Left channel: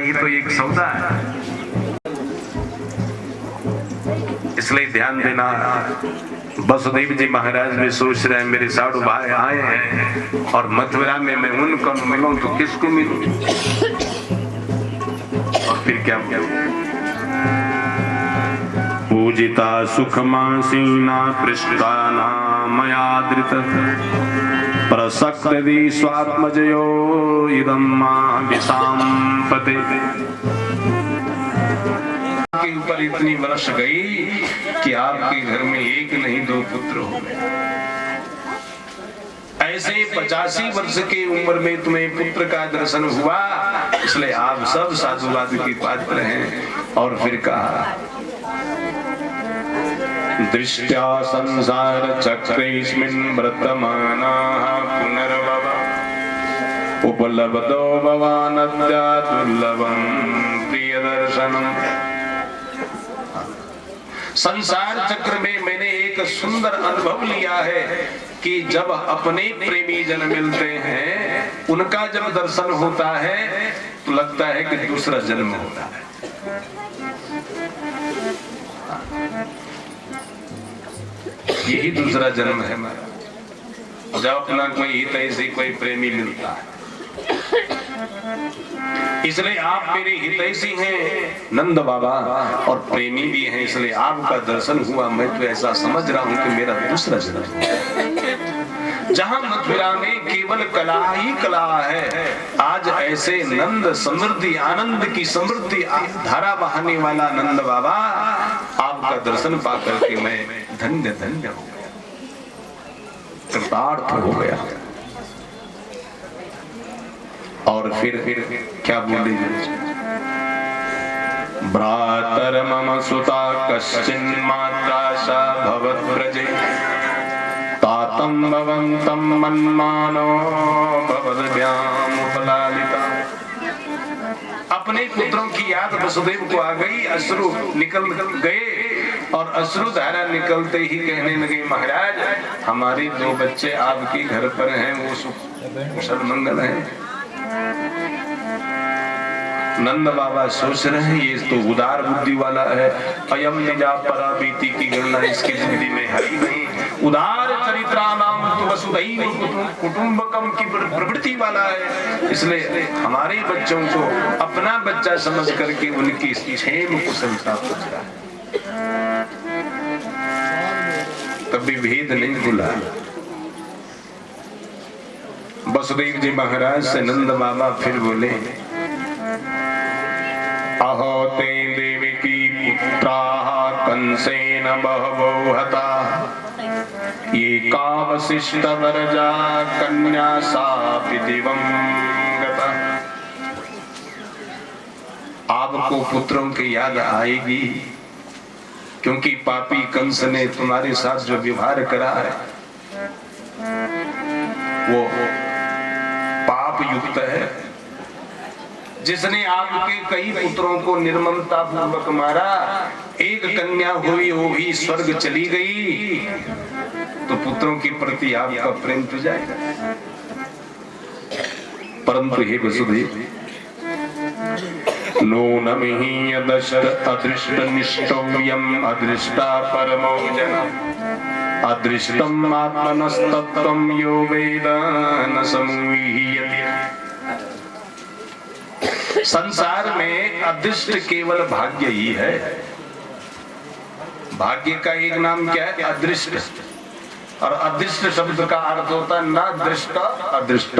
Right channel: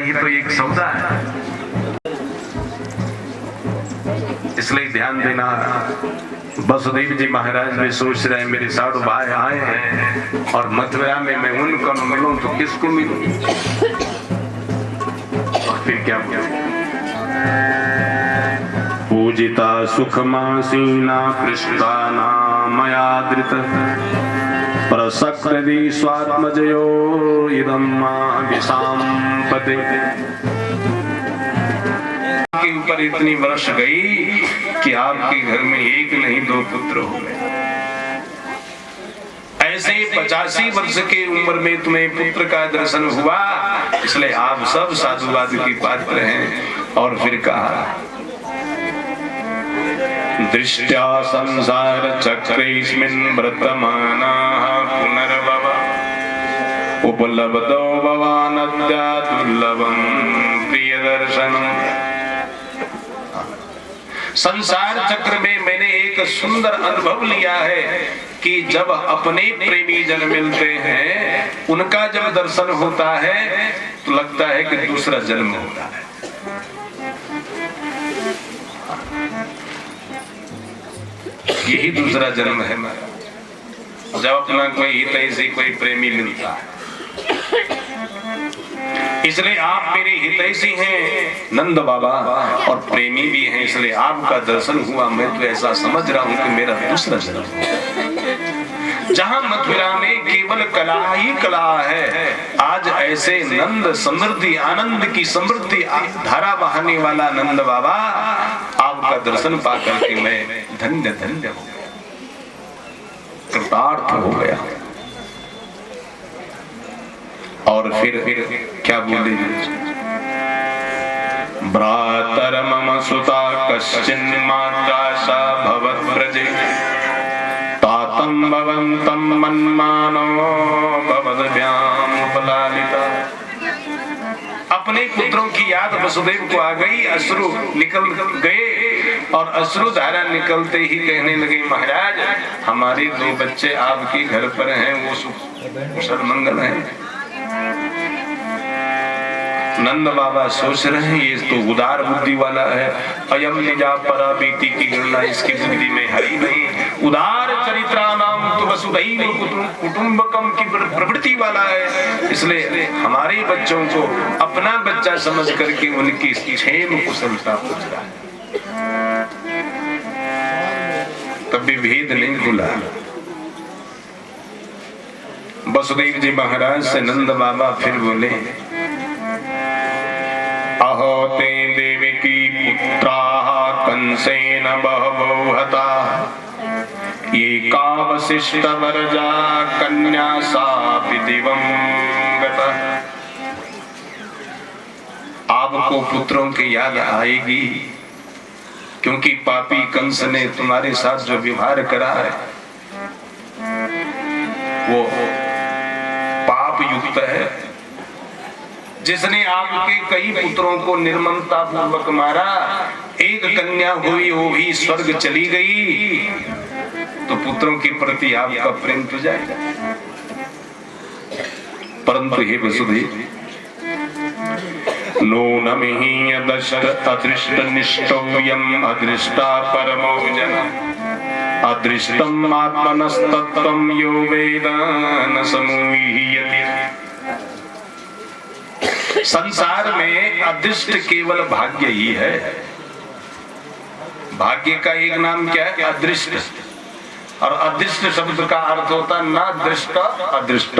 ये तो एक सौदा है। इसलिए ध्यान देना, वसुदेव जी महाराज भी सोच रहे हैं मेरे साधु भाई आए हैं और मथुरा में मैं उनको न मिलूं तो किसको मिलूं। और फिर क्या बोले, पूजिता सुखमासीना पृष्ठा मया धृत प्रसक्ति स्वात्मजयो इदं विशांपते। के ऊपर इतनी वर्ष गई कि आपके घर में एक नहीं दो पुत्र हो गए। ऐसे 85 वर्ष की उम्र में तुम्हें पुत्र का दर्शन हुआ, इसलिए आप सब साधुवाद के पात्र हैं। और फिर कहा, दृष्ट्या संसार चक्रेस्मिन् वर्तमानाः पुनर्भव उपलब्धो भवानद्या दुर्लभं प्रियदर्शनम्। संसार चक्र में मैंने एक सुंदर अनुभव लिया है कि जब अपने प्रेमी जन मिलते हैं, उनका जब दर्शन होता है तो लगता है कि दूसरा जन्म होता है। यही दूसरा जन्म है मेरा, जब अपना कोई हितैषी कोई प्रेमी मिलता है। इसलिए आप मेरे हितैषी हैं नंद बाबा और प्रेमी भी हैं, इसलिए आपका दर्शन हुआ। मैं तो ऐसा समझ रहा हूं कि मेरा दूसरा जन्म है। जहां मथुरा में केवल कला ही कला है, आज ऐसे नंद समृद्धि आनंद की समृद्धि धारा बहाने वाला नंद बाबा, आपका दर्शन पाकर के मैं धन्य धन्य हो गया, कृतार्थ हो गया। और फिर क्या बोले, भ्रातर मम सुता कश्चिन् मात्रा सा भवद्व्रजे तातं भवन्तं मन्मानो भवद्भ्याम् उपलालिता। अपने पुत्रों की याद वसुदेव को आ गई, अश्रु निकल गए और अश्रु धारा निकलते ही कहने लगे, महाराज हमारे 2 बच्चे आपके घर पर हैं, वो कुशल मंगल है। नंद बाबा सोच रहे हैं ये तो उदार बुद्धि वाला है, अयम निजा परा बीती की गणना इसकी बुद्धि में हरी नहीं। उदार चरित्राणाम तो वसुधैव कुटुंबकम की प्रवृत्ति वाला है, इसलिए हमारे बच्चों को अपना बच्चा समझ करके उनकी क्षेम कुशलता पूछ रहा है। कभी भेद नहीं भूला। वसुदेव जी महाराज से नंद बाबा फिर बोले, अहो ते देवकी पुत्राः कंसेन बहवो हताः एका वसिष्ठवर्जा कन्या सापि दिवं गता। आपको पुत्रों की याद आएगी, क्योंकि पापी कंस ने तुम्हारे साथ जो व्यवहार करा है वो पाप युक्त है। जिसने आपके कई पुत्रों को निर्ममता पूर्वक मारा, एक कन्या हुई वो भी स्वर्ग चली गई, तो पुत्रों के प्रति आपका प्रेम तो जाएगा। परंतु हे वसुदेव, नूनमिहि अदृष्ट निष्ठोयम् अदृष्टा परमो जनः अदृष्टम् आत्मनस्तत्त्वं यो वेद न समूह्यते। संसार में अदृष्ट केवल भाग्य ही है। भाग्य का एक नाम क्या है? अदृष्ट। और अदृष्ट शब्द का अर्थ होता है ना दृष्ट अदृष्ट,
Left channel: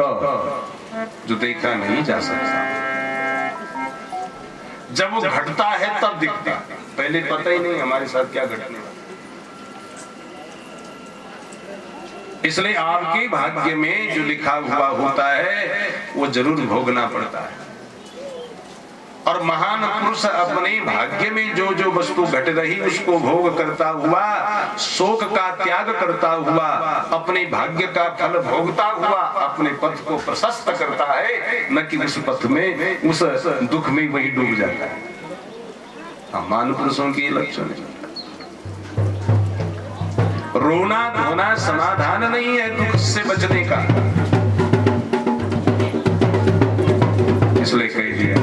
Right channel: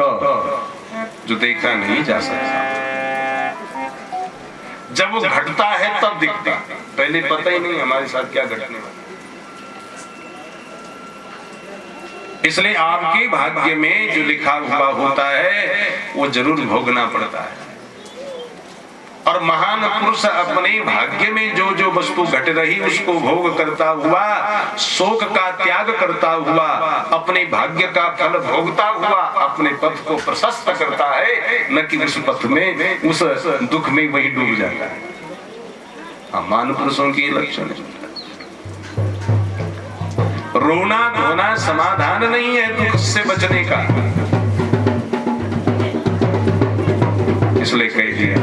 जो देखा नहीं जा सकता। जब वो घटता है तब दिखता, पहले पता ही नहीं हमारे साथ क्या घटने वाला। इसलिए आपके भाग्य में जो लिखा हुआ होता है वो जरूर भोगना पड़ता है। और महान पुरुष अपने भाग्य में जो जो वस्तु घट रही उसको भोग करता हुआ, शोक का त्याग करता हुआ, अपने भाग्य का फल भोगता हुआ अपने पथ को प्रशस्त करता है, न कि उस पथ में उस दुख में वही डूब जाता है। महान पुरुषों की लक्षण है। रोना धोना समाधान नहीं है दुख से बचने का, इसलिए कह दिया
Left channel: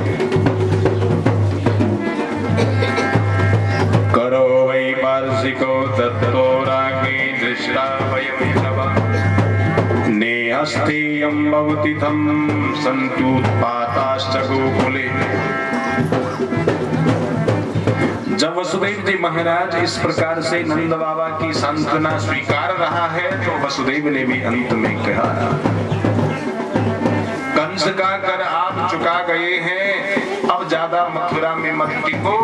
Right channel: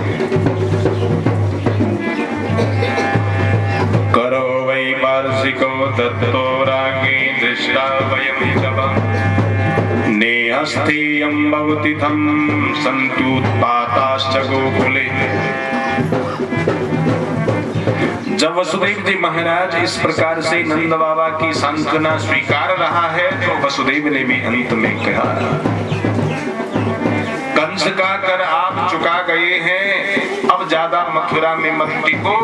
दत्तो रागे दृष्टा वयं तव नेहस्थेयं भवति तं सन्तुत्पाताश्च गोकुले। जब वसुदेव जी महाराज इस प्रकार से नंद बाबा की सांत्वना स्वीकार रहा है तो वसुदेव ने भी अंत में कहा, कंस का कर आप चुका गए हैं, अब ज्यादा मथुरा में मत टिको,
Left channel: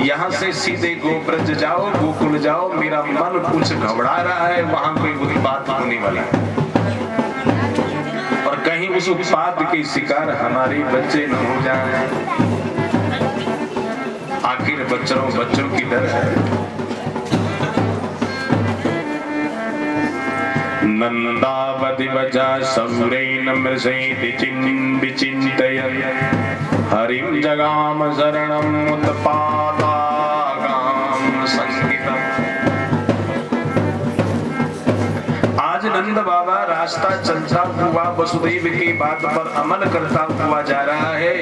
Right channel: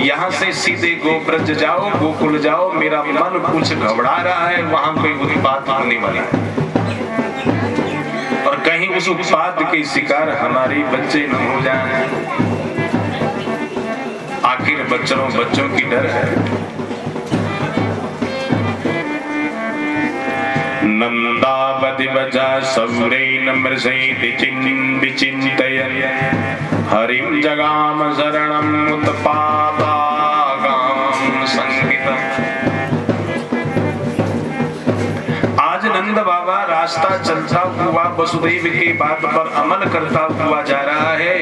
यहाँ से सीधे गोब्रज जाओ, गोकुल जाओ। मेरा मन कुछ घबरा रहा है, वहां कोई उत्पात होने वाला है और कहीं उस उत्पात के शिकार हमारे बच्चे न हो जाएं। आखिर बच्चों की डर है। नंदावधि बजा सौरेन मृषैति विचिन्तयन् हरिं जगाम शरणम् उत्पातागाम संकितम्। आज नंद बाबा रास्ता चलता हुआ वसुदेव की बात पर अमल करता हुआ जा रहा है।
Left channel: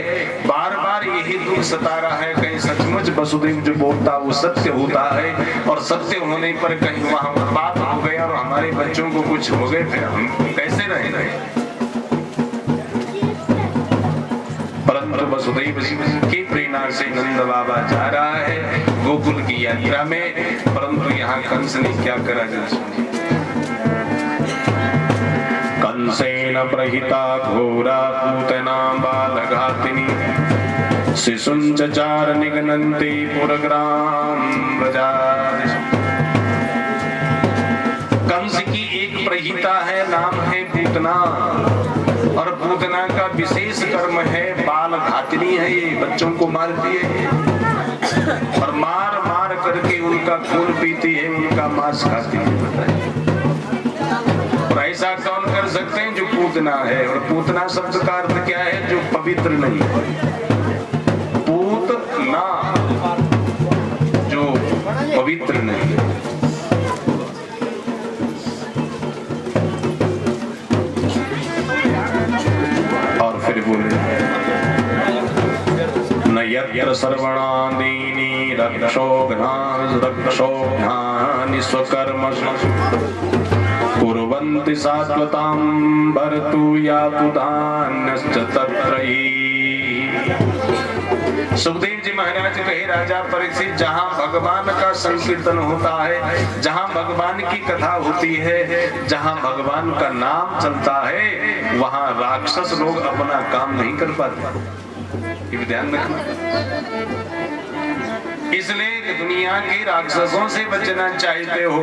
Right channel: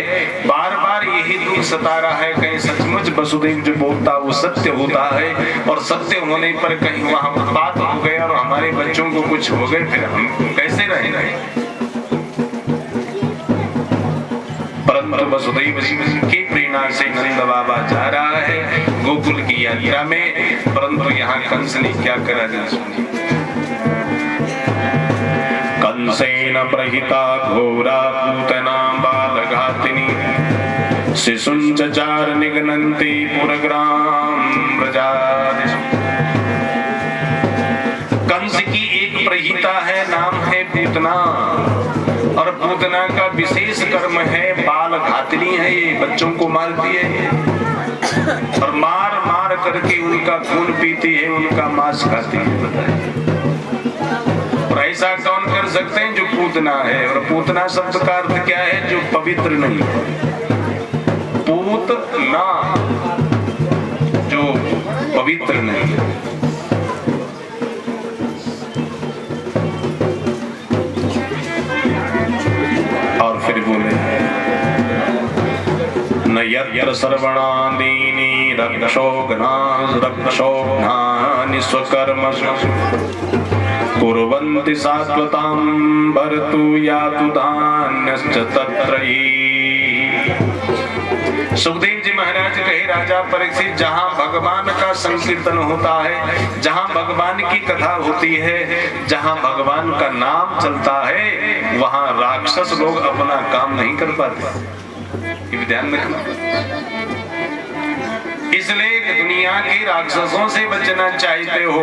बार बार यही दुख सता रहा है, कहीं सचमुच वसुदेव जो बोलता वो सत्य होता है और सत्य होने पर कहीं वहां बात हो गए और हमारे बच्चों को कुछ हो गए, फिर हम कैसे रहेंगे। परंतु वसुदेव की प्रेरणा से नंद बाबा जा रहा है गोकुल की यात्रा में। परंतु यहाँ कंस ने क्या करा जा सुनिए। कंसेन प्रहिता घोरा पूतना बालघातिनी शिशुं चचार निगनन्ति पुरग्राम ब्रजादिषु। कंस की एक प्रहिता है, नाम है पूतना, और पूतना का विशेष कर्म है बाल घातिनी है, ये बच्चों को मारती है और मार मार करके उनका खून पीती है, उनका मांस खाती है। बताइए और ऐसा कौन कर सकते हैं जो पूतना है। और पूतना शब्द का अर्थ क्या है, जो पवित्र नहीं है। पूतना जो पवित्र नहीं है। और फिर बोले न यत्र सर्वणादीनि रक्षोघ्नानि स्वकर्मसु कुर्वन्ति सात्वतां भर्तु यातु धान्यश्च तत्र हि। सुखदेव जी महाराज कहे, राजा परीक्षित, जहाँ भगवान का संकीर्तन होता है, जहाँ भगवान की कथा होती है, जहाँ भगवान का नाम चलता है, वहाँ राक्षस लोग अपना काम नहीं कर पाते। ये ध्यान रखना। इसलिए कि दुनिया के राक्षसों से बचना चाहते हो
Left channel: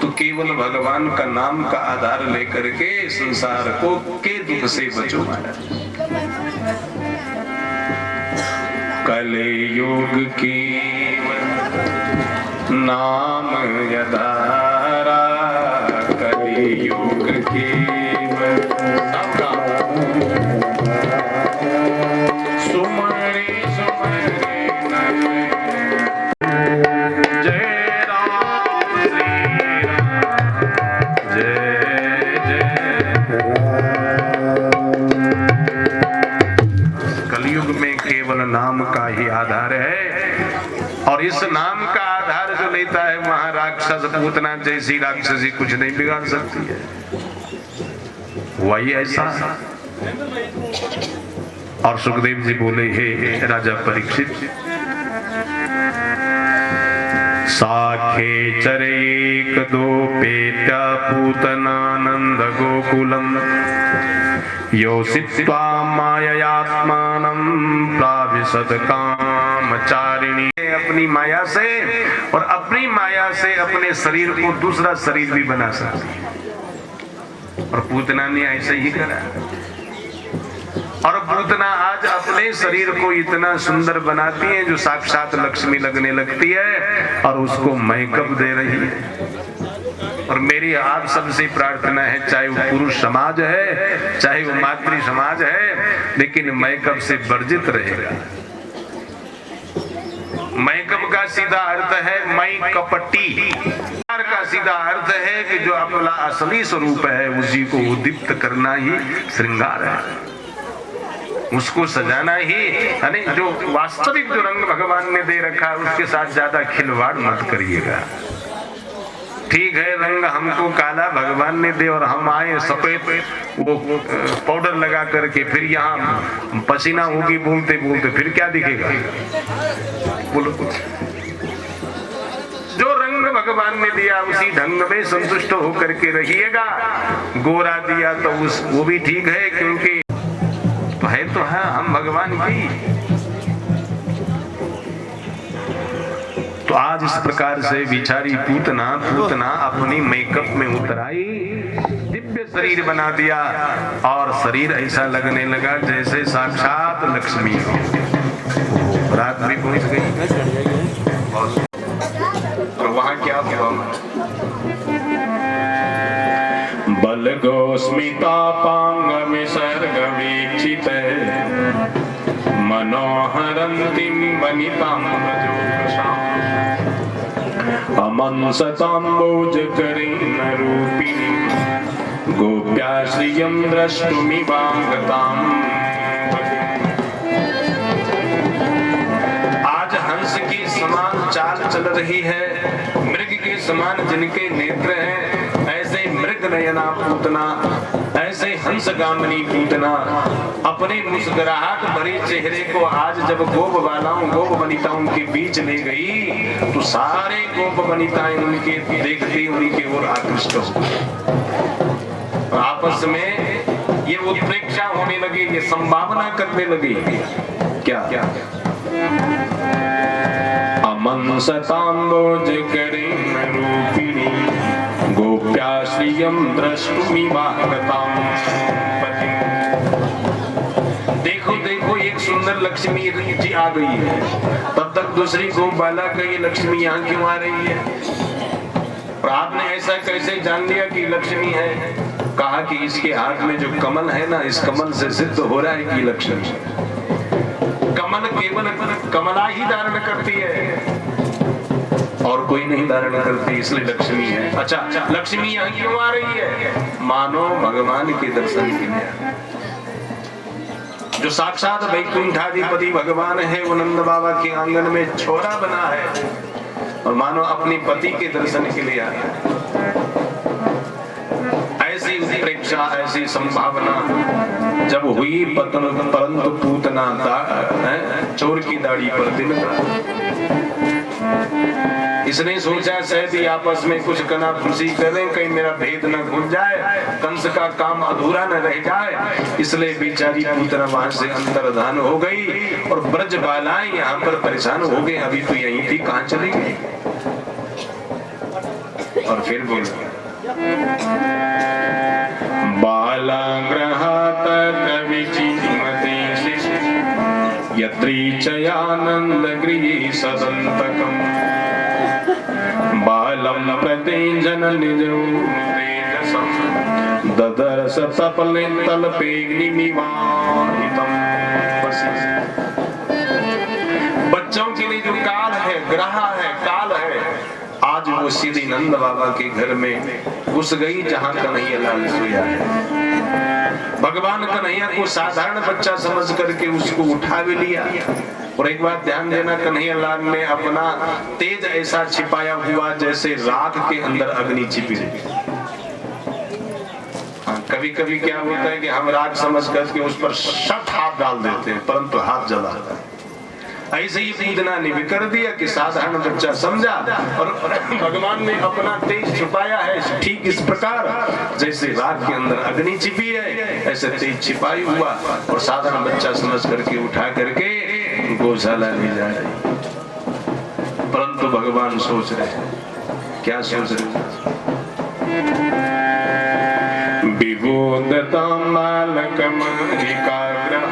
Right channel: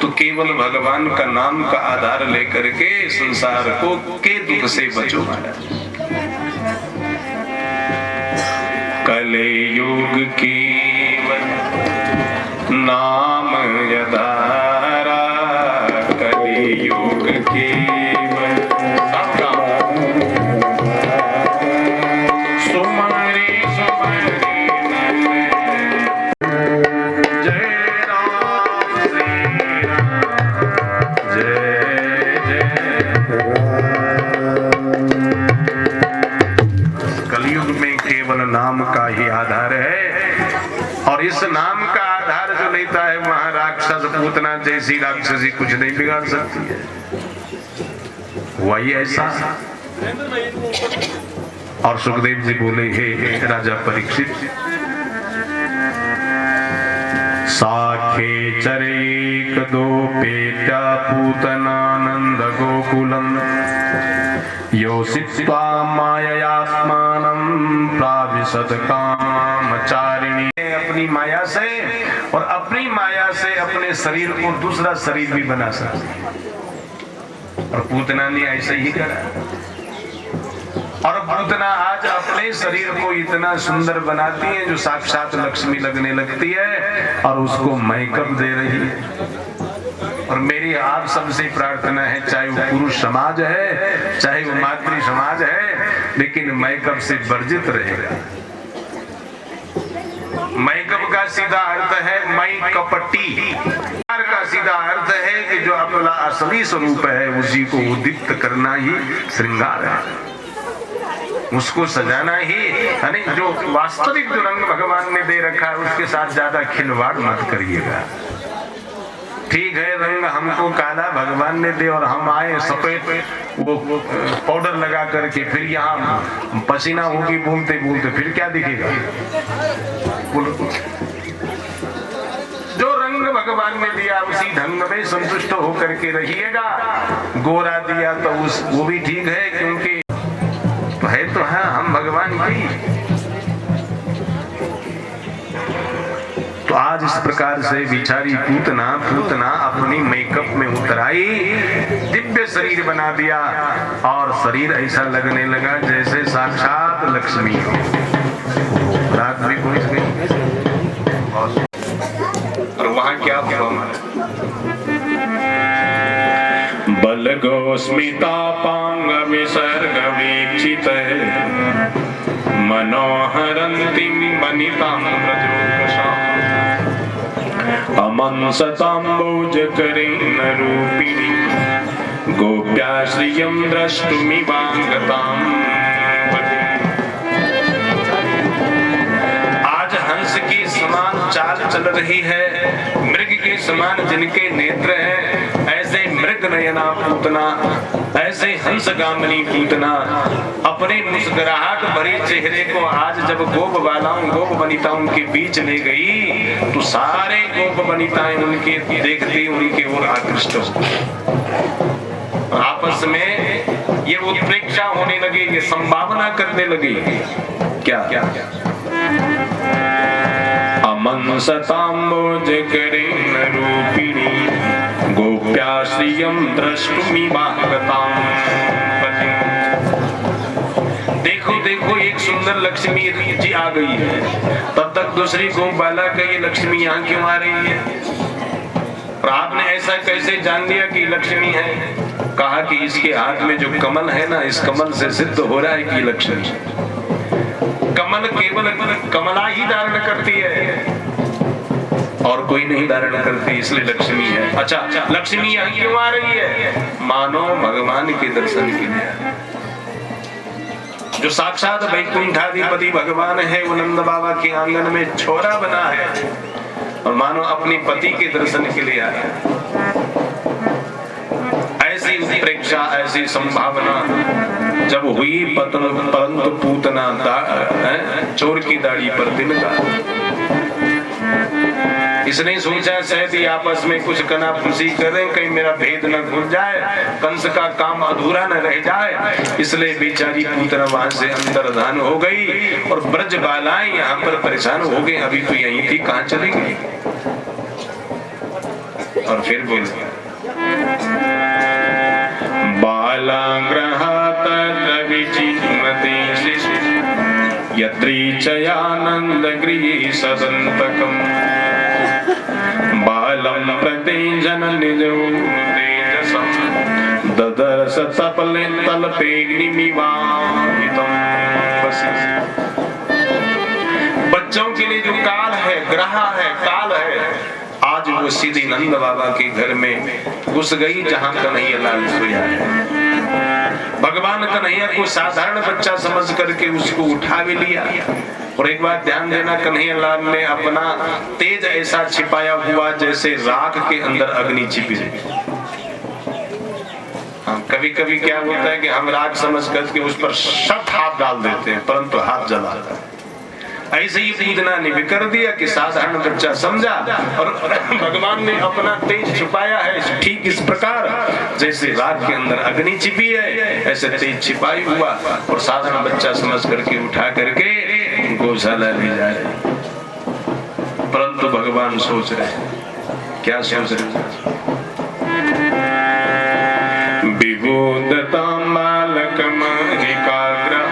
तो केवल भगवान का नाम का आधार लेकर के संसार को के दुख से बचो। कलयुग की नाम यदारा, कलयुग की नाम का ही आधार है और इस नाम का आधार जो लेता है वहां राक्षस पूतना जैसी राक्षसी कुछ नहीं बिगाड़ सकती है। वही ऐसा। और सुखदेव जी बोले, हे राजा परीक्षित, साखे चरेक दो पेत्या पूतनानंद गोकुलम योषित्वा माययात्मानं प्राविशत कामचारिणी। अपनी माया से और अपनी माया से अपने शरीर को दूसरा शरीर भी बना सकती। और पूतना ने ऐसे ही करा। और पूतना आज अपने शरीर को इतना सुंदर बनाती है जो साक्षात लक्ष्मी लगने लगती है और उसको मेकअप दे रही है। और मेरी आप सबसे प्रार्थना है, चाहे वो पुरुष समाज है चाहे वो मातृ समाज है, लेकिन मेकअप से वर्जित रहेगा। मेकअप का सीधा अर्थ है मई कपटी, का सीधा अर्थ है कि जो अपना असली स्वरूप है उसी को उद्दीप्त करना ही श्रृंगार है, उसको सजाना ही। यानी जो वास्तविक जो रंग भगवान ने दे रखा है उसके साथ ज्यादा खिलवाड़ मत करिएगा। ठीक है रंग हमको काला भगवान ने दे और हम आए सफेद वो पाउडर लगा करके, फिर यहाँ पसीना होगी बोलते बोलते, फिर क्या दिखेगा? बोलो। जो रंग भगवान ने दिया उसी ढंग में संतुष्ट होकर के रहिएगा। गोरा दिया तो वो भी ठीक है, क्योंकि तो है हम भगवान की। तो आज इस प्रकार से बिचारी पूतना अपनी मेकअप में उतराई, दिव्य शरीर बना दिया और शरीर ऐसा लगने लगा जैसे साक्षात लक्ष्मी हो। रात भी पहुंच गई और वहां क्या हुआ? बलगो स्मितापांग विसर्ग वीक्षित मनोहरन्तीं वनितां अमंसताम्बोजकरेणरूपिणीं गोप्या श्रियं द्रष्टुमिवागताम्। आज हंस की समान चाल चल रही है, मृग के समान जिनके नेत्र हैं, ऐसे मृग नयना पूतना, ऐसे हंसगामिनी पूतना अपने मुस्कुराहट भरे चेहरे को आज जब गोप बालाओं गोप वनिताओं के बीच ले गई तो सारे गोप वनिताएं उनके देखते उनके ओर आकृष्ट हो, आपस में ये उत्प्रेक्षा होने लगे, ये संभावना करने लगी। क्या अमंसताम्बोजकरेणरूपिणी गोप्या श्रियं द्रष्टुमिवागताम्। देखो देखो एक सुंदर लक्ष्मी जी आ गई है, तब तक दूसरी गोप बाला का ये लक्ष्मी यहाँ क्यों आ रही है? और आपने ऐसा कैसे जान लिया कि लक्ष्मी है? कहा कि इसके हाथ में जो कमल है ना, इस कमल से सिद्ध हो रहा है कि लक्ष्मी। कमल केवल कमला ही धारण करती है और कोई नहीं धारण करती, इसलिए लक्ष्मी है। अच्छा, लक्ष्मी यहाँ क्यों आ रही है? मानो भगवान के दर्शन के लिए। जो साक्षात वैकुंठाधिपति भगवान है वो नंद बाबा के आंगन में छोरा बना है और मानो अपने पति के दर्शन के लिए आया। ऐसी प्रेक्षा, ऐसी संभावना जब हुई परंतु पूतना चोर की दाढ़ी पर तिल का। इसने सोचा शायद ही आपस में कुछ कना खुशी करें, कहीं मेरा भेद न खुल जाए, कंस का काम अधूरा न रह जाए, इसलिए बेचारी पूतना वहां से अंतर्धान हो गई और ब्रज बालाएं यहाँ पर परेशान हो गए। अभी तो यही थी, कहाँ चली गई? और फिर बोले बालाग्रहात विचिन्मते यत्रीचयानंद गृहे सदंतकम् बालम प्रत्यञ्जन निजो तेजसम् ददर्श तपले तल्पेऽग्निमिवाहितम्। बच्चों के लिए जो काल है, ग्रह है, काल है, आज वो सीधी नंद बाबा के घर में घुस गई जहां कन्हैया लाल सोया है। भगवान कन्हैया को साधारण बच्चा समझ करके उसको उठा भी लिया। और एक बात ध्यान देना, कन्हैया लाल ने अपना तेज ऐसा छिपाया हुआ जैसे राख के अंदर अग्नि छिपी। कभी कभी क्या होता है कि हम राख समझ करके उस पर सख्त हाथ डाल देते हैं, परंतु हाथ जलाता है। ऐसे ही पूतना ने भी कर दिया कि साधारण बच्चा समझा और भगवान ने अपना तेज छुपाया है ठीक इस प्रकार जैसे राख के अंदर अग्नि छिपी है, ऐसे तेज छिपाई हुआ और साधारण बच्चा समझ करके उठा करके गौशाला ले जाए। परंतु भगवान सोच रहे, क्या सोच रहे? विबोधतां बालकमहिकाग्रह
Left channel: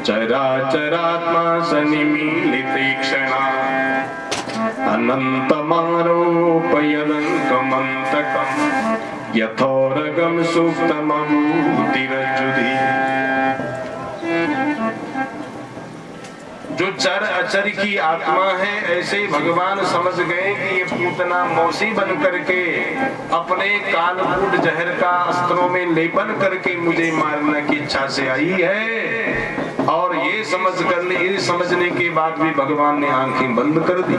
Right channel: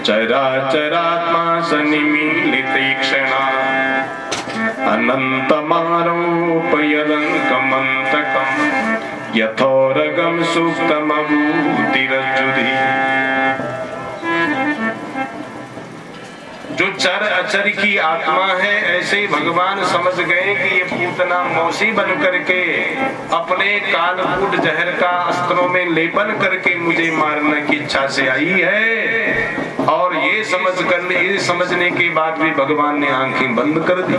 चराचरात्मा सनिमीलितीक्षणा अनन्तमारोपयदङ्कमन्तकम् यथोरगं सुप्तमभूतिरज्जुधि। जो चर अचर की आत्मा है, ऐसे भगवान समझ गए कि ये पूतना मौसी बन करके अपने कालकूट जहर का अस्त्रों में लेपन करके मुझे मारने की इच्छा से आई है। और ये समझने के बाद भी भगवान ने आंखें बंद कर दी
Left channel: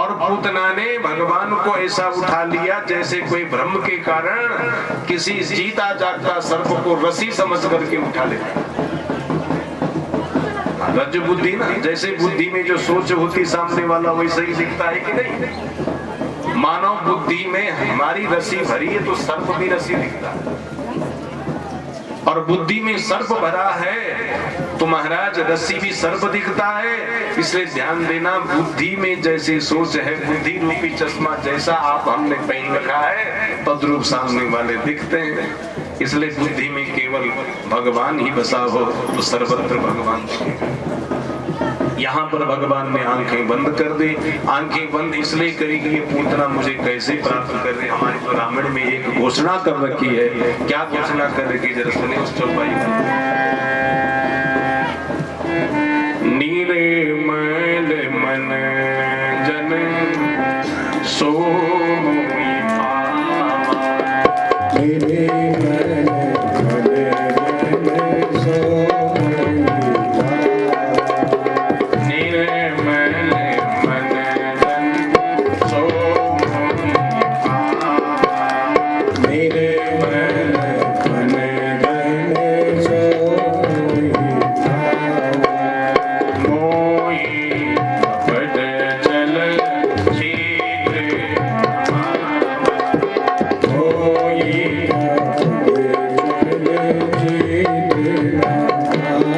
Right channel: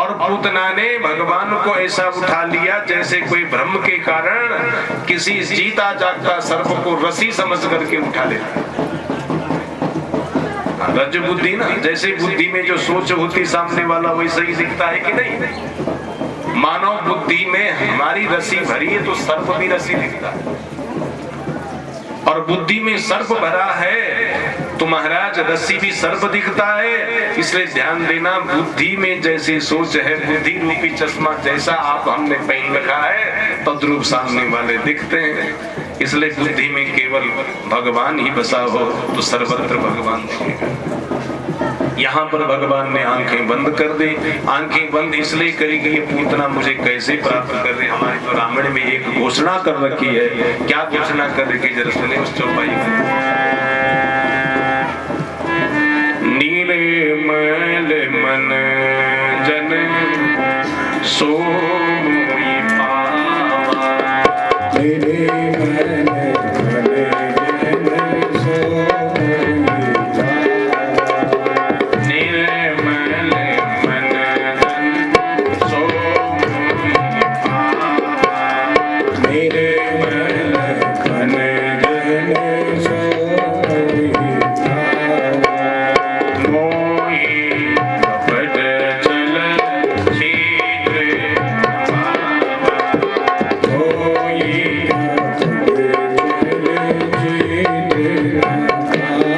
और पूतना ने भगवान को ऐसा उठा लिया जैसे कोई भ्रम के कारण किसी जीता जागता सर्प को रस्सी समझ करके उठा लेता। रज बुद्धि ना, जैसे बुद्धि में जो सोच होती सामने वाला वैसा ही दिखता है कि नहीं। मानव बुद्धि में हमारी रस्सी भरी है तो सर्प भी रस्सी दिखता है, और बुद्धि में सर्प भरा है तो महाराज रस्सी भी सर्प दिखता है। इसलिए ध्यान देना, बुद्धि में जैसी सोच है, बुद्धि रूपी चश्मा जैसा आप हमने पहन रखा है तद्रूप सामने वाले दिखते हैं। इसलिए बुद्धि में केवल भगवान ही बसा हो तो सर्वत्र भगवान दिखेगा। यहाँ पर भगवान ने आंखें बंद कर दी। आंखें बंद इसलिए करेगी ये पूतना मुझे कैसे प्राप्त कर रहे। हमारे तो रामायण में एक घोषणा कर रखी है। क्या घोषणा कर रखी जरा सुने उस चौपाई में। नीले मैल मन जन सो मोहि पावा। नीले मैल मन जन सो मोहि पावा। नीले मैल मन जन सो मोहि पावा। नीले मैल मन जन सो मोहि पावा। मोहि कपट चल शीघ्र पावा। मोहि कपट चल शीघ्र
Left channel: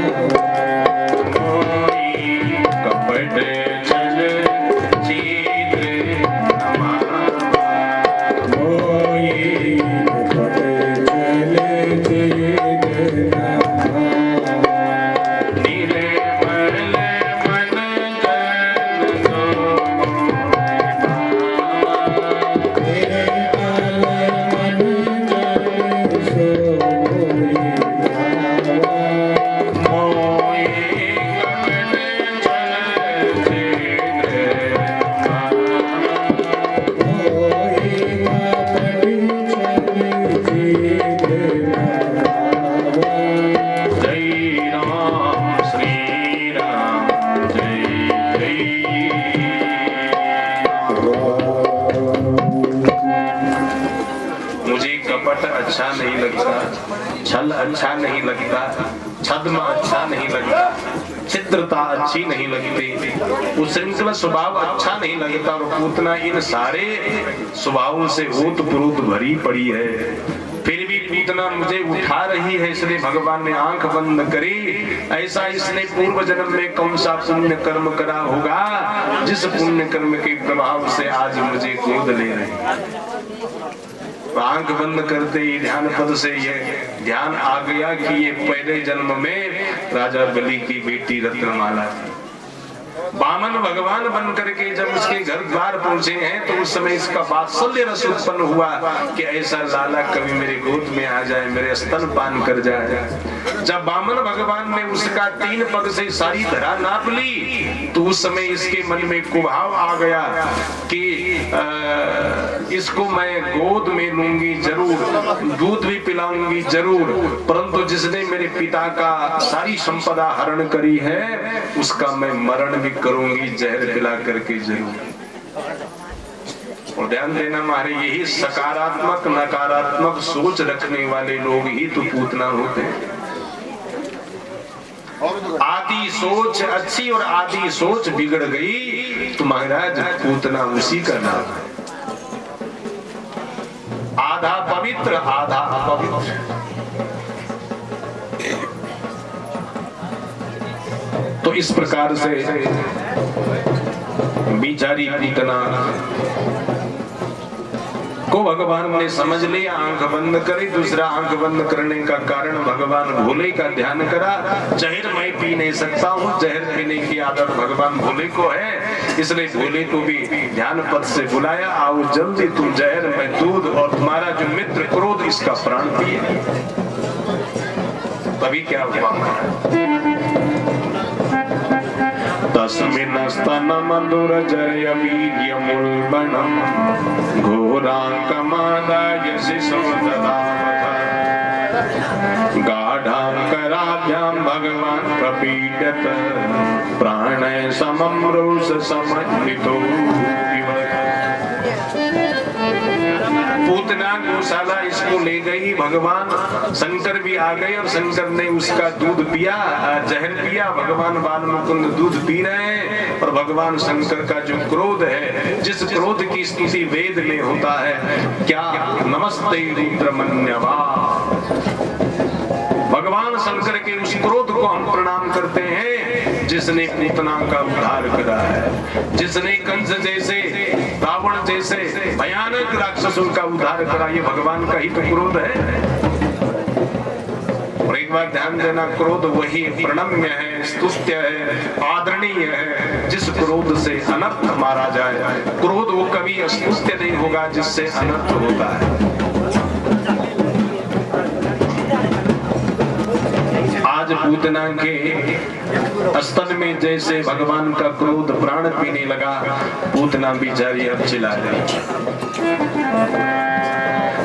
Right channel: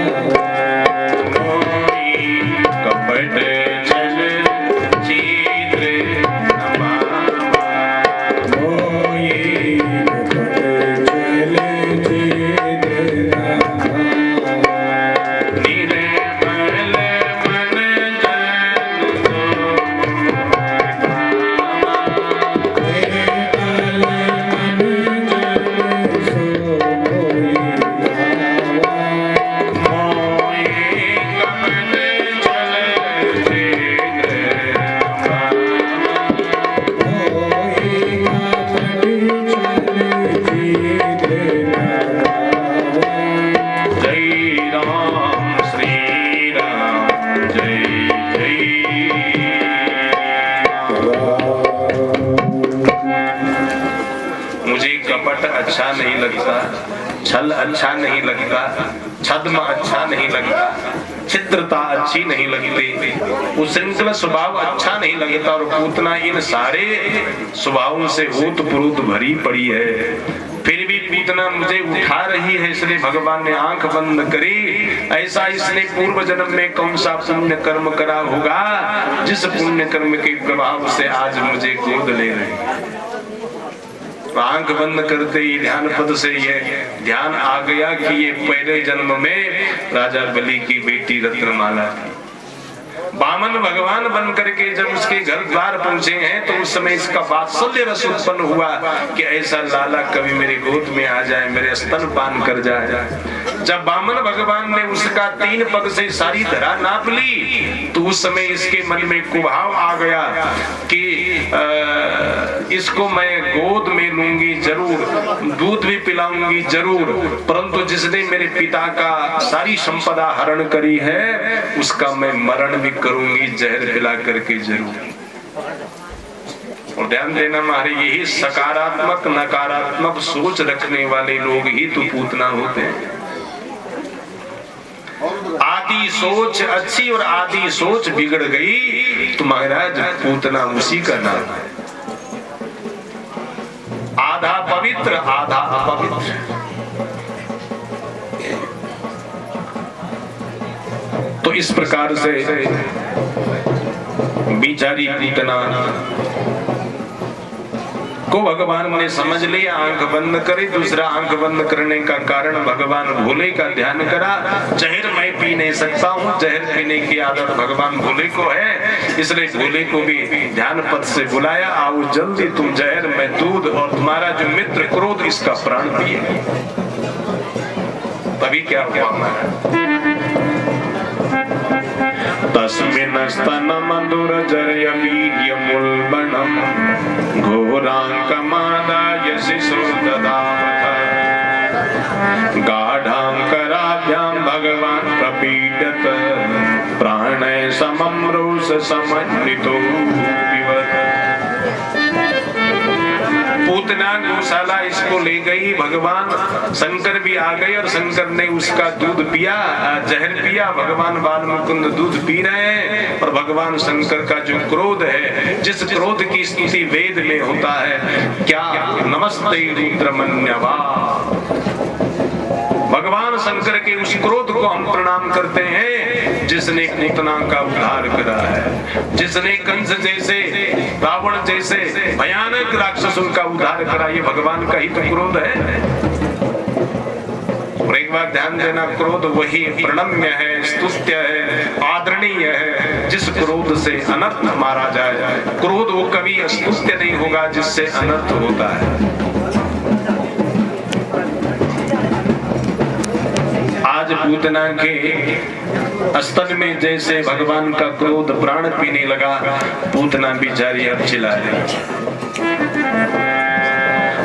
पावा। मोहि कपट चल शीघ्र पावा। नीले मैल मन जन सो मोहि पावा। नीले मैल मन जन सो मोहि पावा। मोहि कपट चल शीघ्र पावा। मोहि कपट चल शीघ्र पावा। जय राम श्री राम जय जय राम। मुझे कपट अच्छा नहीं लगता, छल अच्छा नहीं लगता, छद्म अच्छा नहीं लगता, छिद्रता अच्छी नहीं लगती, उच्छृंखल स्वभाव अच्छा नहीं लगता, और पूतना इन सारे स्वभावों से ओतप्रोत भरी पड़ी है। फिर भी पूतना मुझे उठा रही है, इसलिए भगवान ने आंख बंद करी। ऐसा इसने पूर्व जन्म में कौन सा पुण्य कर्म करा होगा जिस पुण्य कर्म के प्रभाव से आज मुझे गोद ले रहे। आंख बंद करते ही ध्यान पद से ये ध्यान आ गया कि ये पहले जन्म में राजा बलि की बेटी रत्नमाला थी। बामन भगवान बन करके जब उसके घर द्वार पहुंचे हैं तो उस समय इसका वात्सल्य रस उत्पन्न हुआ कि ऐसा लाला कभी मेरे गोद में आ जाए, मेरे स्तन पान कर जाए। जब बामन भगवान ने उसका 3 पग से सारी धरा नाप ली तो उस समय इसके मन में कुभाव आ गया कि इसको मैं गोद में लूंगी जरूर, दूध भी पिलाऊंगी जरूर, परंतु जिसने मेरे पिता का सारी संपदा हरण करी है उसका मैं मरण भी करूंगी जहर पिला करके जरूर। और ध्यान देना हमारे यही सकारात्मक नकारात्मक सोच रखने वाले लोग ही तो पूतना होते हैं। आदि सोच अच्छी और आदि सोच बिगड़ गई तो महाराज पूतना उसी का नाम है। आधा पवित्र आधा अपवित्र। तो इस प्रकार से बिचारी पूतना को भगवान ने समझ लिया, आंख बंद करी। दूसरा आंख बंद करने का कारण भगवान भोले का ध्यान करा। जहर मैं पी नहीं सकता हूँ, जहर पीने की आदत भगवान भोले को है, इसलिए भोले को भी ध्यान पद से बुलाया, आओ जल्दी तुम जहर मैं दूध और तुम्हारा जो मित्र क्रोध इसका प्राण पिए। तभी क्या हुआ तस्मिन् स्तनमधुरजरय वीर्यमुल्बणम् घोराङ्कमादाय शिशो ददावथ। गाढाङ्कराभ्यां भगवान् प्रपीडत प्राणय समं रोष समन्वितो विवद। पूतना गौशाला इसको ले गई, भगवान शंकर भी आ गए और शंकर ने उसका दूध पिया, जहर पिया। भगवान बाल मुकुंद दूध पी रहे हैं और भगवान शंकर का जो क्रोध है, जिस क्रोध की स्तुति वेद में होता है, क्या नमस्ते रुद्रमन्यवा, भगवान शंकर के उस क्रोध को हम प्रणाम करते हैं जिसने पूतना का उद्धार करा है, जिसने कंस जैसे, रावण जैसे भयानक राक्षसों का उद्धार करा। ये भगवान का ही तो क्रोध है। और एक बार ध्यान देना, क्रोध वही प्रणम्य है, स्तुत्य है, आदरणीय है जिस क्रोध से अनर्थ मारा जाए। क्रोध वो कभी स्तुत्य नहीं होगा जिससे अनर्थ होता है। आज पूतना के स्तन में जैसे भगवान का क्रोध प्राण पीने लगा, पूतना बिचारी अब चिल्ला रही।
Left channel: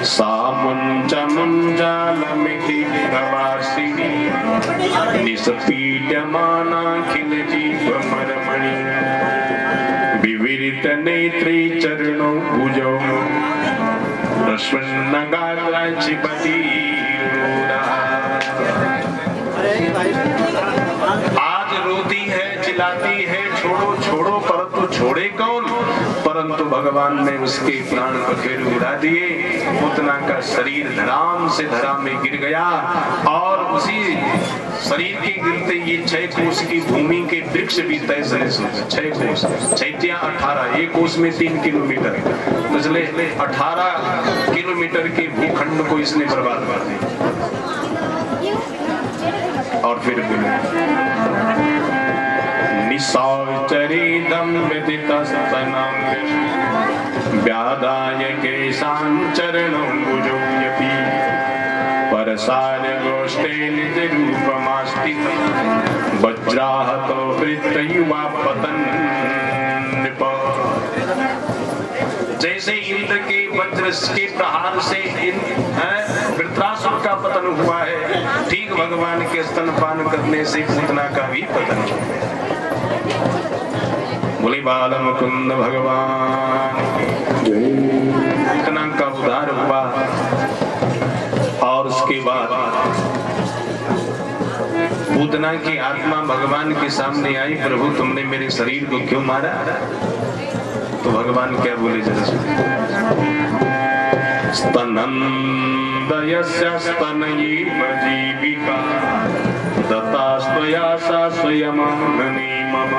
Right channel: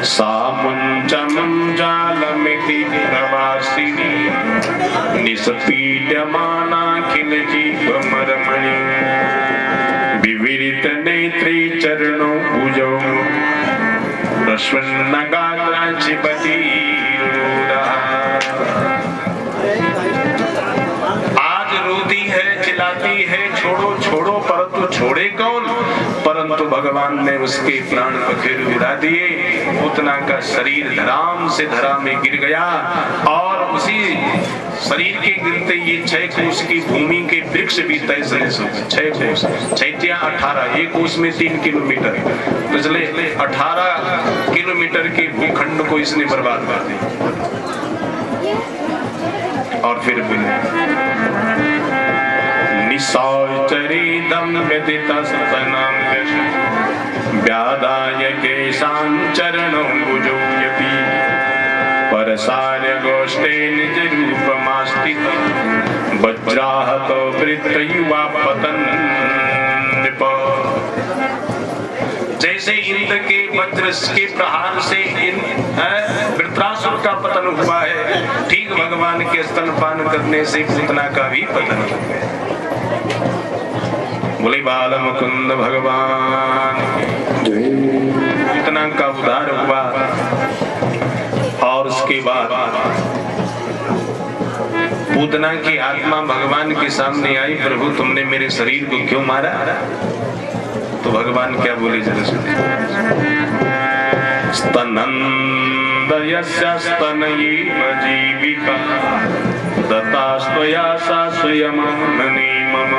सामुंजालमिति प्रवासिनी निष्पीड्यमाना खिल जीवमरमणि विविरित नेत्री चरणों भुजौ रश्वन्नगात्राचिपति चिल्लाती है, छोड़ो छोड़ो, परंतु छोड़े कौन? परंतु भगवान ने उसके प्राण पखेरु उड़ा दिए। पूतना का शरीर धराम से धरा में गिर गया और उसी शरीर के गिरते ये 6 कोस की भूमि के वृक्ष भी तैसे 6 कोस, 6 18, एक कोस में 3 किलोमीटर, पिछले 18 किलोमीटर के भूखंड को इसने बर्बाद कर दिया। और फिर निशाचरीदं व्यतितस्तनं व्यादाय केशान् चरणौ भुजौयति परसार्य गोष्ठे निज रूपमास्थितं वज्राहतो वृत्तयुवा पतन् नृप। जैसे इंद्र के वज्र के प्रहार से वृत्रासुर का पतन हुआ है, ठीक भगवान के स्तनपान करने से पूतना का भी पतन हो गया। बोले बाल मुकुंद भगवान, पूतना का उद्धार हुआ। और उसके बाद पूतना की आत्मा भगवान के सामने आई, प्रभु तुमने मेरे शरीर को क्यों मारा? तो भगवान क्या बोले जरा सुनिए। स्तनन्दयस्य स्तनयेव जीविका दत्तास्त्वया सा स्वयमानने मम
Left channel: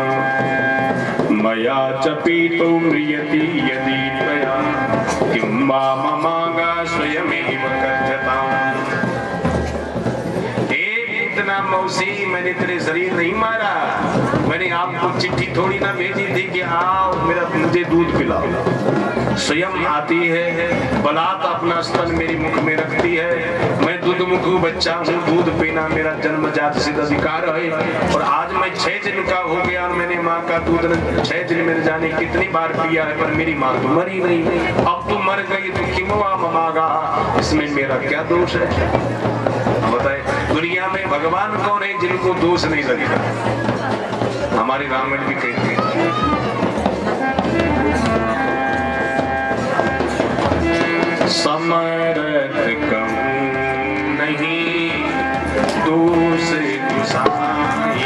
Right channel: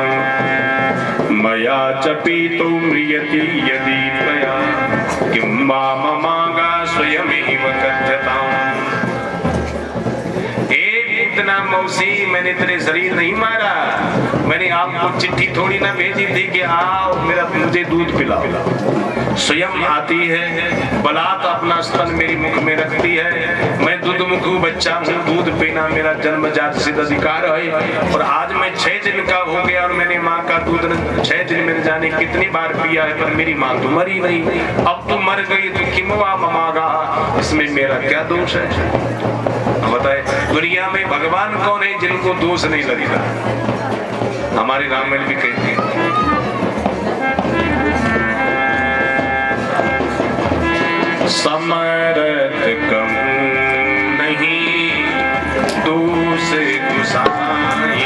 मया च पीतो म्रियति यदि त्वया किं वा ममागा स्वयमेव कथ्यताम्। पूतना मौसी, मैंने तेरे शरीर नहीं मारा, मैंने आपको चिट्ठी थोड़ी ना भेजी थी कि आओ मेरा मुझे दूध पिलाओ। स्वयं आती है, बलात् अपना स्तन मेरी मुख में रखती है। मैं दूध मुखू बच्चा हूँ, दूध पीना मेरा जन्मजात सिद्ध अधिकार है। और आज मैं 6 दिन का हो गया और मैंने माँ का दूध 6 दिन में जाने कितनी बार पिया है, पर मेरी माँ तो मरी नहीं। अब तो मर गई तो किमवा ममागा, इसमें मेरा क्या दोष है? बताए दुनिया में भगवान कौन है जिनको दोष नहीं लगता? हमारे रामायण भी कहते हैं समरथ कम नहीं दोष गुसाई,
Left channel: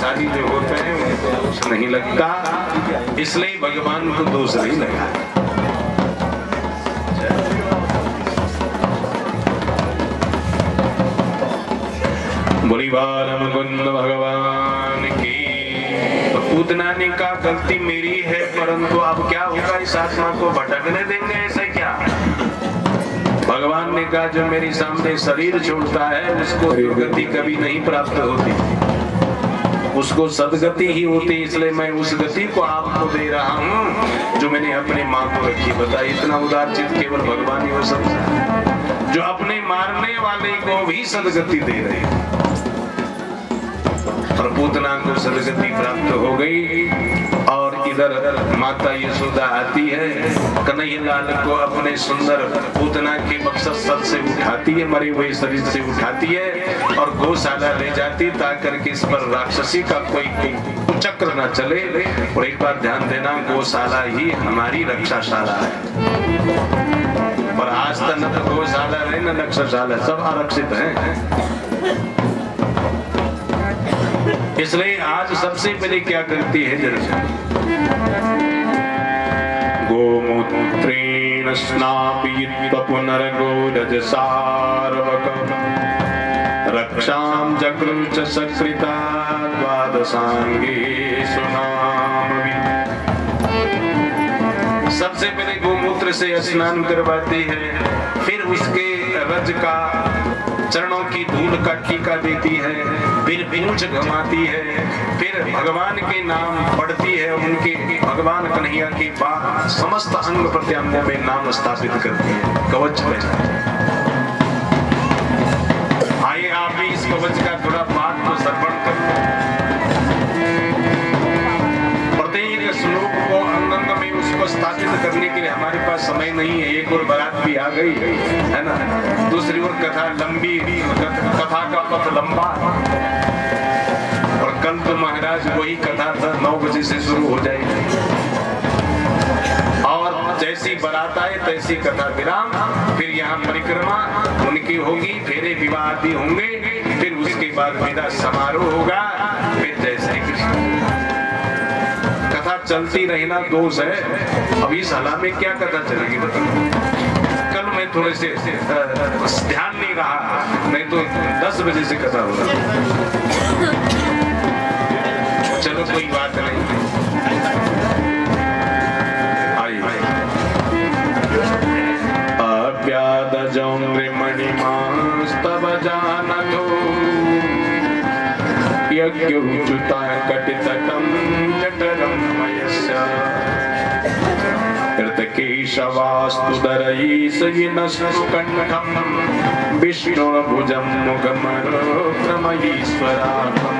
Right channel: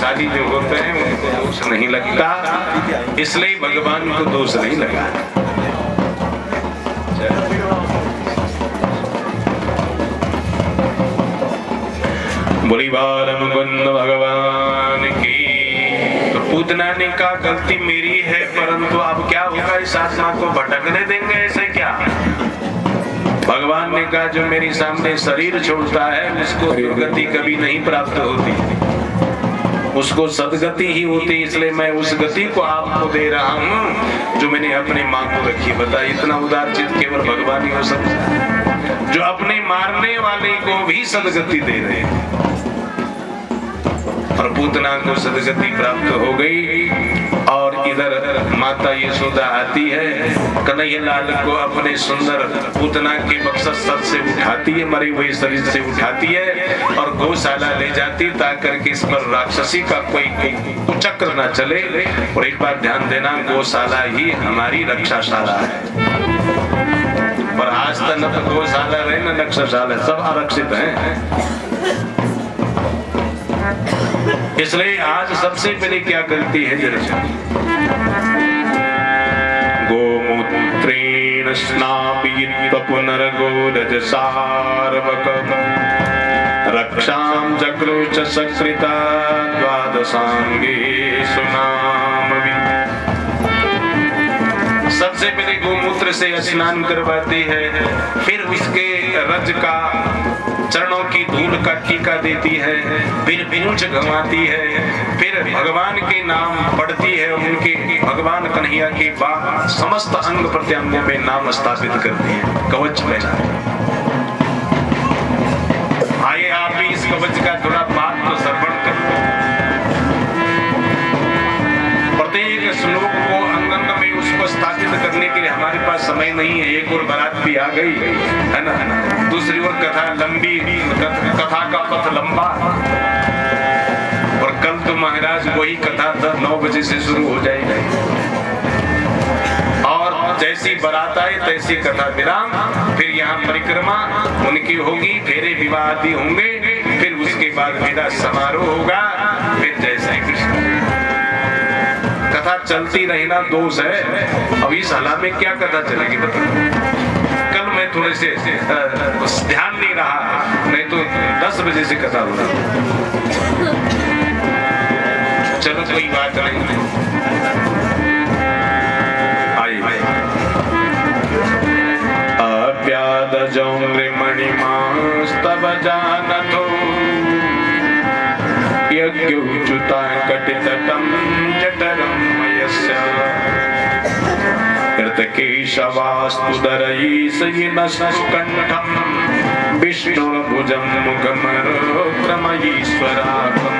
भाग्यशाली जो होते हैं उनको दोष नहीं लगता, इसलिए भगवान को दोष नहीं लगा। बोली बाल मुकुंद भगवान की। तो पूतना ने कहा गलती मेरी है, परंतु अब क्या होगा, इस आत्मा को भटकने देंगे ऐसे क्या? भगवान ने कहा जो मेरे सामने शरीर छोड़ता है उसको दुर्गति कभी नहीं प्राप्त होती, उसको सदगति ही होती, इसलिए मैं उस गति को आपको दे रहा हूँ जो मैंने अपने माँ को रखी। बता, इतना उदार चित्त केवल भगवान ही हो सकता है, जो अपने मारने वाले को भी सदगति दे रहे हैं। और पूतना को सदगति प्राप्त हो गई और इधर माता यशोदा आती है, कन्हैया लाल को अपने सुंदर पूतना के बक्सर से उठाती है, मरे हुए शरीर से उठाती है और गौशाला ले जाती ताकि इस पर राक्षसी का कोई कुचक्र न चले। और एक बार ध्यान देना, गौशाला ही हमारी रक्षाशाला है, पर आज तक न तो गौशाला रहे न रक्षाशाला, सब आरक्षित है। इसलिए आज सबसे पहले क्या करती है जरा, गोमूत्रेण स्नापयित्वा पुनर्गोदज सार्वकम् रक्षां चक्रुच सकृता द्वादशांगे सुनामवि। सबसे पहले गोमूत्र से स्नान करवाती है, फिर उसके रज का चरणों की धूल का टीका देती है, फिर पूंछ घुमाती है, फिर भगवान के नाम पढ़ती है, उनके भगवान कन्हैया के बाद समस्त अंग प्रत्यंगों में नाम स्थापित करती है, कवच पहना। आइए आप भी इस कवच का थोड़ा बात को श्रवण करें। प्रत्येक श्लोक को अंग में उसको स्थापित करने के लिए हमारे पास समय नहीं है, एक और बारात भी आ गई है ना, दूसरी ओर कथा लंबी, कथा का पथ लंबा, और कल तो महाराज वही कथा 9 बजे से शुरू हो जाएगी, और जैसी बारात आए तैसी कथा विराम, फिर यहाँ परिक्रमा उनकी होगी, फेरे विवाह आदि होंगे, फिर उसके बाद विदा समारोह होगा, फिर जय श्री कृष्ण। कथा चलती रहना दोष है, अब इस हला में क्या कथा चलेगी बताओ। कल मैं थोड़े से ध्यान नहीं रहा, नहीं तो 10 बजे से कथा हो रहा। चलो कोई बात नहीं, आइए। अव्यादजो मणिमास्तव जानतो यज्ञोच्युता कटितटं जठरं मयस्य कृतकेशवास्तुदरयीशयिनस्तु कण्ठं विष्णुर्भुजं मुखमरोक्रमयीश्वरात्मम्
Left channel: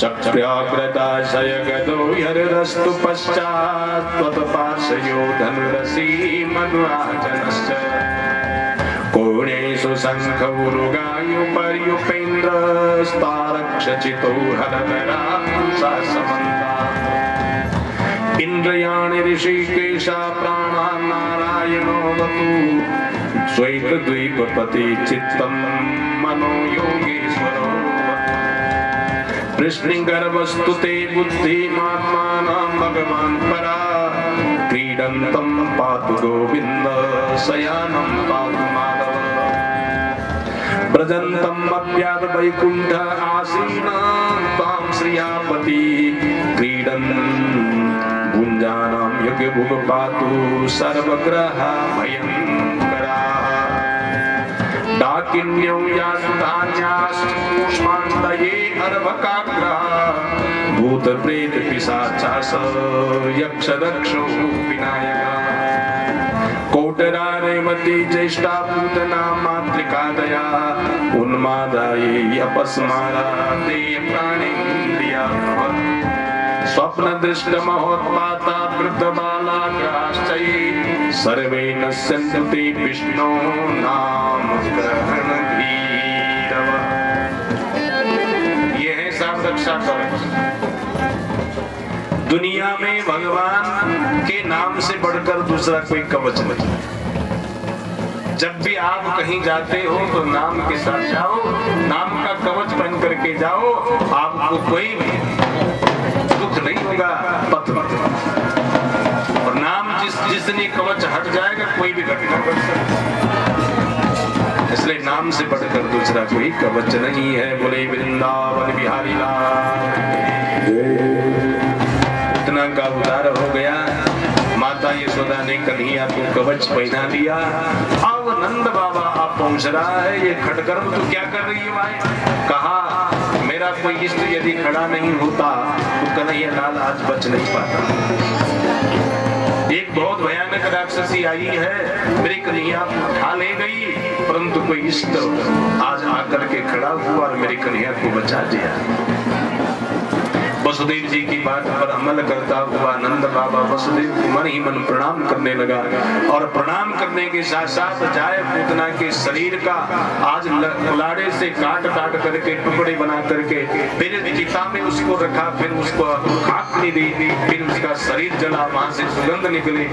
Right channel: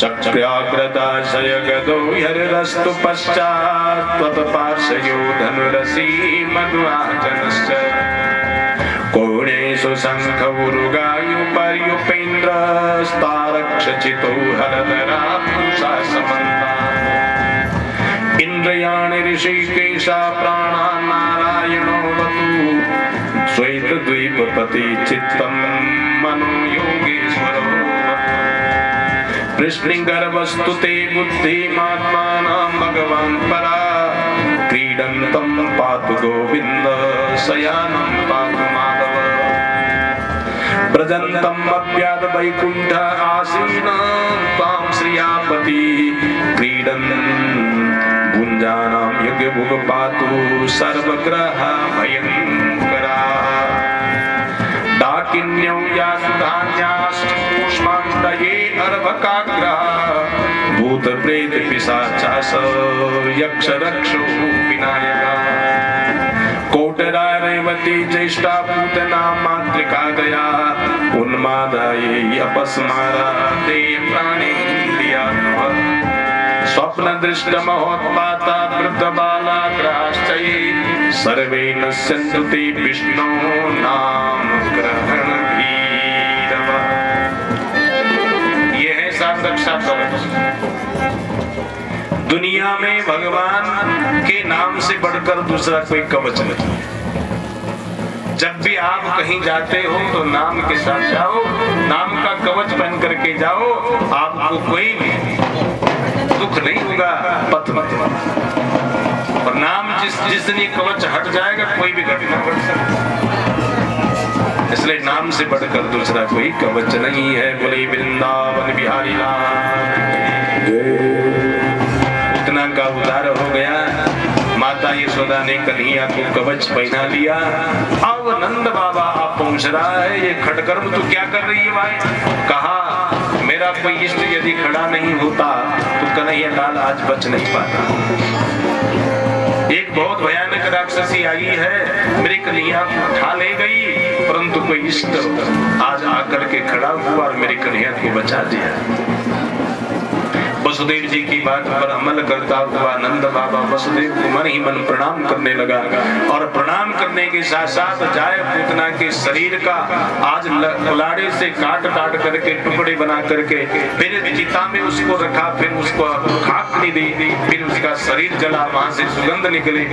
चक्राग्रदाशय गदो हरिरस्तु पश्चात् त्वत्पार्श्वयो धनुरसी मध्वाचनश्च कोणेषु शङ्खौरुगायुपर्युपेन्द्रस्तारक्षचितो हरधरा पुंसा समन्ता इन्द्रियाणि ऋषिकेशा प्राणान् नारायणो वतु श्वेतद्वीपपति चित्तं मनो योगेश्वरो कृष्णगर्भस्तु ते बुद्धिमात्मानं भगवान् परा क्रीडन्तं पातु गोविन्द शयानं पातु माधव व्रजन्तम् अव्याद वैकुण्ठ आसीनं त्वां श्रियापति क्रीडन् भुञ्जानां यज्ञभुग पातु सर्वग्रह भयङ्करा डाकिन्यो यासु धान्यास्पुष्मान्तये अर्भकाग्रहा भूत प्रेत पिशाचास यक्ष रक्षो विनायका कोटरा रेवती ज्येष्ठा पूतना मातृका दया उन्मादाये अपस्मारा ते प्राणेन्द्रिया स्वप्न दृष्ट महोत्पाता वृद्ध बालाग्राश्चये सर्वे नश्यन्तु ते विष्णो नाम ग्रहण भीरव। ये है सात रक्षा कवच। दुनिया में भगवान के नाम से बढ़कर दूसरा कोई कवच नहीं। जब भी आप कहीं जाते हो तो नाम के साथ जाओ, नाम का कवच पहन करके जाओ, आप उनको कोई दुख नहीं होगा। पथ और नाम जिस दिन ये कवच हट जाएगा कोई भी घटना घट सकती, इसलिए नाम से बढ़कर दूसरा कोई कवच नहीं है। बोले वृंदावन बिहारी लाल। इतना का उद्धार हो गया। माता यशोदा ने कन्हैया को कवच पहना लिया। अब नंद बाबा आप पहुंच रहा है, ये खटकर्म तो क्या कर रही है भाई? कहा मेरा कोई इष्ट यदि खड़ा नहीं होता तो कन्हैया लाल आज बच नहीं पाता। एक बहुत भयानक राक्षसी आई है, मेरे कन्हैया को उठा ले गई, परंतु कोई इष्ट आज आकर के खड़ा हुआ और मेरे कन्हैया को बचा दिया। वसुदेव जी की बात पर अमल करता हुआ नंद बाबा वसुदेव को मन ही मन प्रणाम करने लगा और प्रणाम करने के साथ साथ जाय पूतना के शरीर का आज कुलाड़े से काट करके टुकड़े बना करके फिर चिता में उसको रखा, फिर उसको खाक में दी, फिर उसका शरीर जला, वहां से सुगंध निकली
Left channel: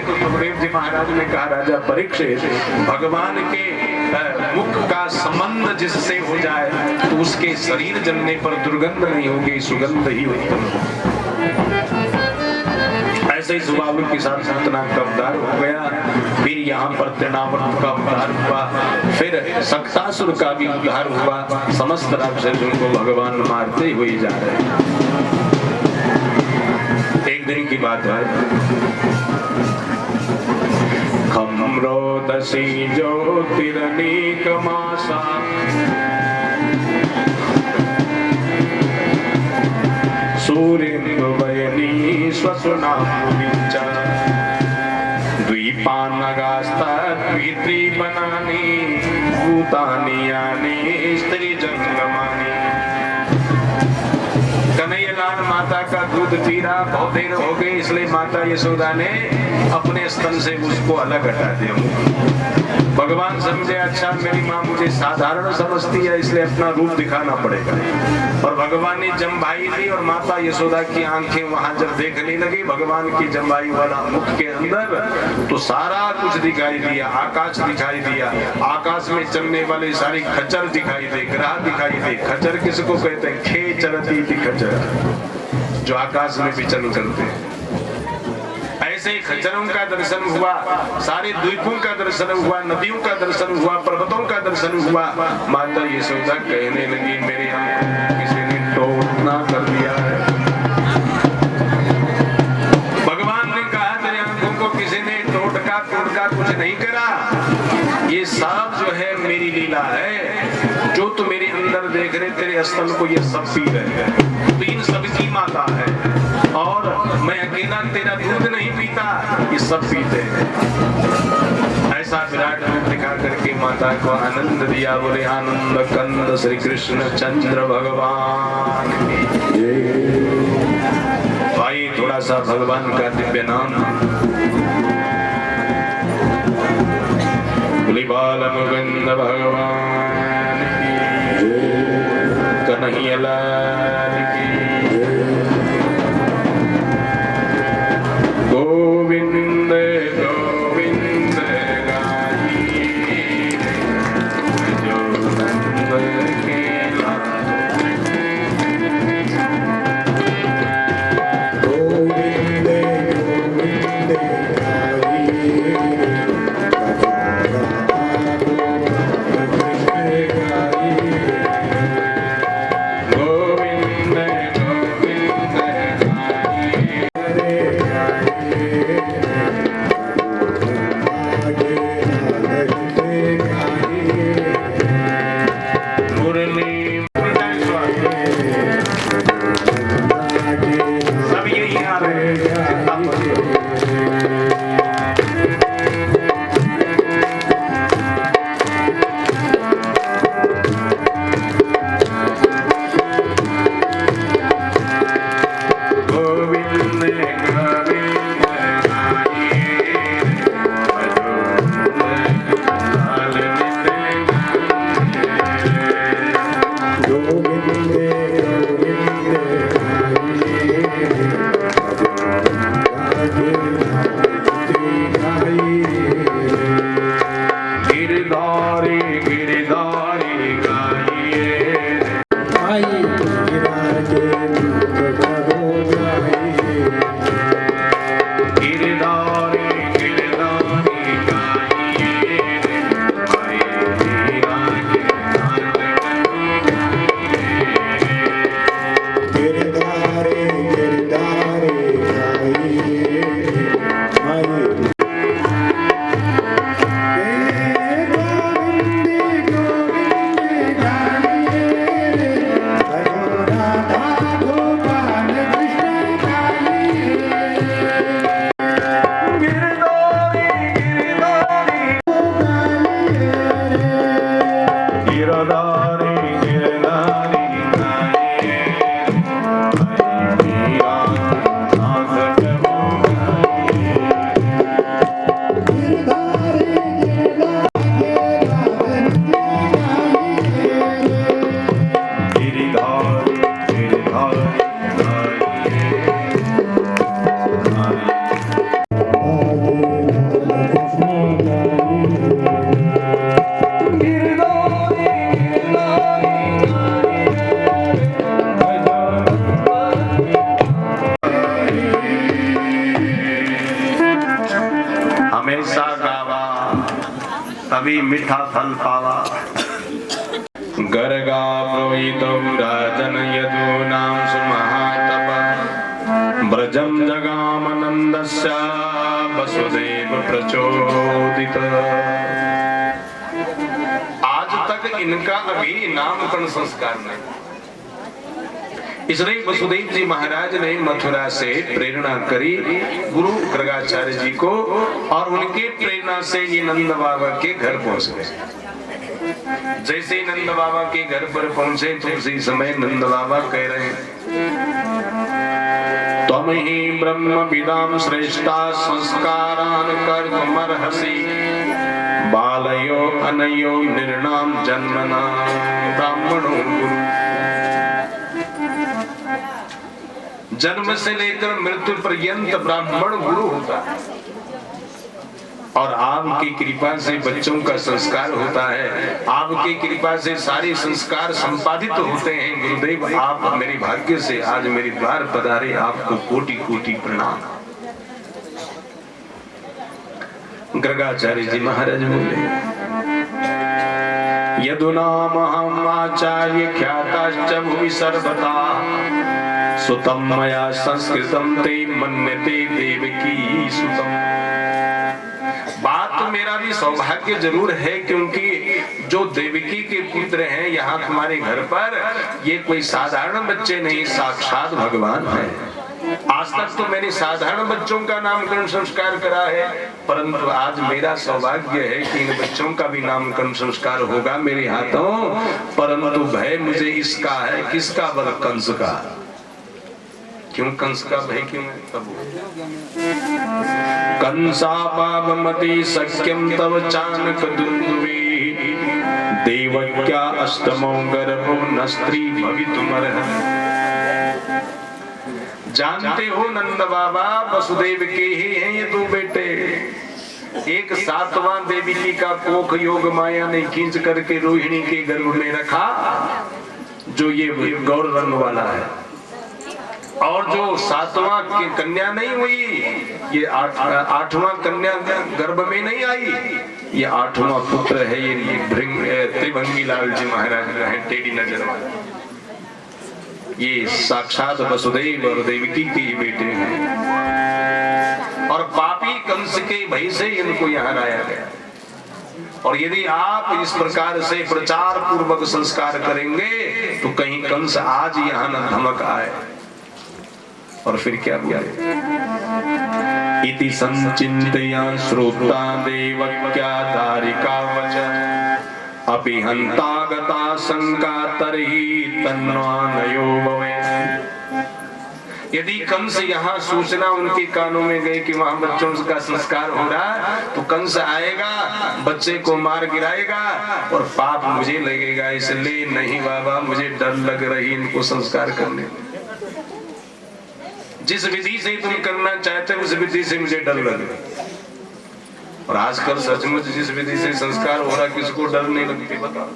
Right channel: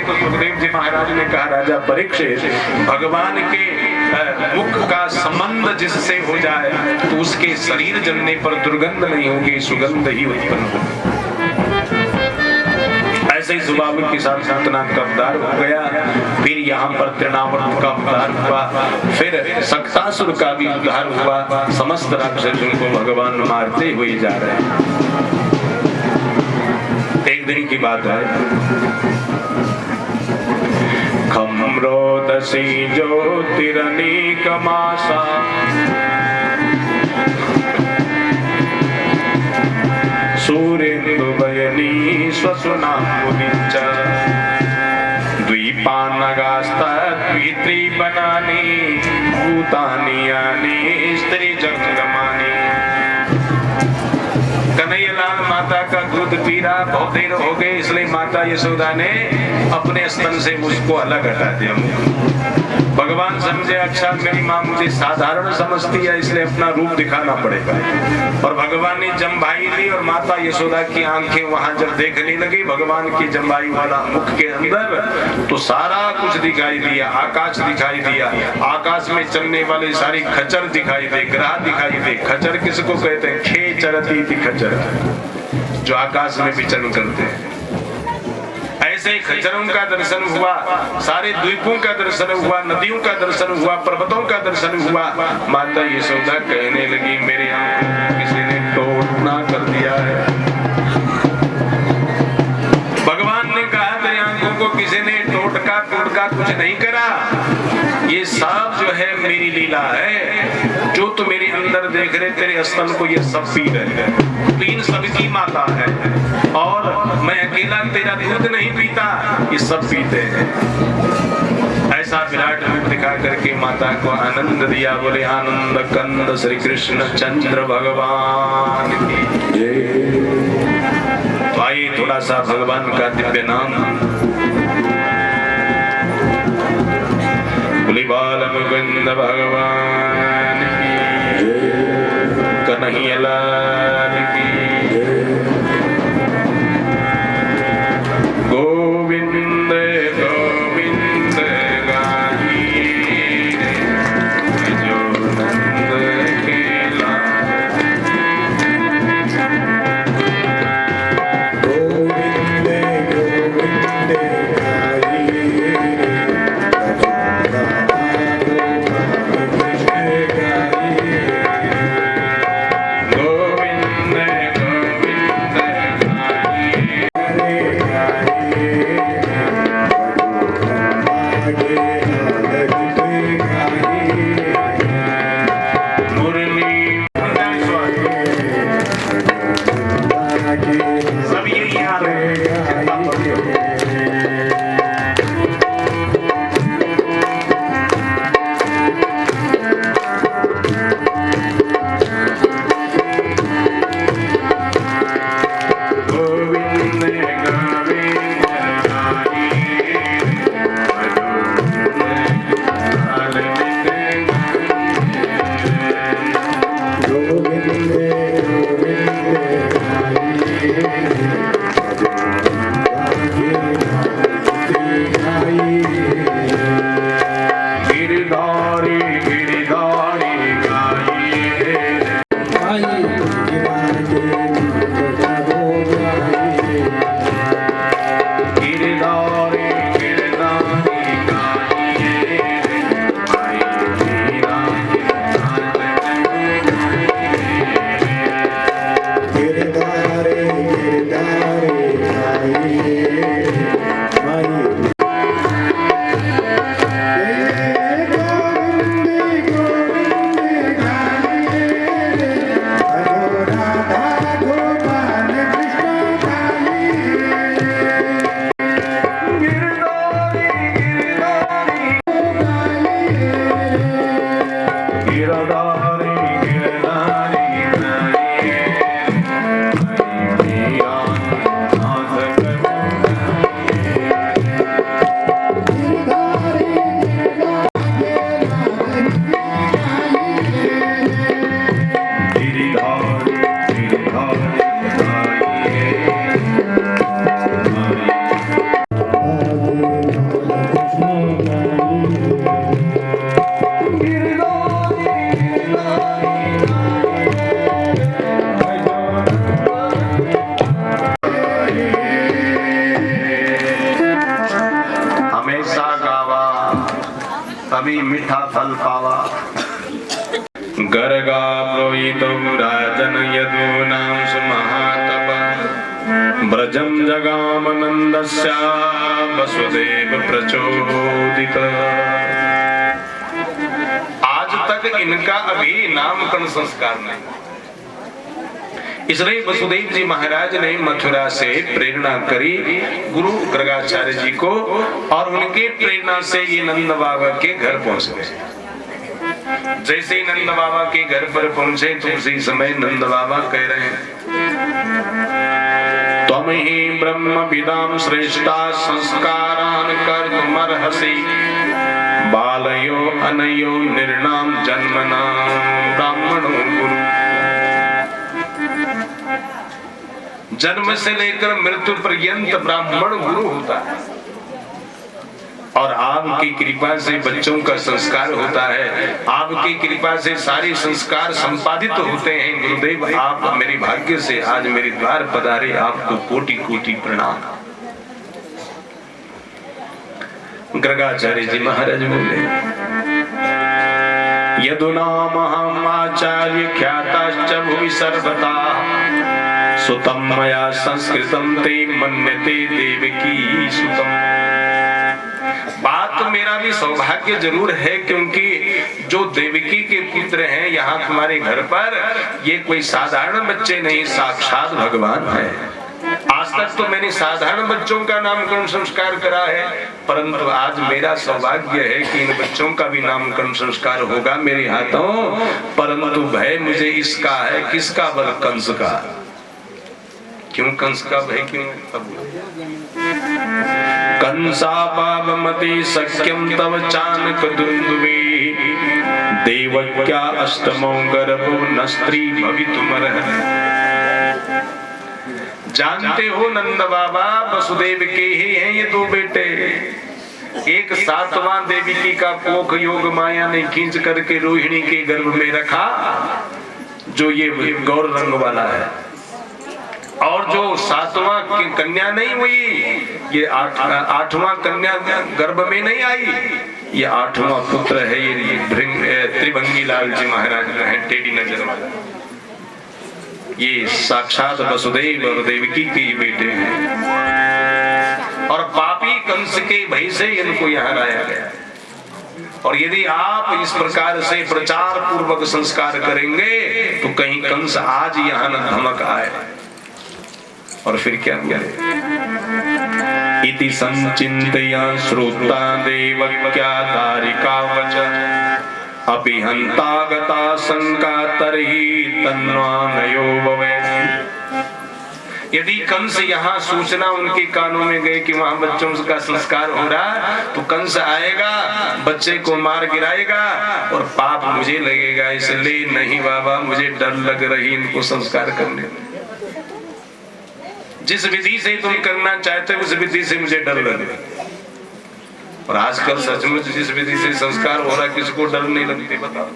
तो सुखदेव जी महाराज ने कहा राजा परीक्षित, भगवान के मुख का संबंध जिससे हो जाए तो उसके शरीर जलने पर दुर्गंध नहीं होगी, सुगंध ही उत्पन्न होगी। ऐसे ही स्वाभाविक के साथ इतना का उद्धार हो गया। फिर यहाँ पर तृणावर्त का उद्धार हुआ, फिर सक्तासुर का भी उद्धार हुआ। समस्त राक्षसों को भगवान मारते हुए जा रहे हैं। एक दिन की बात है, खम्रोदसी ज्योतिरनीक मासा सूर्योदयनी स्वसुना द्वीपानगास्त्री बनानी भूतानी यानी स्त्री जंगमानी। कन्हैयालाल माता का दूध पी रहा, बहुत देर हो गई, इसलिए माता यशोदा ने अपने स्तन से उसको अलग हटा दिया। भगवान समझे अच्छा मेरी माँ मुझे साधारण समझती है, इसलिए अपना रूप दिखाना पड़ेगा। और भगवान ने जम्भाई ली और माता यशोदा की आंखें वहां जब देखने लगी भगवान की जम्भाई वाला मुख के अंदर, तो सारा कुछ दिखाई दिया, आकाश दिखाई दिया, आकाश में चलने वाले सारी खच्चर दिखाई दे, ग्रह दिखाई दे। खच्चर किसको कहते हैं? खे चरती थी खच्चर, जो आकाश में विचरण करते हैं। ऐसे खच्चरों का दर्शन हुआ, सारे द्वीपों का दर्शन हुआ, नदियों का दर्शन हुआ, पर्वतों का दर्शन हुआ। माता यशोदा कहने लगी मेरे आंखों को किसी ने टोटना कर दिया है। भगवान ने कहा तेरी आंखों को किसी ने टोटका कुछ नहीं करा, ये सब जो है मेरी लीला है। जो तू मेरे अंदर देख रहे तेरे स्तन को ये सब पी रहे हैं, पीन सबकी माता है और मैं अकेला तेरा दूध नहीं पीता, ये सब पीते हैं। ऐसा विराट रूप दिखा करके माता को आनंद दिया। बोले आनंद कंद श्री कृष्ण चंद्र भगवान की। आइए थोड़ा सा भगवान का दिव्य नाम बाल मुकुंद भगवान की, कन्हैयालाल की। गोविंद गोविंद गाइए जो नंद के लाल। गोविंद गोविंद गाइए गिरधारी गिरधारी गाइए तभी मीठा फल पावा। गर्गा प्रोहितो राजन यदूनां सुमहातप ब्रजम जगामनन्दस्य वसुदेव प्रचोदित। आज तक इनका अभी नामकरण संस्कार नहीं, इसलिए वसुदेव जी महाराज ने मथुरा से प्रेरणा करी गुरु गर्गाचार्य जी को, और उनके प्रेरणा से ये नंद बाबा के घर पहुंच गए। जैसे ही नंद बाबा के घर पर पहुंचे तो उसी समय नंद बाबा कह रहे हैं, त्वं ही ब्रह्म विदाम श्रेष्ठा संस्कारान कर्तुमर्हसि बालयो अनयो निर्णाम जन्मना ब्राह्मणो गुरु। जन्म से लेकर मृत्यु पर्यंत ब्राह्मण गुरु होता है, और आपकी कृपा से बच्चों का संस्कार होता है, आपकी कृपा से सारे संस्कार संपादित होते हैं। गुरुदेव आप मेरे भाग्य से आज मेरे द्वार पधारे, आपको कोटि कोटि प्रणाम। गर्गाचार्य जी महाराज बोले, यदुनामहं आचार्य ख्याताश्च भुवि सर्वथा सुतम मया संस्कृतम ते मन्यते देवकी सुतम। बात तो मेरा भी सौभाग्य जरूर है, क्योंकि जो देवकी के पुत्र हैं यहाँ तुम्हारे घर पर, ये कोई साधारण बच्चे नहीं, साक्षात भगवान है। आज तक तो मैंने साधारण बच्चों का नामकरण संस्कार करा है, परंतु आज मेरा सौभाग्य है कि इन बच्चों का भी नामकरण संस्कार होगा मेरे हाथों। परंतु भय मुझे इसका है, किसका? बल कंस का। क्यों कंस का भय क्यों? कंसा पावमति सख्यम तव चानक दुंदुभि देवक्या अष्टमो गर्भो न स्त्री भवितुमर्हति। जानते हो नंद बाबा वसुदेव के ही हैं ये दो बेटे। एक 7वां देवकी का कोख योग माया ने खींच करके रोहिणी के गर्भ में रखा, जो ये गौर रंग वाला है, और जो 7वां कन्या नहीं हुई, ये 8वां कन्या गर्भ में नहीं आई, ये 8वां पुत्र है, ये त्रिभंगी लाल जी महाराज जो है टेढ़ी नजर वाला, ये साक्षात वसुदेव और देवकी के ही बेटे हैं। और पापी कंस के भय से इनको यहाँ लाया गया। और यदि आप इस प्रकार से प्रचार पूर्वक संस्कार करेंगे तो कहीं कंस आज यहाँ न धमक आए। और फिर क्या हुआ? इति संचिन्तया श्रोता देवक्या दारिका वचन अपि हंतागता शंका तरहि तन्वानयो भवेत्। यदि कंस यहाँ सूचना उनके कानों में गई कि वहां बच्चों का संस्कार हो रहा, तो कंस आएगा, बच्चे को मार गिराएगा और पाप मुझे लगेगा। इसलिए नहीं बाबा, मुझे डर लग रही इनको संस्कार करने में। जिस विधि से तुम करना चाहते उस विधि से मुझे डर लगे। और आजकल सचमुच जिस विधि से संस्कार हो रहा है, किसी को डर नहीं लगती? बताओ,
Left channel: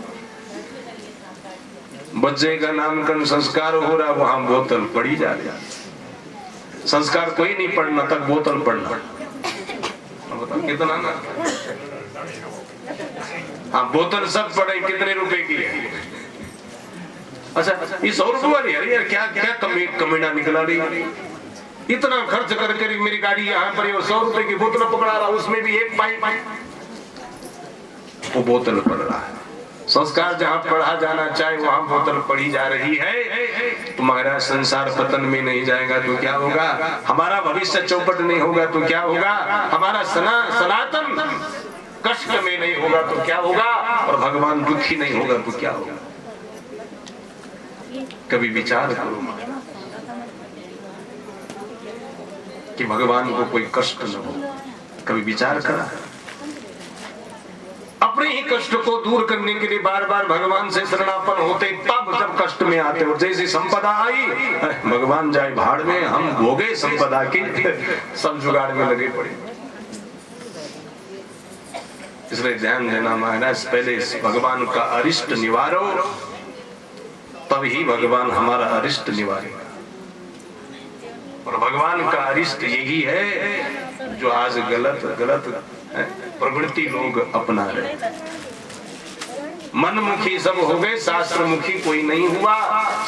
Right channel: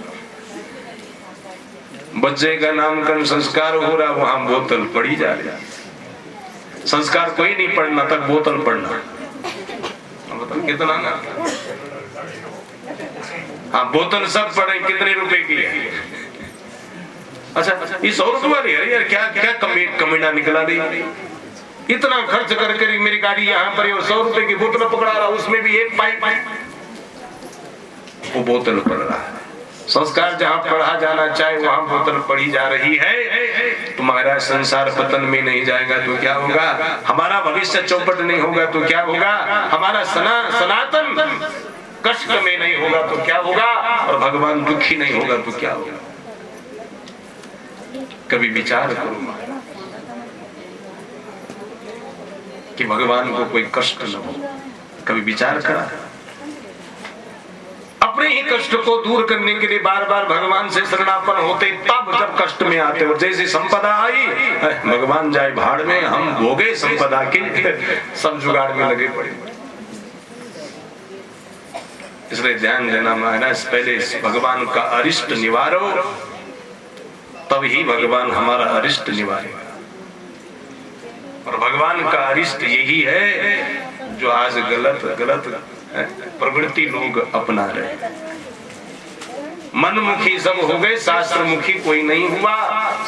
बच्चे का नामकरण संस्कार हो रहा, वहां बोतल पड़ी जा रही। संस्कार कोई नहीं पढ़ना तक बोतल पढ़ना। बताओ कितना ना? हाँ, बोतल सब पढ़े, कितने रुपए की है? अच्छा, ये 100 रुपए वाली है यार। क्या क्या कमीना निकला रही? इतना खर्च कर मेरी गाड़ी यहाँ पर 100 रुपए की बोतल पकड़ा रहा, उसमें भी एक पाइप वो बोतल पड़ रहा है। संस्कार जहाँ पढ़ा जाना चाहे वहाँ बोतल पढ़ी जा रही है। तुम्हारा संसार पतन में नहीं जाएगा तो क्या होगा? हमारा भविष्य चौपट नहीं होगा तो क्या होगा? हमारा सनातन कष्ट में नहीं होगा तो क्या होगा? और भगवान दुखी नहीं होगा तो क्या होगा? कभी विचार करो कि भगवान को कोई कष्ट न हो। कभी विचार करा? अपने ही कष्ट को दूर करने के लिए बार बार भगवान से शरणापन्न होते, तब जब कष्ट में आते और जैसी संपदा आई, भगवान जाए भाड़ में, हम भोगे संपदा के, सब जुगाड़ में लगे पड़े। इसलिए ध्यान देना महाराज, पहले भगवान का अरिष्ट निवारो, तब ही भगवान हमारा अरिष्ट निवारेगा। और भगवान का अरिष्ट यही है जो आज गलत प्रवृत्ति लोग अपना रहे। मनमुखी सब हो गए, शास्त्र मुखी कोई नहीं हुआ।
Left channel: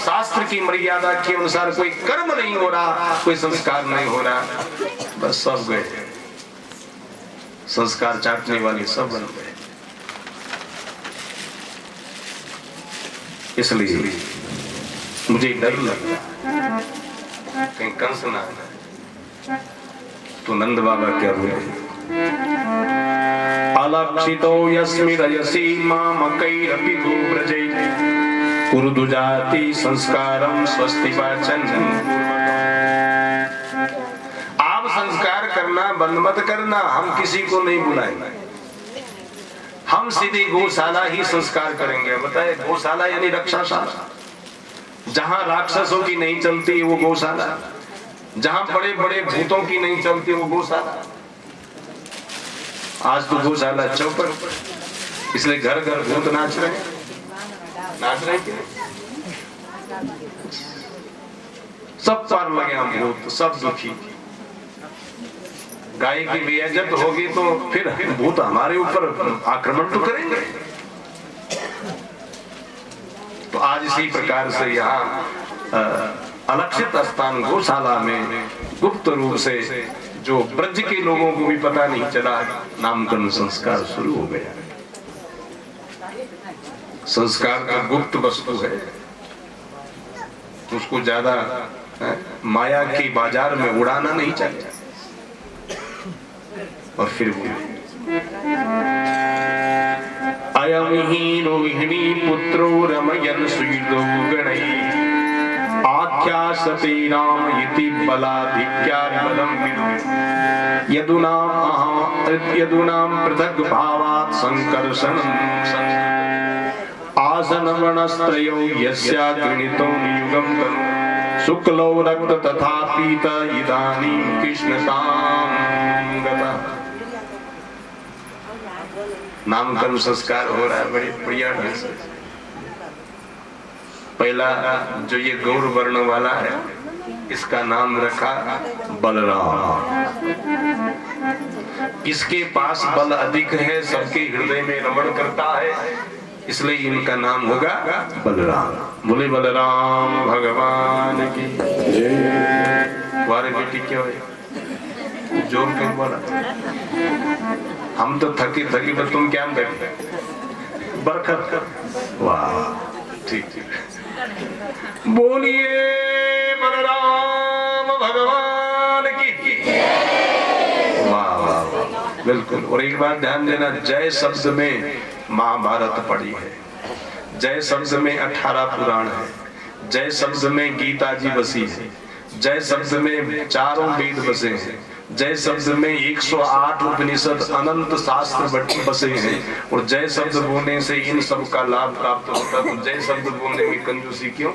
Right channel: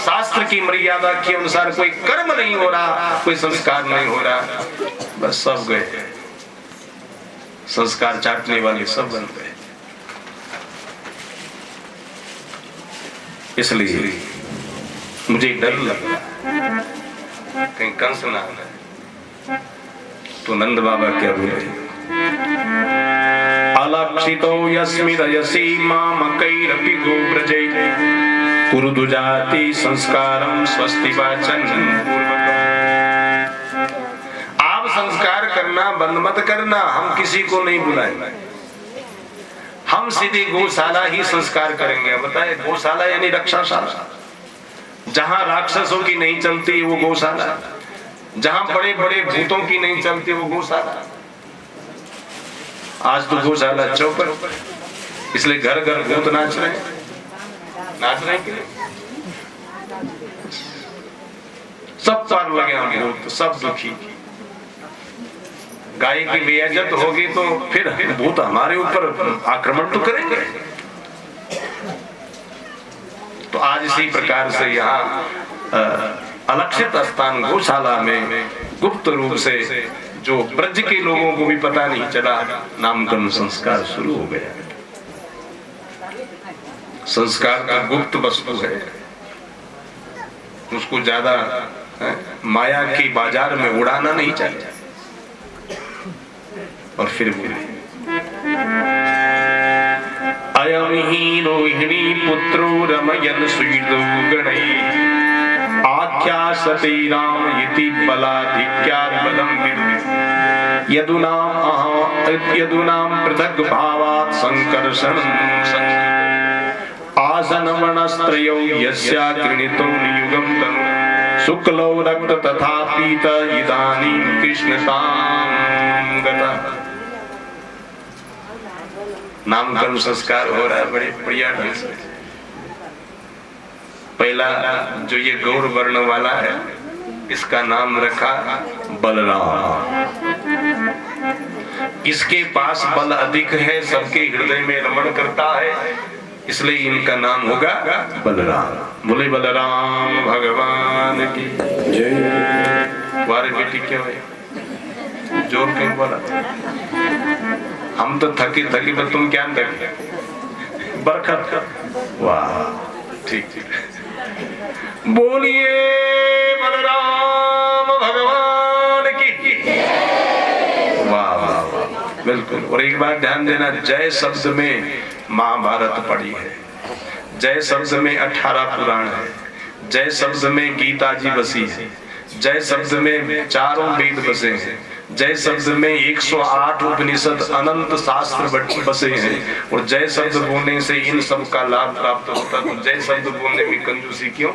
शास्त्र की मर्यादा के अनुसार कोई कर्म नहीं हो रहा, कोई संस्कार नहीं हो रहा, बस सब गए। संस्कार चाटने वाले सब बन गए। इसलिए मुझे डर लगा कहीं कंस ना आए। तो नंद बाबा क्या बोले, अलक्षितो यस्मि रयसी मामकैरपि गोव्रजै कुरुदु जाति संस्कारं स्वस्ति वाचन। आप संस्कार करना बंद मत करना, हम किसी को नहीं बुलाएंगे, हम सीधे गौशाला ही संस्कार करेंगे। बताए गौशाला यानी रक्षाशाला, जहां राक्षसों की नहीं चलती वो गौशाला, जहां बड़े बड़े भूतों की नहीं चलती वो गौशाला। आज तो गौशाला चौपट, इसलिए घर घर भूत नाच रहे हैं, नाच रहे हैं। सब पार लगे हम भूत, सब दुखी। गाय की बेइज्जत होगी तो फिर भूत हमारे ऊपर आक्रमण तो करेंगे। तो आज इसी प्रकार से यहाँ अलक्षित स्थान गौशाला में गुप्त रूप से जो ब्रज के लोगों को भी पता नहीं चला, नामकरण संस्कार शुरू हो गया। संस्कार का गुप्त वस्तु है, उसको ज्यादा माया के बाजार में उड़ाना नहीं चाहिए। और फिर बोले, अयम ही रोहिणी पुत्रो रमयन सुईदो गणै आख्यासते राम इति बलाधिक्यात् बलं विदुः यदुनाम पृथक भावात् संकर्षणं आसनमणस्त्रयो यस्या गृणीतो नियुगं तनु शुक्लो रक्त तथा पीत इदानीं कृष्णतां गता। नामकरण संस्कार हो रहा है बड़े बढ़िया ढंग से। पहला जो ये गौर वर्ण वाला है, इसका नाम रखा बलराम। इसके पास बल अधिक है, सबके हृदय में रमण करता है, इसलिए इनका नाम होगा बलराम। बोले बलराम भगवान की जय। वारे बेटी क्या है, जोर क्यों बोला? हम तो थके थके, पर तुम क्या बैठे बरकत। वाह, ठीक। बोलिए बलराम भगवान की। वाह वाह वाह, बिल्कुल। और एक बात ध्यान देना, जय शब्द में महाभारत पढ़ी है, जय शब्द में 18 पुराण है, जय शब्द में गीता जी बसी है, जय शब्द में चारों वेद बसे हैं, जय शब्द में 108 उपनिषद अनंत शास्त्र बसे हैं। और जय शब्द बोलने से इन सब का लाभ प्राप्त होता है। तो जय शब्द बोलने में कंजूसी क्यों?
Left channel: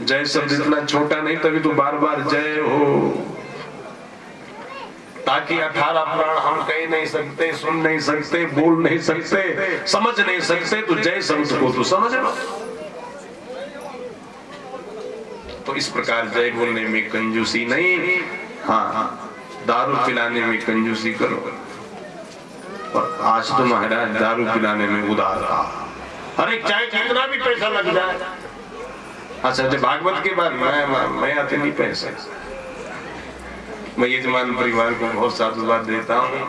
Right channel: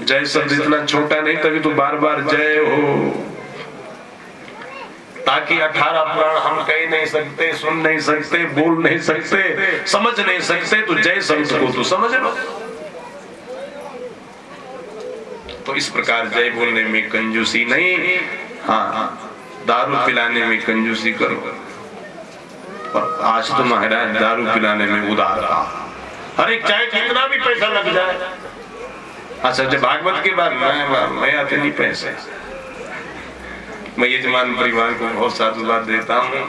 जय शब्द इतना छोटा नहीं, तभी तो बार बार जय हो, ताकि 18 पुराण हम कह नहीं सकते, सुन नहीं सकते, बोल नहीं सकते, समझ नहीं सकते, तो जय शब्द को तो समझ लो। तो इस प्रकार जय बोलने में कंजूसी नहीं, हाँ दारू पिलाने में कंजूसी करो। और आज तो महाराज दारू पिलाने में उदार रहा, अरे चाहे कितना भी पैसा लग जाए। अच्छा जब भागवत के बाद मैं आते नहीं पैसे, मैं यजमान परिवार को बहुत साधुवाद देता हूँ,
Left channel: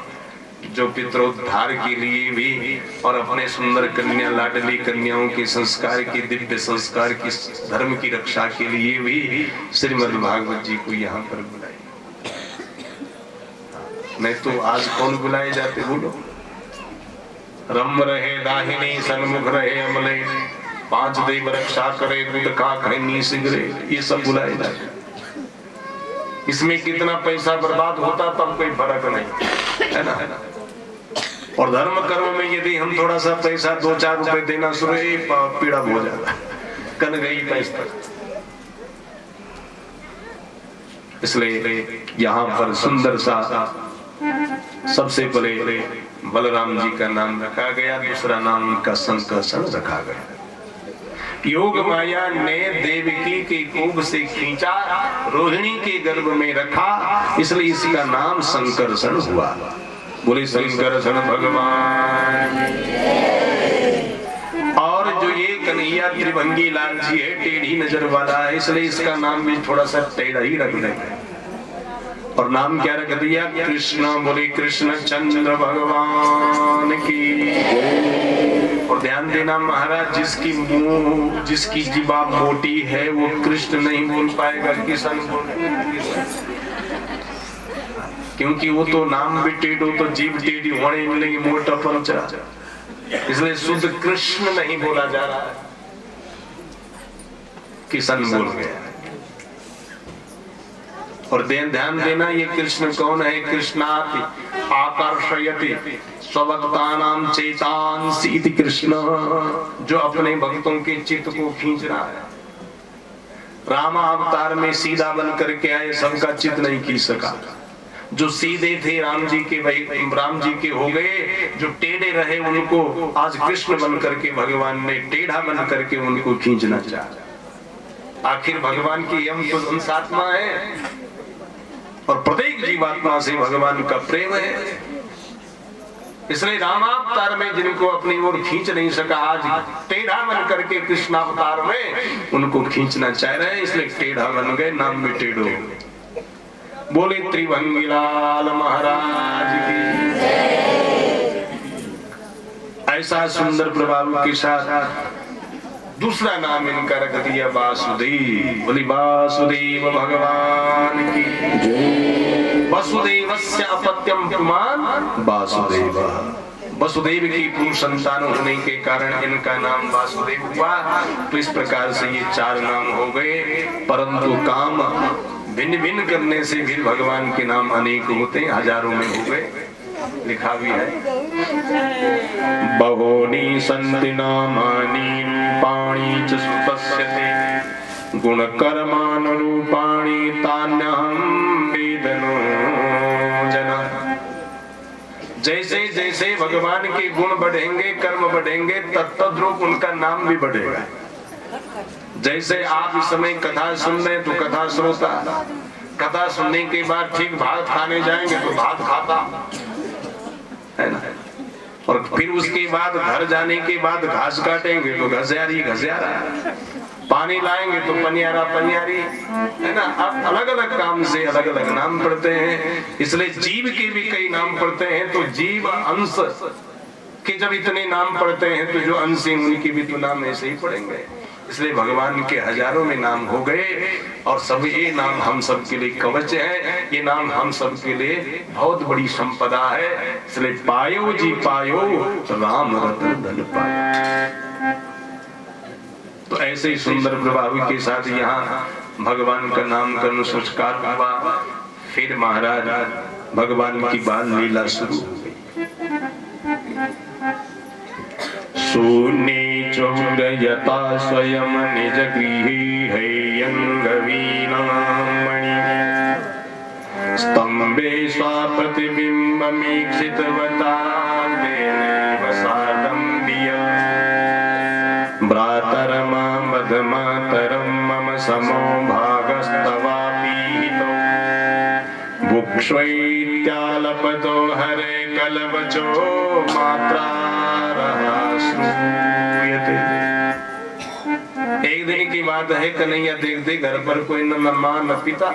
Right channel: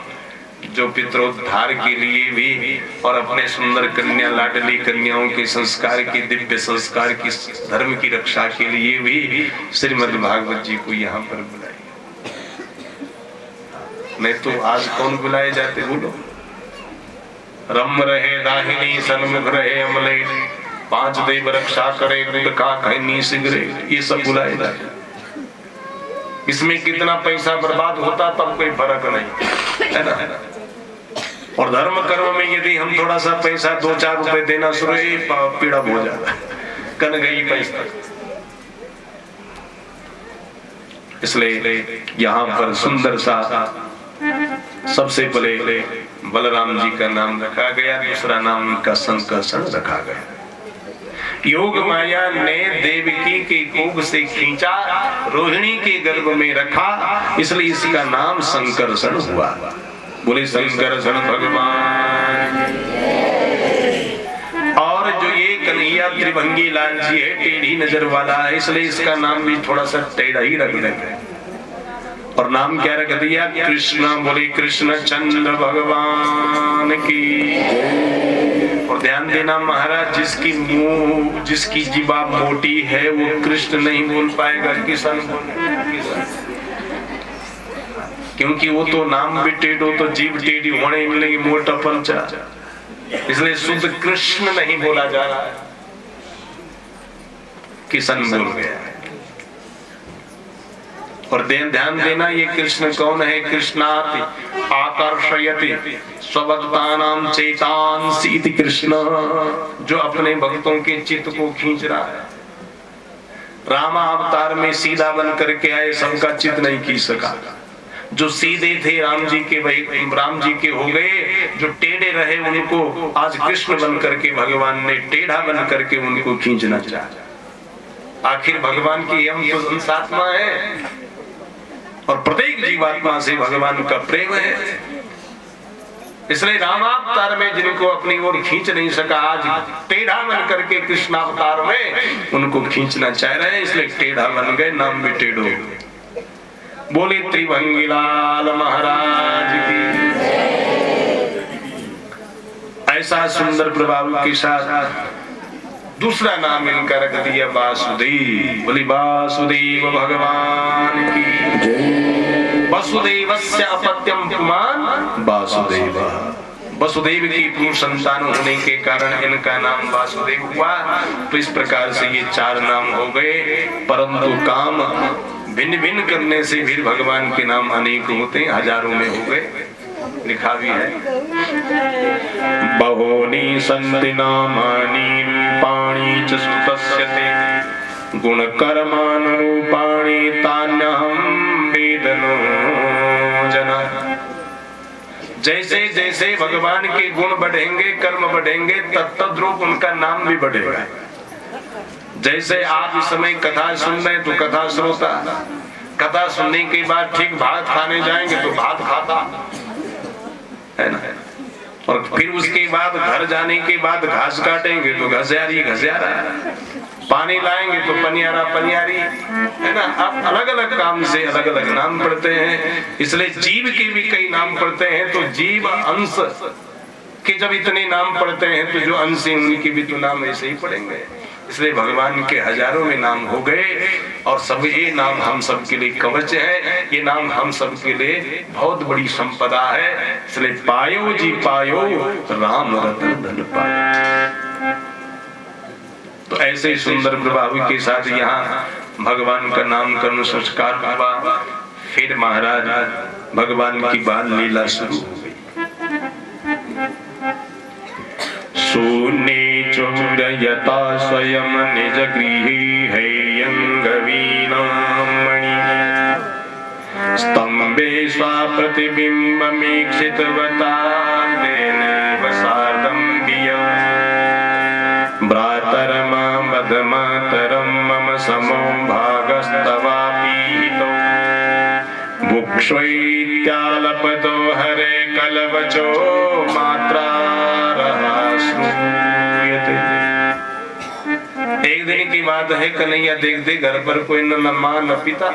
जो पितरोद्धार के लिए भी और अपने सुंदर कन्या लाडली कन्याओं के संस्कार की, दिव्य संस्कार की, धर्म की रक्षा के लिए भी श्रीमद् भागवत जी को यहाँ पर बुलाई। नहीं तो आज कौन बुलाए जाते बोलो? रम रहे दाहिनी सन्मुख रहे अमले, 5 देव रक्षा करे गुड का खैनी सिगरे, ये सब बुलाए जाते। इसमें कितना पैसा बर्बाद होता तब कोई फर्क नहीं है ना। और धर्म कर्म में यदि हम थोड़ा सा पैसा 2-4 रुपए देना शुरू, पीड़ा हो जाता है, कन गई पैसा। इसलिए यहाँ पर सुंदर सा सबसे पहले बलराम जी का नाम रखा गया, दूसरा नाम उनका संकर्षण रखा गया। योग माया ने देवकी के कोख से खींचा, रोहिणी के गर्भ में रखा, इसलिए इसका नाम संकर्षण हुआ। बोले संकर्षण भगवान। और जो ये कन्हैया त्रिभंगी लाल जी है, टेढ़ी नजर वाला है, इसलिए इसका नाम भी थोड़ा सा टेढ़ा ही रख देंगे। और नाम क्या रख दिया? कृष्णा। बोले कृष्ण चंद्र भगवान की। और ध्यान देना महाराज, जिसकी जीवा मोटी है वो कृष्ण नहीं बोल पाएगा, किसान बोलेगा, क्योंकि वो तो नाम भी टेढ़ो तो जीव टेढ़ी होने मिलेगी, मोटा पंचा, इसलिए शुद्ध कृष्ण नहीं बोला जा रहा है, किसान बोल गया। और ध्यान देना, ये कृष्ण कौन है? कृष्णाति आकर्षयति स्वभक्तानां चेतांसि इति कृष्ण, जो अपने भक्तों के चित्त को खींच रहा है। रामा अवतार में सीधा बन करके आए, सबका चित्त नहीं खींच सका। जो सीधे थे राम जी के हो गए, जो टेढ़े रहे उनको आज कृष्ण बन करके भगवान ने टेढ़ा बन करके उनको खींचना चाहा। आखिर भगवान की हम तो अंशात्मा है और प्रत्येक जीवात्मा से भगवान का प्रेम है, इसलिए रामावतार में जिनको अपनी ओर खींच नहीं सका, आज टेढ़ा बन करके कृष्णावतार में उनको खींचना चाह रहे हैं, इसलिए टेढ़ा बन गए, नाम भी टेढ़ो। बोले त्रिभंगी लाल महाराज की। ऐसा सुंदर प्रभाव के साथ दूसरा नाम इनका रख दिया वासुदेव। बोली वासुदेव भगवान की जय। वसुदेवस्य अपत्यम पुमान वासुदेव। वसुदेव की पूर्ण संतान होने के कारण इनका नाम वासुदेव हुआ। तो इस प्रकार से ये चार नाम हो गए, परंतु काम भिन्न भिन्न करने से भी भगवान के नाम अनेक होते, हजारों में हो गए। लिखा भी है, बहूनि सन्ति नामानि रूपाणि च सुतस्यते गुण कर्मानुरूपाणि तान्यहं वेदनो जना। जैसे जैसे भगवान के गुण बढ़ेंगे, कर्म बढ़ेंगे, तत्तद्रूप उनका नाम भी बढ़ेगा। जैसे आप इस समय कथा सुन रहे तो कथा श्रोता, कथा सुनने के बाद ठीक भात खाने जाएंगे तो भात खाता है ना, और फिर उसके बाद घर जाने के बाद घास काटेंगे तो घसियारी घसियारा, पानी लाएंगे तो पनियारा पनियारी, है ना। अब अलग अलग काम से अलग अलग नाम पड़ते हैं, इसलिए जीव के भी कई नाम पड़ते हैं। तो जीव अंश के जब इतने नाम पड़ते हैं तो जो अंश उनके भी तो नाम ऐसे ही पड़ेंगे। इसलिए भगवान के हजारों में नाम हो गए, और सब ये नाम हम सब के लिए कवच है, ये नाम हम सब के लिए बहुत बड़ी संपदा है। इसलिए पायो जी पायो राम रतन धन पायो। तो ऐसे सुंदर प्रभाव के साथ यहाँ भगवान का नामकरण संस्कार हुआ। फिर महाराज भगवान की बाल लीला शुरू हो गई। शून्ये चोरयता स्वयं निज गृहे हेयंगवीनामणि स्तंभे स्वाप्रतिबिंबमीक्षितवता तेनैव सार्धम्बिया भ्रातरमामदमातरं मम समो भागस्तवापीहितो भुक्ष्वैत्यालपतो हरे कलवचो मात्रा। एक दिन की बात है, कन्हैया देखते घर पर कोई न मां न पिता,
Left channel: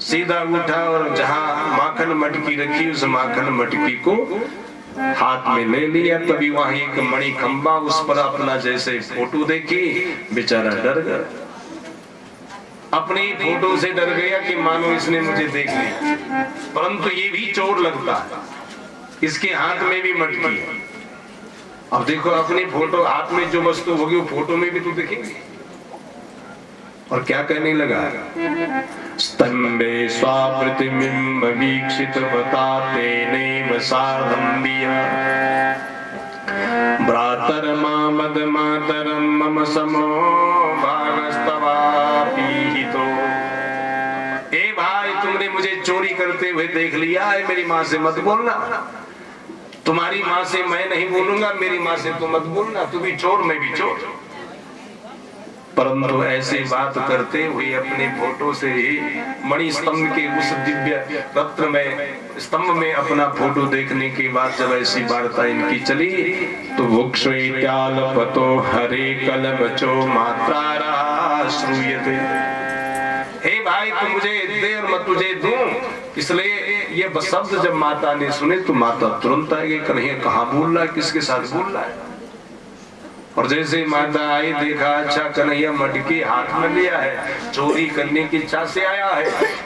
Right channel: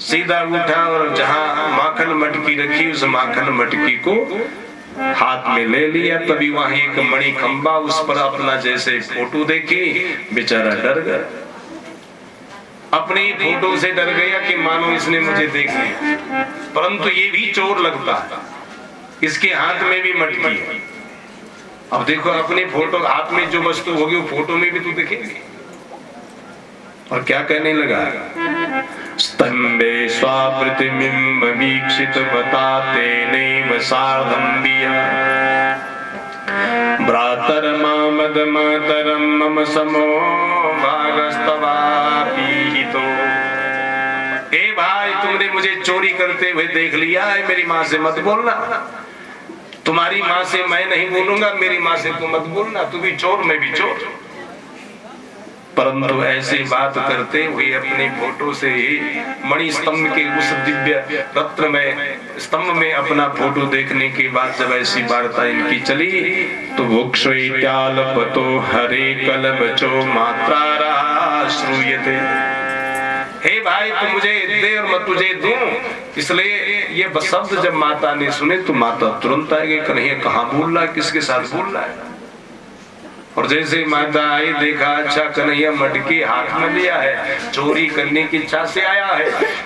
सीधा उठा और जहां माखन मटकी रखी उस माखन मटकी को हाथ में ले लिया। तभी वहां एक मणि खंबा, उस पर अपना जैसे फोटो देखी, बेचारा डर गया। अपनी फोटो से डर गया कि मानो इसने मुझे देख लिया, परंतु ये भी चोर लगता है, इसके हाथ में भी मटकी है। अब देखो अपनी फोटो हाथ में जो वस्तु होगी वो फोटो में भी तो दिखेगी। और क्या कहने लगा, स्तंभे स्वाप्रतिबिंबमीक्षितवता तेनैव सार्धम्बिया भ्रातरमामदमातरं मम समो भागस्तवापीहितो। ए भाई, तुमने मुझे चोरी करते हुए देख लिया है, मेरी मां से मत बोलना। तुम्हारी माँ से मैं नहीं बोलूंगा, मेरी माँ से तू मत बोलना, तू भी चोर मैं भी चोर। परंतु ऐसी बात करते हुए अपनी फोटो से ही मणि स्तंभ के उस दिव्य रत्न में स्तंभ में अपना फोटो देखने के बाद जब ऐसी वार्ता इनकी चली तो वोक्षो हरे कलबचो मात्रा श्रूयते। हे भाई तू मुझे दे और मैं तुझे दूं। इसलिए ये शब्द जब माता ने सुने तो माता तुरंत आ गई, कन्हैया कहाँ बोल रहा है, किसके साथ बोल रहा है। और जैसे माता आई देखा अच्छा कन्हैया मटकी हाथ में लिया है, चोरी करने की इच्छा से आया है,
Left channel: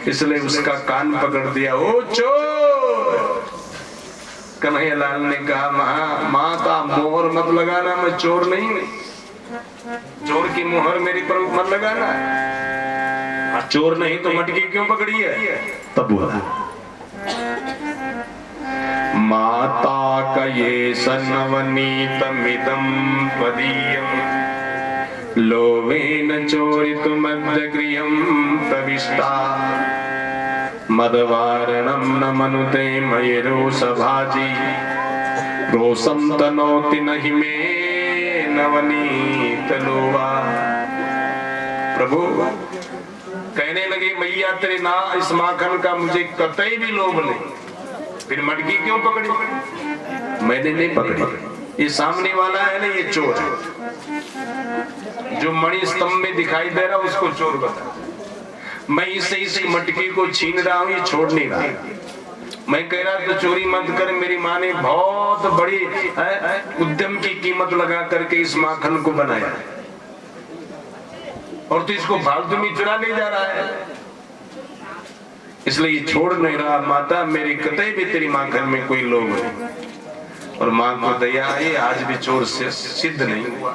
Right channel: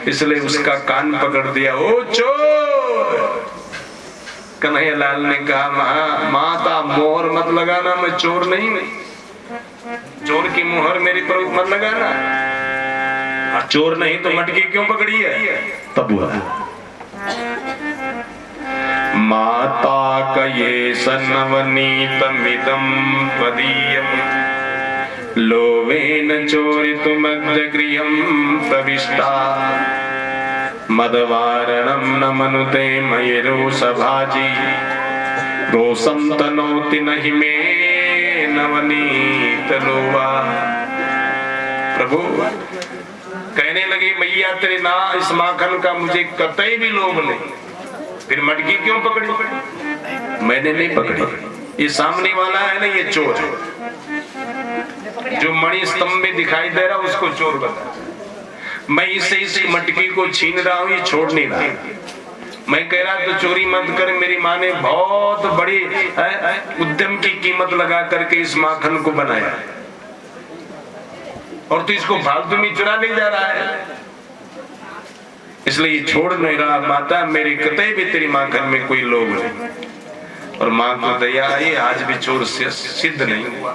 इसलिए उसका कान पकड़ दिया। ओ चोर! कन्हैया लाल ने कहा माता मोहर मत लगाना, मैं चोर नहीं हूं, चोर की मोहर मेरी पर मत लगाना। चोर नहीं तो मटकी क्यों पकड़ी है? तब बोला माता कये सनवनीतमिदं पदीयं लोभेन चोरितुमद्यगृहं प्रविष्टा मदवारणं न मनुते मयि रोषभाजी रोषं तनोति नहि मे नवनीतलोभा। प्रभु कहने लगे मैया तेरे ना इस माखन का मुझे कतई भी लोभ नहीं, फिर मटकी क्यों पकड़ी? मैंने नहीं पकड़ी, ये सामने वाला है ना, ये चोर है। जो मणि स्तंभ में दिखाई दे रहा उसको चोर बता। मैं इससे इस मटकी को छीन रहा हूं, ये छोड़ नहीं रहा। मैं कह रहा तो चोरी मत कर, मेरी माँ ने बहुत बड़ी उद्यम की कीमत लगा करके इस माखन को बनाया और तू इसको फालतू में चुरा ले जा रहा है, इसलिए ये छोड़ नहीं रहा। माता मेरे कतई भी तेरी माखन में कोई लोभ नहीं। और माँ को दया आई, आज भी चोर से सिद्ध नहीं हुआ।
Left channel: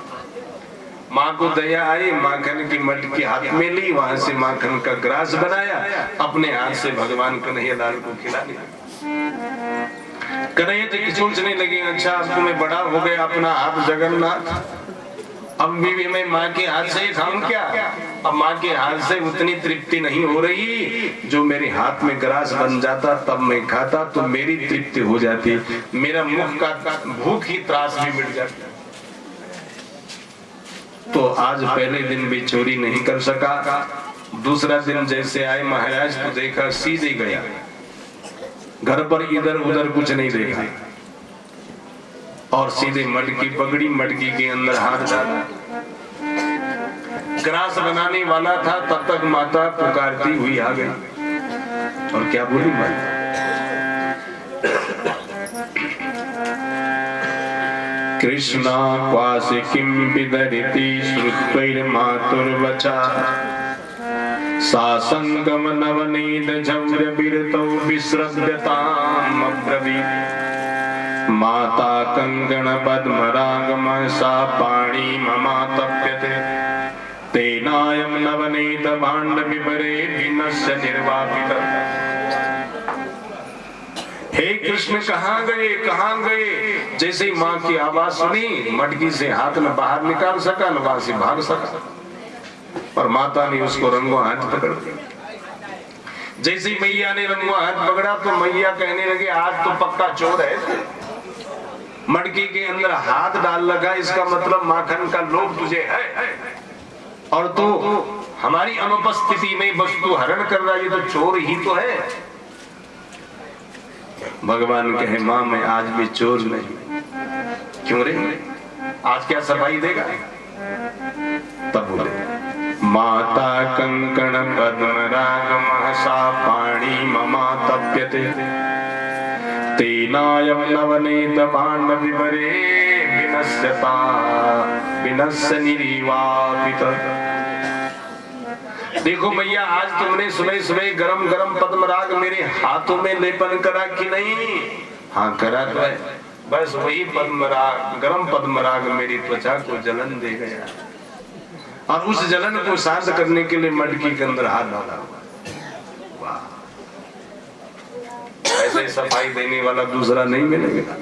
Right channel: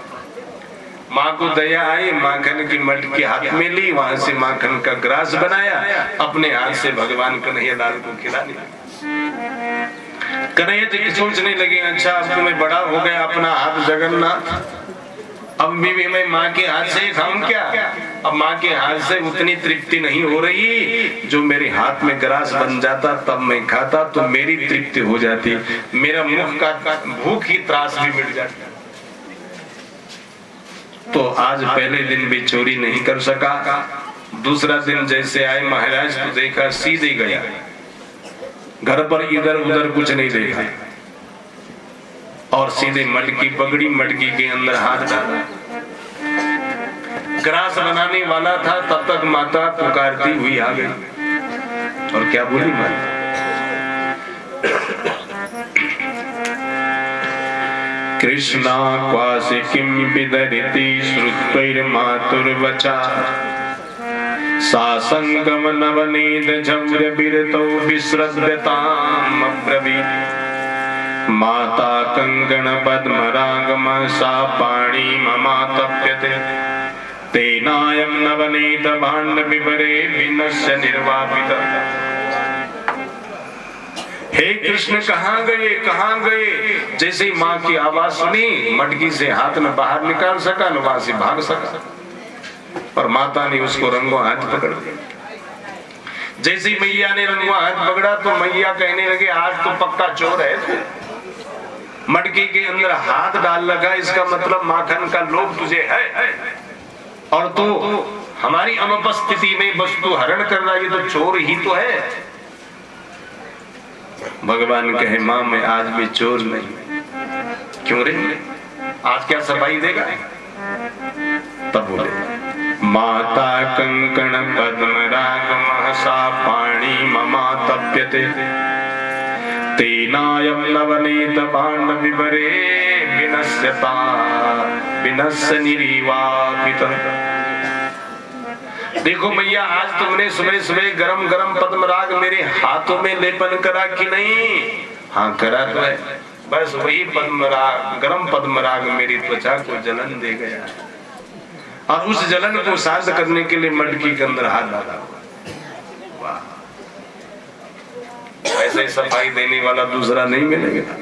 माँ को दया आई, माखन की मटकी हाथ में ली, वहां से माखन का ग्रास बनाया, अपने हाथ से भगवान कन्हैया लाल को खिला दिया। कन्हैया तो सोचने लगे अच्छा अब तो मैं बड़ा हो गया, अपना हाथ जगन्नाथ, अब भी मैं माँ के हाथ से खाऊं क्या? अब माँ के हाथ से उतनी तृप्ति नहीं हो रही, जो मेरे हाथ में ग्रास बन जाता तब मैं खाता तो मेरी तृप्ति हो जाती, मेरा मुख का भूख की त्रास भी मिट जाती। तो आज पहले दिन भी चोरी नहीं कर सका। दूसरा दिन जैसे आए महाराज को देखा, सीधे गया, घर पर इधर उधर कुछ नहीं देखा और सीधे मटकी पकड़ी, मटकी के अंदर हाथ डाला। ग्रास बनाने वाला था, तब तक माता पुकारती हुई आ गई और क्या बोली माता? कृष्णा क्वासि किं विदरिति श्रुत्वैर्मातुर्वचा सा संगम नवनीत झव्य बिरतौ विश्रव्यताम् अब्रवीत् माता कंकण पद्मरागम सा पाणी ममातप्यते तेनायं नवनीत भाण्ड विपरे विनश्य निर्वापितः। हे कृष्ण कहाँ गए कहाँ गए? जैसे माँ की आवाज सुनी, मटकी से हाथ न बाहर निकाल सका न वहां से भाग सका, और माता ने उसको रंगों हाथ पकड़ दिया। जैसे मैया ने रंगों हाथ पकड़ा तो मैया कहने लगे आज तो पक्का चोर है, मटकी के अंदर हाथ डाल लगा, इसका मतलब माखन का लोभ तुझे है और तू हमारी अनुपस्थिति में वस्तु हरण कर रहा है, ये तो चोर ही तो है। भगवान कहे माँ मैं आज भी चोर नहीं। क्यों रे? आज क्या सफाई देगा? तब बोले माता कंकण पद्मरागम सा पाणी ममातप्यते तेनायं नवनीत भाण्ड विपरे विनश्यता विनश्य निर्वापितः। देखो भैया आज तुमने सुबह सुबह गरम गरम पद्मराग मेरे हाथों में लेपन करा कि नहीं? हाँ करा तो है, बस वही पद्मराग गरम पद्मराग मेरी त्वचा को जलन दे गया और उस जलन को शांत करने के लिए मटकी के अंदर हाथ डाला। वाह, ऐसे सफाई देने वाला दूसरा नहीं मिलेगा।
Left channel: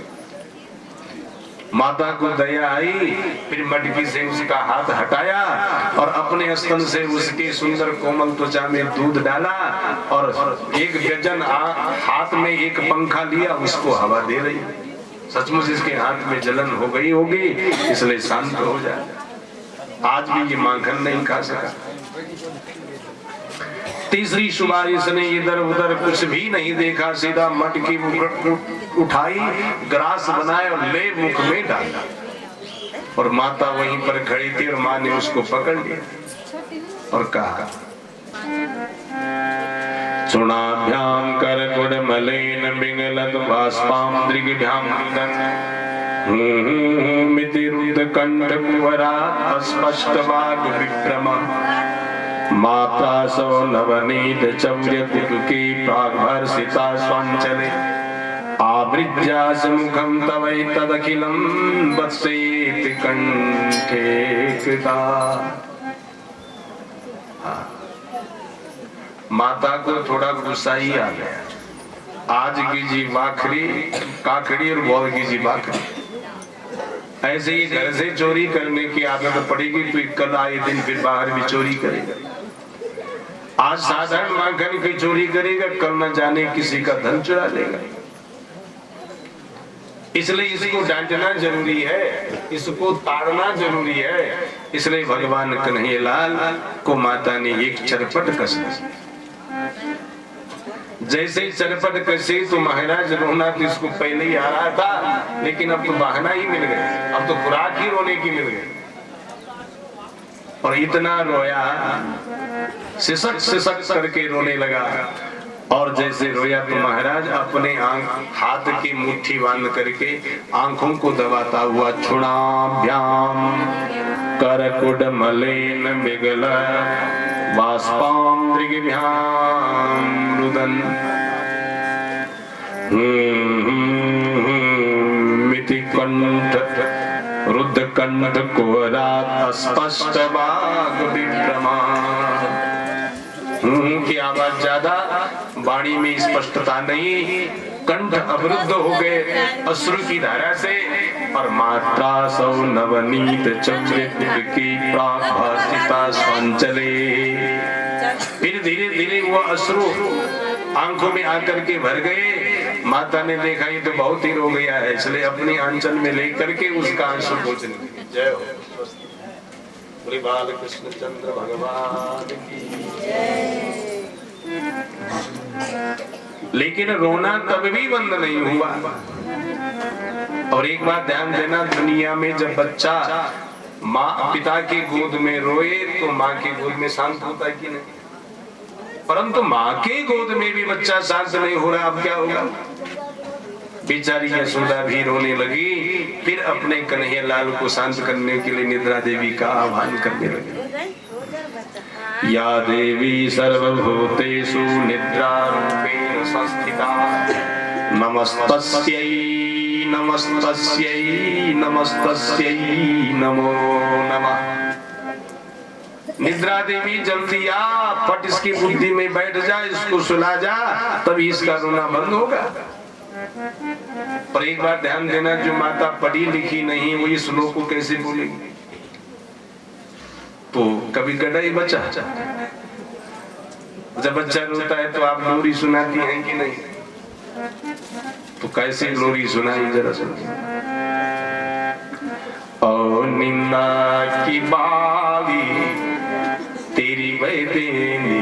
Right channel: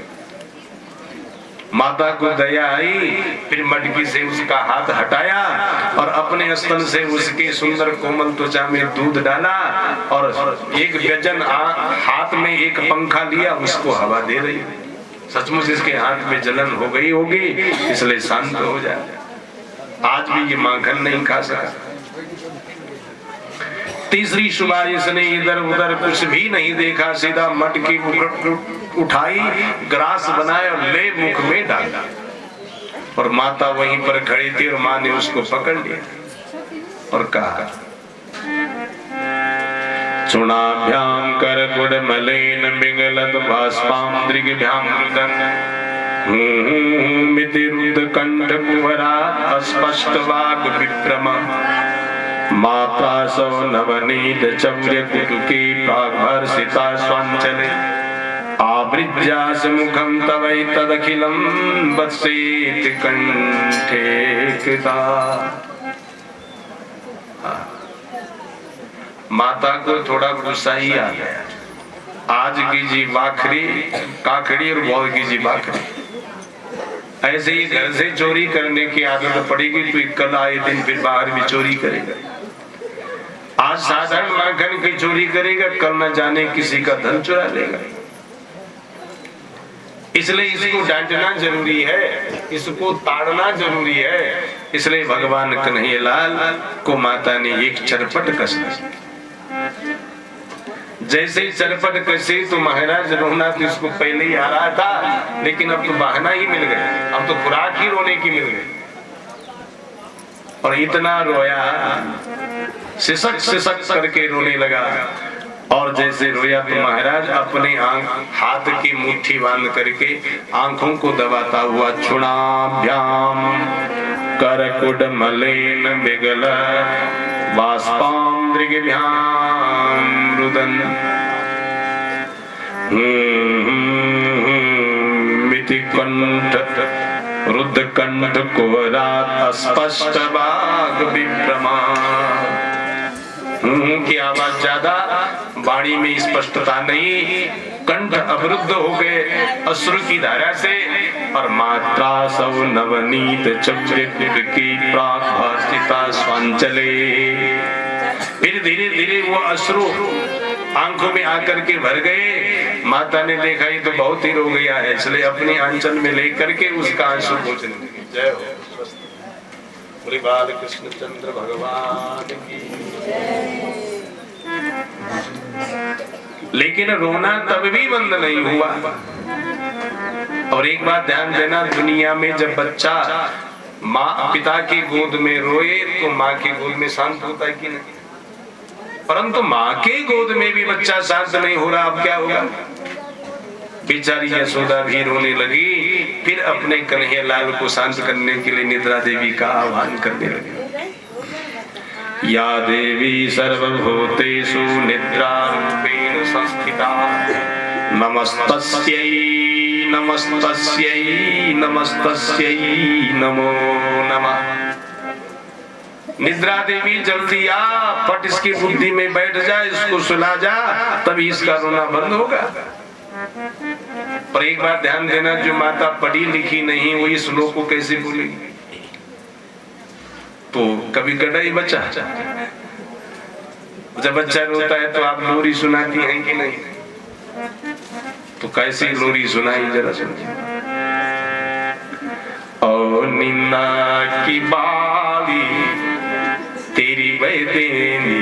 माता को दया आई, फिर मटकी से उसका हाथ हटाया और अपने स्तन से उसके सुंदर कोमल त्वचा में दूध डाला और एक व्यजन हाथ में एक पंखा लिया, उसको हवा दे रही। सचमुच इसके हाथ में जलन हो गई होगी, इसलिए शांत हो जाए। आज भी ये माखन नहीं खा सका। तीसरी सुबह इसने इधर उधर कुछ भी नहीं देखा, सीधा मटकी उठाई, ग्रास बनाया और ले मुख में डाला। और माता वहीं पर खड़ी थी और माँ ने उसको पकड़ लिया और कहा, चूणाभ्याम करकुड मलेन पिंगलत बाष्पाम दृग्भ्याम रुदन मिति रुद्ध कंठ कुवरा अस्पष्ट वाग विप्रमा माता सौ नवनीत चौर्य कुटुकी प्राग्भर्षिता स्वांचले आवृज्यास मुखम तवै तदखिलम वत्सेति कंठे कृता। माता को थोड़ा गुस्सा ही आ गया। आज की जी बाखरी काकड़ी और बहुत की जी बाखरी, ऐसे ही घर से चोरी करने की आदत पड़ेगी तो कल आए दिन फिर बाहर भी चोरी करेगा। आज साधारण माखन की चोरी करेगा, कल न जाने किसी का धन चुरा लेगा। इसलिए इसको डांटना जरूरी है, इसको ताड़ना जरूरी है। इसलिए भगवान कन्हैयालाल को माता ने एक चरपट कस दी। जैसे ही चरपट कसे तो महाराज रोना तो इसको पहले ही आ रहा था, लेकिन अब तो बहाना ही मिल गया, अब तो खुराक ही रोने की मिल गई। और इतना रोया, सिसक सिसक करके रोने लगा। और जैसे रोया तो महाराज अपने हाथ की मुट्ठी बांध करके आंखों को दबाता हुआ चूणाभ्याम करकुड मलेन बिगल बाष्पाम दृग्भ्याम रुदन मिति कंठ रुद्ध कंठ कुवरात स्पष्ट वाग विप्रमा। की आवाज ज्यादा, वाणी में स्पष्टता नहीं, कंठ अवरुद्ध हो गए अश्रु की धारा से। और मात्रा सौ नवनीत चक्र की प्राभासिता स्वांचले। फिर धीरे धीरे वो अश्रु आंखों में आकर के भर गए। माता ने देखा ये तो बहुत ही रो गया है, इसलिए अपने आंचल में लेकर के उसका आंसू पोंछने लगी। जय हो श्री बाल कृष्ण चंद्र भगवान की। लेकिन रोना तब भी बंद नहीं हुआ। और एक बात ध्यान देना, दुनिया में जब बच्चा माँ पिता की गोद में रोए तो माँ की गोद में शांत होता है कि नहीं? परंतु माँ के गोद में भी बच्चा शांत नहीं हो रहा, अब क्या होगा? बेचारी यशोदा भी रोने लगी। फिर अपने कन्हैयालाल को शांत करने के लिए निद्रा देवी का आह्वान करने लगी। या देवी सर्वभूतेषु निद्रा रूपेण संस्थिता नमस्तस्यै नमस्तस्यै नमस्तस्यै नमो नमः। निद्रा देवी जल्दी आ, फट इसकी बुद्धि में बैठ जा, इसको सुला जा, तभी इसका रोना बंद होगा। पर एक बार ध्यान देना, जो माता पढ़ी लिखी नहीं वो इस श्लोक को कैसे बोलेगी? तो कभी गड़ा ही बच्चा, जब बच्चा रोता है तो आप लोरी सुनाती हैं कि नहीं? तो कैसे लोरी सुनाई जरा सुनिए। ओ निन्ना की बाली तेरी वैदेनी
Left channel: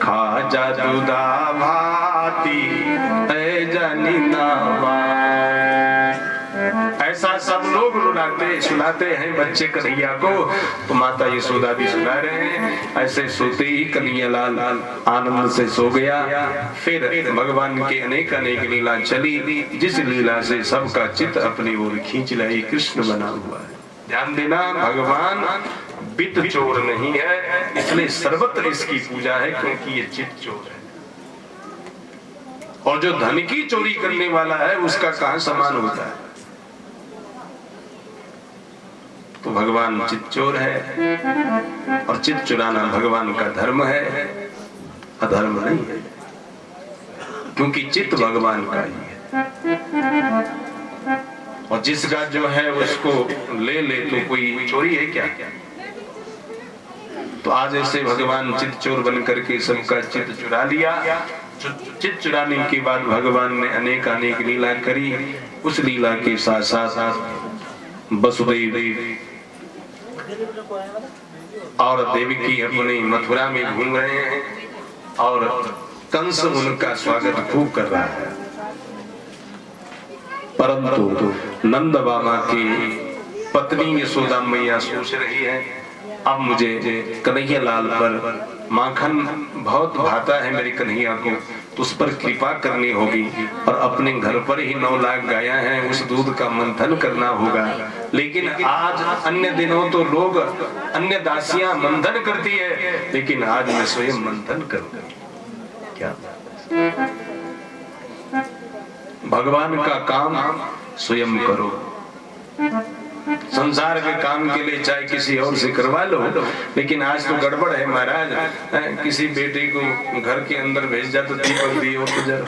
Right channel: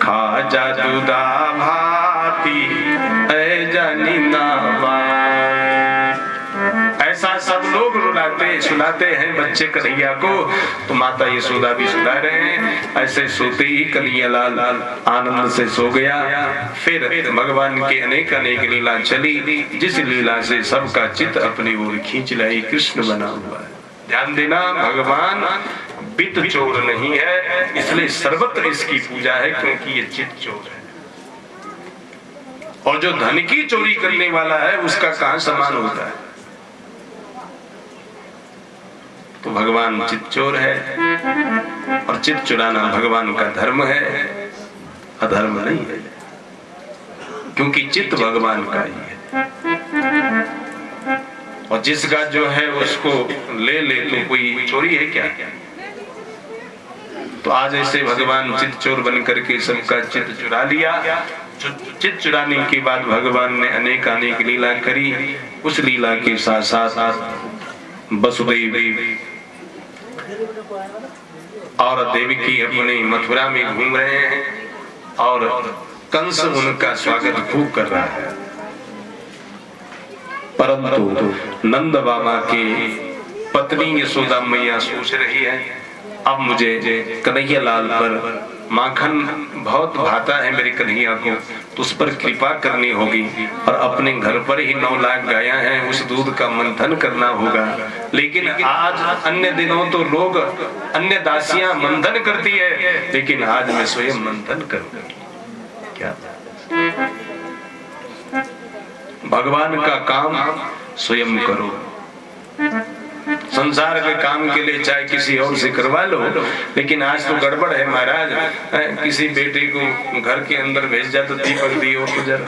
खाजा दूधा भाती ऐ जानी ना। ऐसा सब लोग रुलाते सुनाते हैं बच्चे कन्हैया को, तो माता यशोदा भी सुना रहे हैं। ऐसे सोते ही कन्हैयालाल आनंद से सो गया। फिर भगवान की अनेक अनेक लीला चली, जिस लीला से सबका चित्त अपनी ओर खींच लाई। कृष्ण बना हुआ है। ध्यान देना, भगवान वित्त चोर नहीं है, इसलिए सर्वत्र इसकी पूजा है, क्योंकि ये चित्त चोर है। और जो धन की चोरी करने वाला है उसका कहां समान होता है? तो भगवान चित्त चोर है, और चित्त चुराना भगवान का धर्म है, अधर्म नहीं है, क्योंकि चित्त भगवान का ही है। और जिसका जो है उसको ले ले तो कोई चोरी है क्या? तो आज ऐसे भगवान चित्त चोर बन करके सबका चित्त चुरा लिया। चित चिड़ाने की बात भगवान ने अनेक अनेक लीला करी। उस लीला के साथ साथ वसुदेव और देवकी अपनी मथुरा में घूम रहे हैं और कंस उनका स्वागत खूब कर रहा है। परंतु नंद बाबा की पत्नी यशोदा मैया सोच रही है, अब मुझे कन्हैया लाल पर माखन बहुत भाता है मेरे कन्हैया को, तो उस पर कृपा करनी होगी और अपने घर पर ही 9 लाख गायें हैं, उस दूध का मंथन करना होगा। लेकिन आज अन्य दिनों तो लोग अन्य दासियां मंथन करती है, लेकिन आज मैं स्वयं मंथन करूंगा। क्या भगवान का काम स्वयं करो। संसार के काम के लिए चाहे किसी और से करवा लो, लेकिन आज तो गड़बड़ है महाराज। किसी बेटे को घर के अंदर भेज जाए तो दीपक दियो तो जरा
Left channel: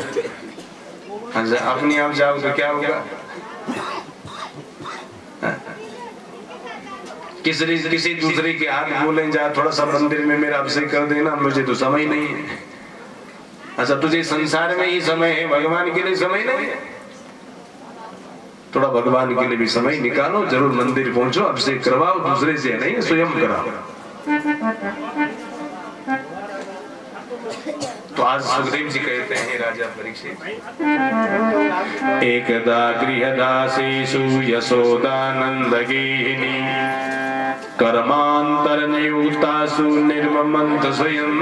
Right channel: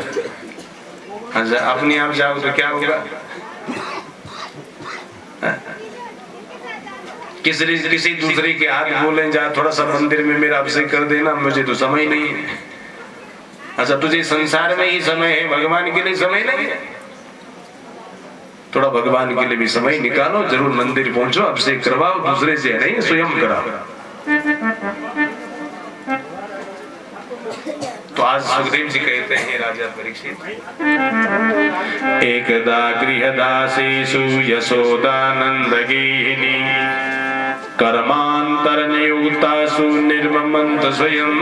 अपने आप जाओ तो क्या होगा। किसी दूसरे के हाथ बोले जा थोड़ा सा मंदिर में मेरा अभिषेक कर देना, मुझे तो समय नहीं है। अच्छा तुझे संसार में ही समय है, भगवान के लिए समय नहीं है। थोड़ा भगवान के लिए भी समय निकालो, जरूर मंदिर पहुंचो, अभिषेक करवाओ, दूसरे से नहीं स्वयं कराओ। तो आज सुखदेव जी कहते हैं राजा परीक्षित, एकदा गृहदासीषु यशोदानंदगेहिनी कर्मांतर नियुक्तासु निर्ममन्त स्वयं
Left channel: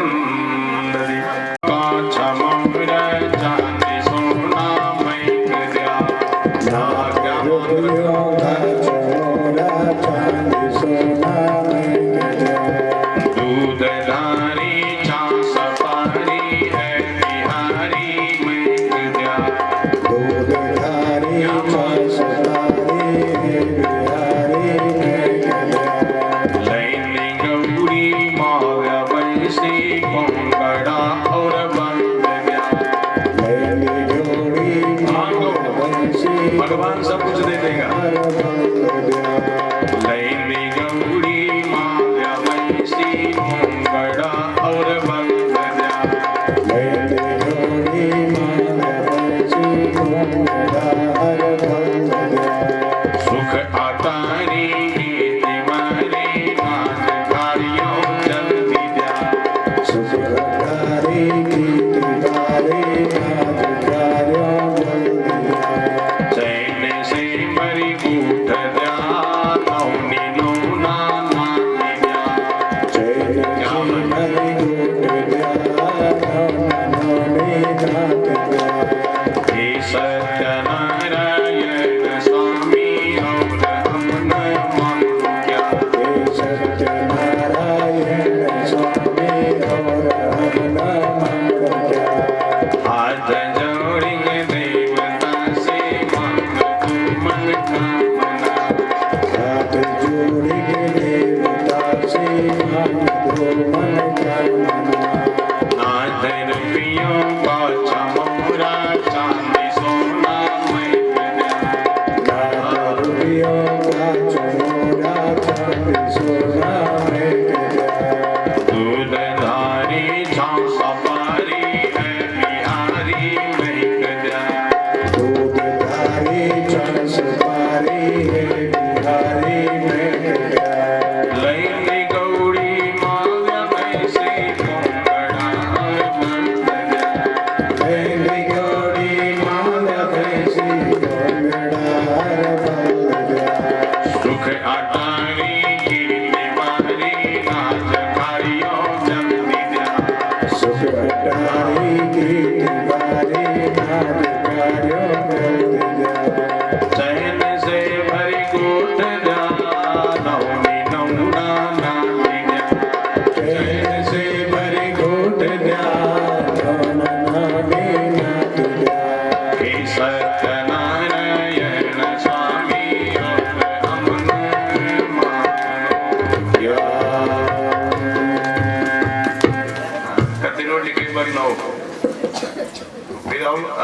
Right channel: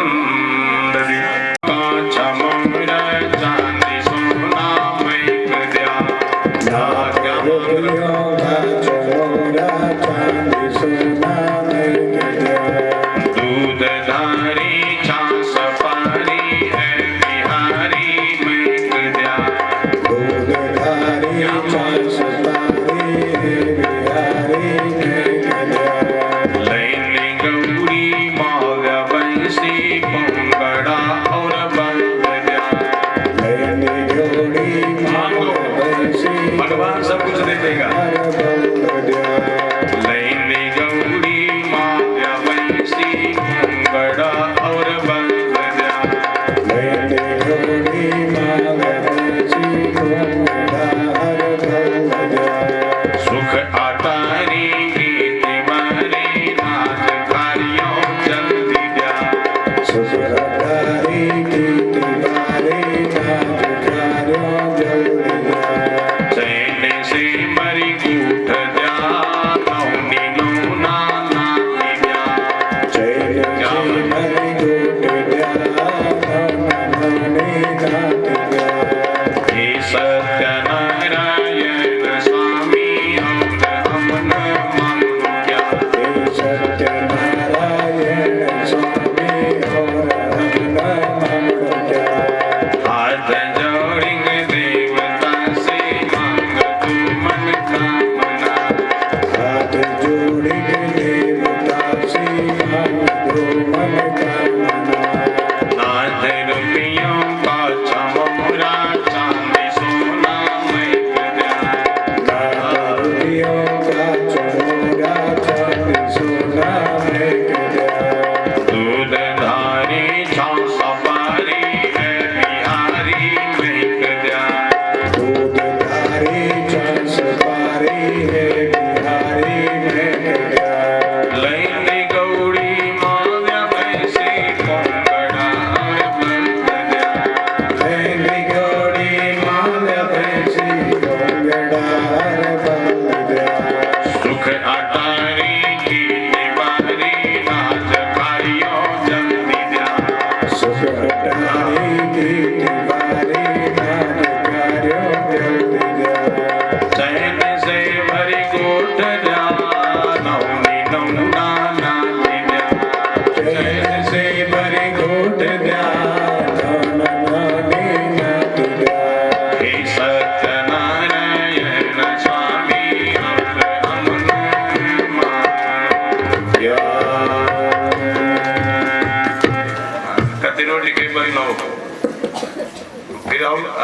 भगवान सब कुछ दे देगा।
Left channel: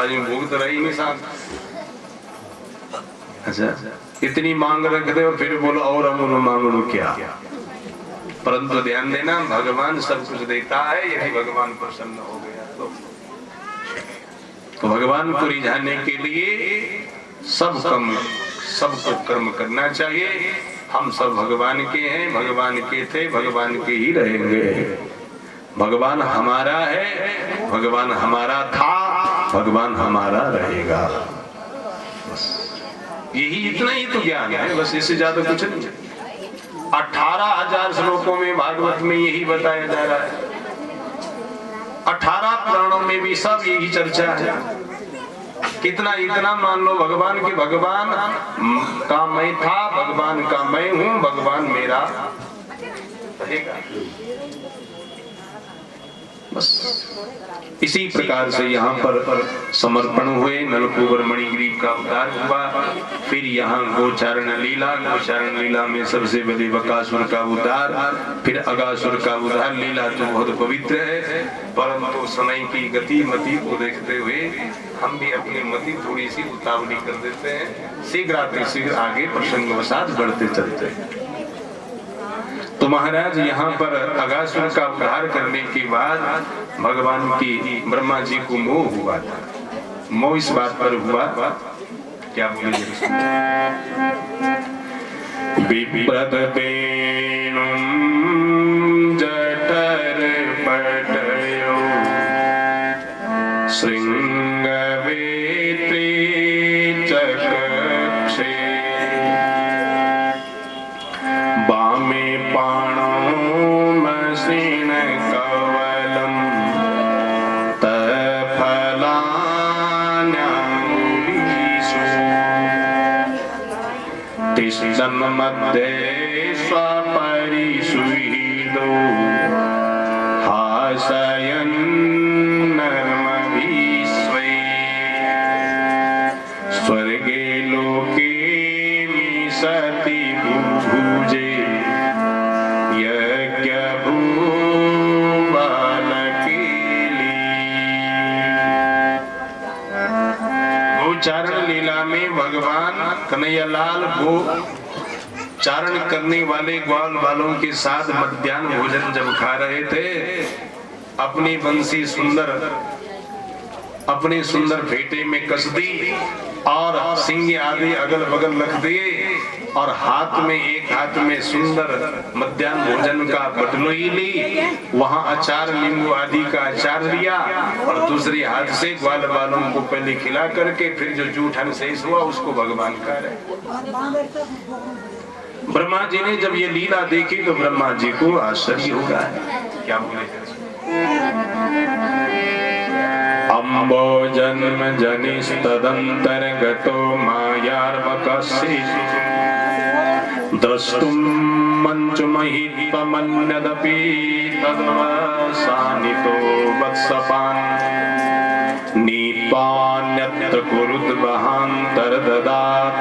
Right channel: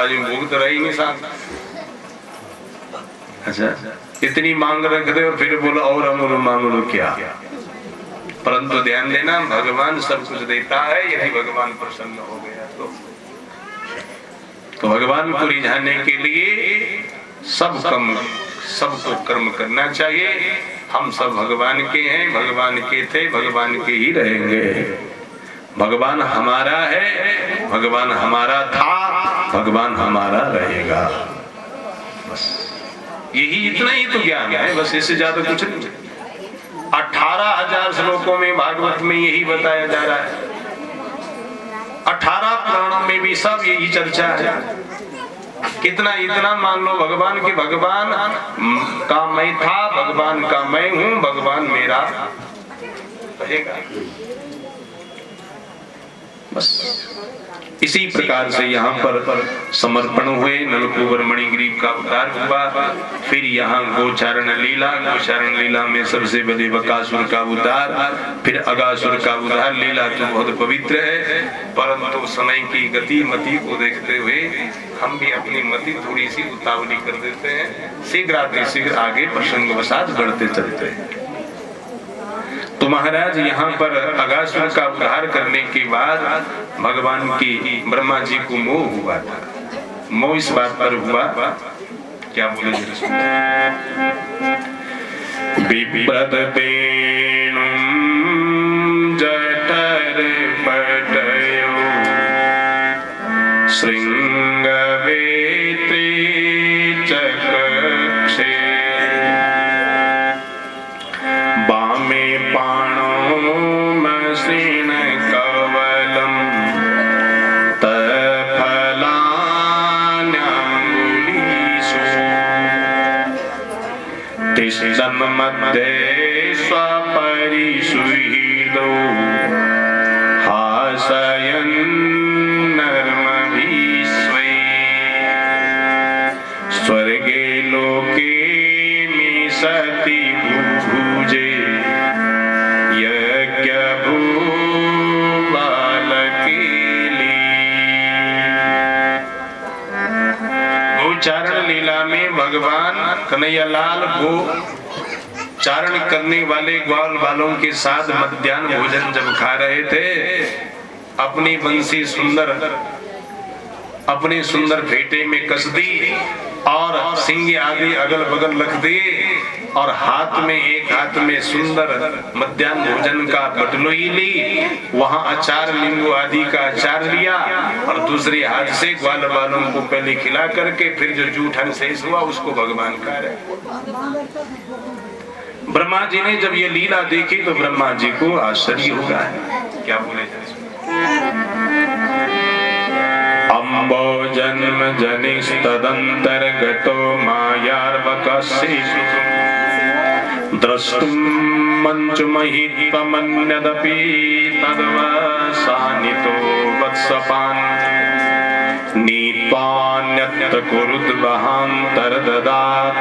आज भूख तो रही नहीं साथ। अच्छा इतनी मांग रख दे और फिर बोलो और हम मांग लो क्या। परंतु ध्यान देना भगवान सब कुछ देता है, यदि भगवान प्रसन्न हो गया तो तो भगवान को रिझाने के लिए सबको कर्म करना चाहिए। हम सब भगवान के हैं, भगवान के थे, भगवान के ही रहेंगे। भगवान हमारा है, भगवान हमारा था, भगवान हमारा रहेगा। बस यही, इतना ही तो ज्ञान है, बस इससे ज्यादा कुछ नहीं। 18,000 श्लोकों में भागवत में यही बताया जा रहा है। 18 पुराणों में भी सब यही चर्चा है। कितना इतना मान लो भगवान के, भगवान का मैं था, भगवान का मैं हूं, भगवान मेरा रहेगा। बस इसी प्रकार से यहाँ पर समर्पण हुए, नलकूबर मणिग्रीव का उद्धार हुआ। फिर यहाँ गोचारण लीला में सबसे बड़े बकासुर का उद्धार, फिर अगासुर का उद्धार। लीला तो बहुत पवित्र है, परंतु समय की गति मति को देखते हुए हम भी अपनी मति थोड़ी सी उतावली कर देते हैं, शीघ्र आगे प्रसंगवशात बढ़ते चलते हैं। तो महाराज यहाँ पर अगासुर का उद्धार करने के बाद भगवान की ब्रह्मा जी को मोह हुआ था। मोह इस बात पर हुआ, क्या बोलेंगे? विप्रद वेणुं जठर पटयो श्रृंगवेत्री चक्षे वामे पाणो मसीन कवलम तफलान्यंगुलीषु तिष्ठन् मध्ये स्वपरिसुहृदो हासयन् नर्मभिस्वै स्वर्गे लोके मिषति भुभुजे गोचारण लीला में भगवान कन्हैयालाल गो चारण करने वाले ग्वाल बालों के साथ मध्याह्न भोजन जब खा रहे थे, अपनी बंसी अपने सुंदर फेटे में कस दी और सिंह आदि अगल बगल रख दिए, और एक हाथ में सुंदर मध्याह्न भोजन का बटलोई ली, वहां अचार नींबू आदि का अचार लिया, और दूसरे हाथ से ग्वाल बालों को पहले खिला करके फिर जो जूठन शेष हुआ उसको भगवान खा रहे। ब्रह्मा जी ने जब ये लीला देखी तो ब्रह्मा जी को आश्चर्य हो गया। क्या बोले? अम्बो जन्म जनिस्तदंतर्गतो मायार्वकस्य द्रष्टुं मंचुमहित्वमन्यदपि तद्वसानितो वत्सपान् नीत्वान्यत्र कुरुद्वहान्तर्ददात्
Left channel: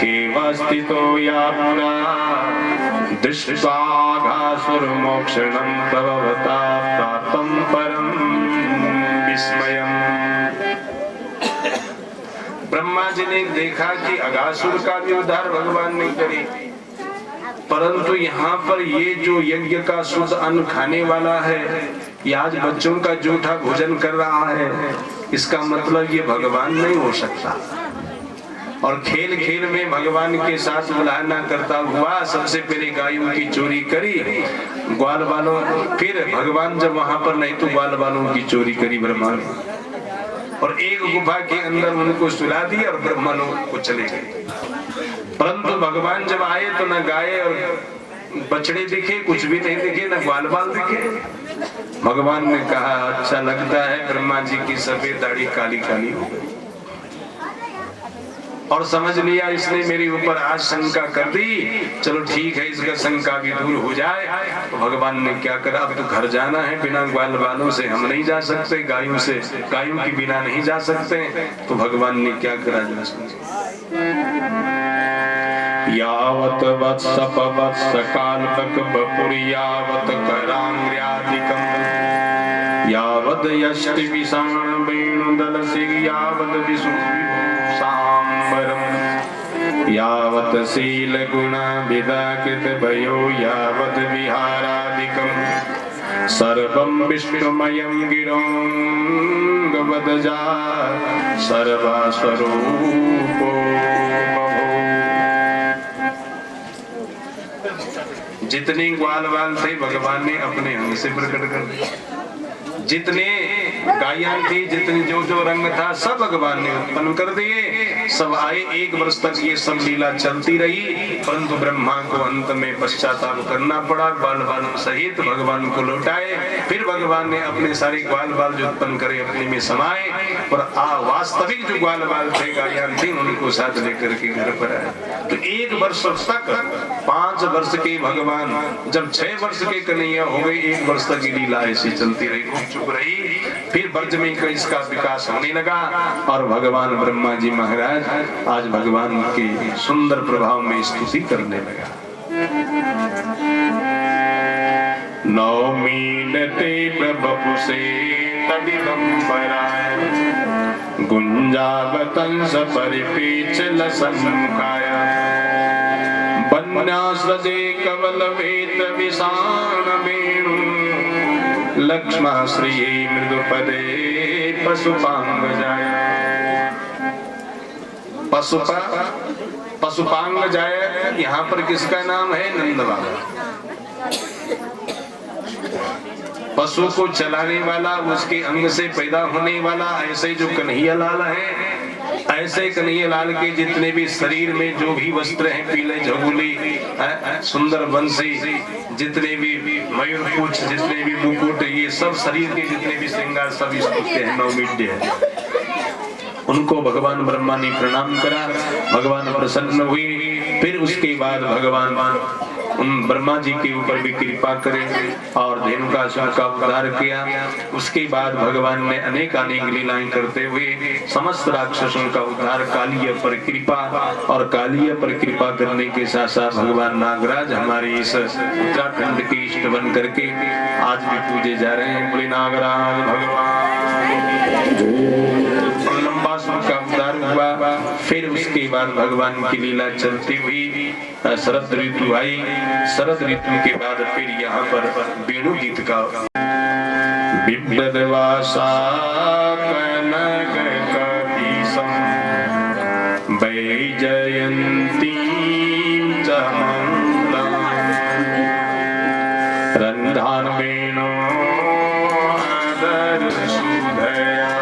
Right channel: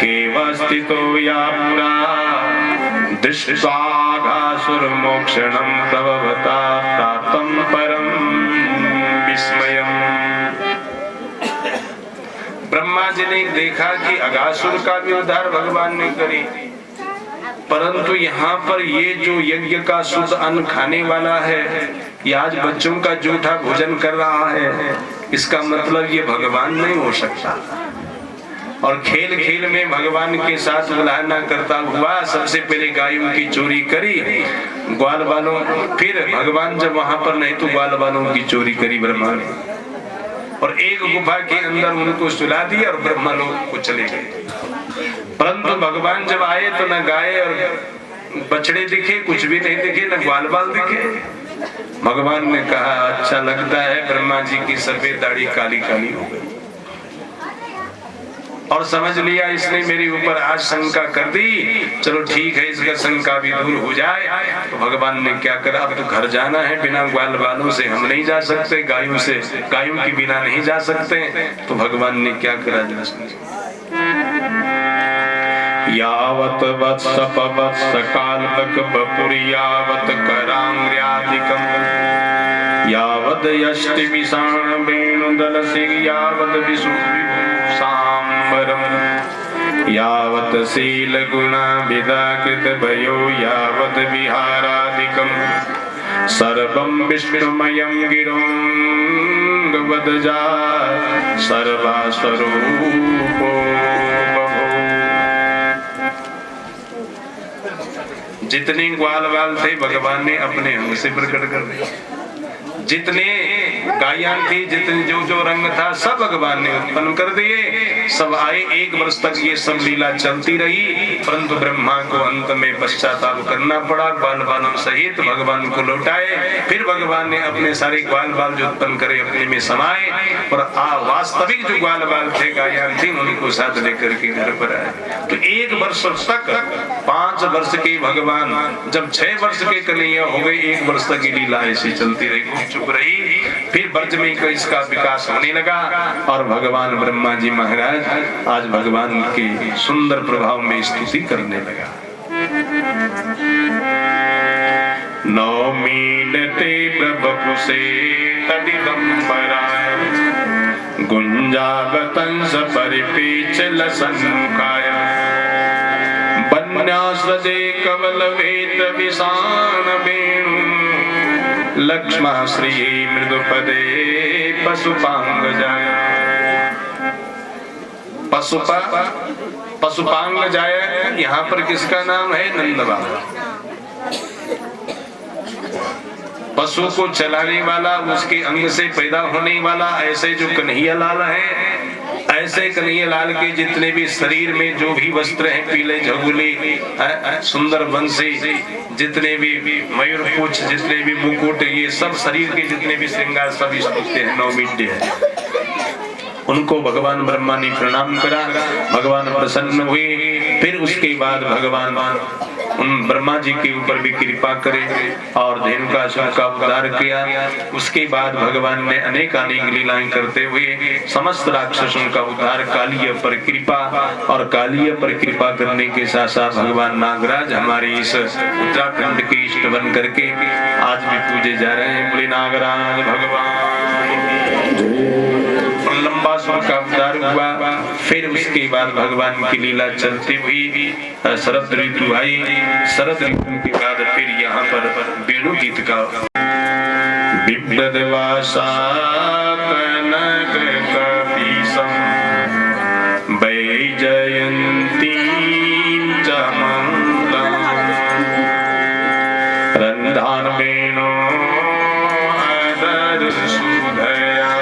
खेवस्थितो या पुरा दृष्ट्वाघासुरमोक्षणं तव भवता प्राप्तं परं विस्मयम्। ब्रह्मा जी ने देखा कि अगासुर का भी उद्धार भगवान ने करी, परंतु यहाँ पर ये जो यज्ञ का शुद्ध अन्न खाने वाला है, ये आज बच्चों का जूठा भोजन कर रहा है, इसका मतलब ये भगवान नहीं हो सकता। और खेल खेल में भगवान के साथ मिलाना करता हुआ सबसे पहले गायों की चोरी करी, ग्वाल बालों, फिर भगवान जब वहां पर नहीं तो ग्वाल बालों की चोरी करी ब्रह्मा ने, और एक गुफा के अंदर उनको सुला दिया और ब्रह्मा लोग को चले गए। परंतु भगवान जब आए तो न गाय और बछड़े दिखे, कुछ भी नहीं दिखे, न ग्वाल बाल दिखे। भगवान ने कहा अच्छा लगता है, ब्रह्मा जी की सफेद दाढ़ी काली काली हो गई, और समझ लिया इसने मेरे ऊपर आज शंका कर दी, चलो ठीक है इसका शंका भी दूर हो जाए। तो भगवान ने क्या करा, अब तो घर जाना है, बिना ग्वाल बालों से हम नहीं जा सकते, गायों की बिना नहीं जा सकते। तो भगवान ने क्या करा जरा समझिए। यावत वत्स काल्पक बपुर्यावत करांग्र्यादिकम् यावद यष्टि विषाण वेणुदल सिंह यावद विशुसाम्बरम् यावत शील गुण विदाकृत भयो यावत विहारादिकम् सर्वं विष्णुमयं गिरं वदजा सर्वस्वरूपो बभूव। जितने ग्वाल बाल थे भगवान ने अपने अंग से प्रकट कर दिया, जितने गायन थी, जितने जो जो रंग था सब भगवान ने उत्पन्न कर दिए। सब आए, 1 वर्ष तक ये सब लीला चलती रही, परंतु ब्रह्मा को अंत में पश्चाताप करना पड़ा। ग्वाल बालों सहित भगवान को लौटाए। फिर भगवान ने अपने सारे ग्वाल बाल जो उत्पन्न करे अपने में समाये और वास्तविक जो ग्वाल बाल थे, गायन थी, उनको साथ लेकर के घर पर आए। तो 1 वर्ष तक 5 वर्ष के भगवान, जब 6 वर्ष के कन्हैया हो गए, 1 वर्ष तक ये लीला ऐसी चलती रही, चुप रही। फिर ब्रज में इसका विकास होने लगा और भगवान ब्रह्मा जी महाराज आज भगवान के सुंदर प्रभाव में स्तुति करने लगा। नौमीनते प्रभुसे तदिदंबराय गुंजावतंस परिपेच लसन्मुखाय बन्यासजे कवल वेत विशान वेणु लक्ष्मा श्री मृदुपदे पशुपांग जाय। पशुपांग जाय यहाँ पर किसका नाम है? नंद बाबा। पशु को चलाने वाला, उसके अंग से पैदा होने वाला, ऐसे जो कन्हैया लाल है, ऐसे कन्हैया लाल के जितने भी शरीर में जो भी वस्त्र हैं, पीले झगुली, सुंदर बंसी, जितने भी मयूर पूछ, जितने भी मुकुट, ये सब शरीर के जितने भी श्रृंगार सब स्तुत्य है, नौमिड्य है। उनको भगवान ब्रह्मा ने प्रणाम करा, भगवान प्रसन्न हुए। फिर उसके बाद भगवान उन ब्रह्मा जी के ऊपर भी कृपा करे और धेनुकासुर का उद्धार किया। उसके बाद भगवान ने अनेक लीलाएं करते हुए समस्त राक्षसों का उद्धार, कालिया पर कृपा, और कालिया पर कृपा करने के साथ साथ भगवान नागराज हमारे इस उत्तराखंड के इष्ट बन करके आज भी पूजे जा रहे हैं। बोले नागराज भगवान। लंबा सुर का उद्धार हुआ। फिर उसके बाद भगवान की लीला चलती हुई शरद ऋतु आई। शरद ऋतु के बाद फिर यहाँ पर वेणु गीत का विप्रदवासा कनक कपीसम वैजयंती चमंतम रंधान वेणु अदर सुधया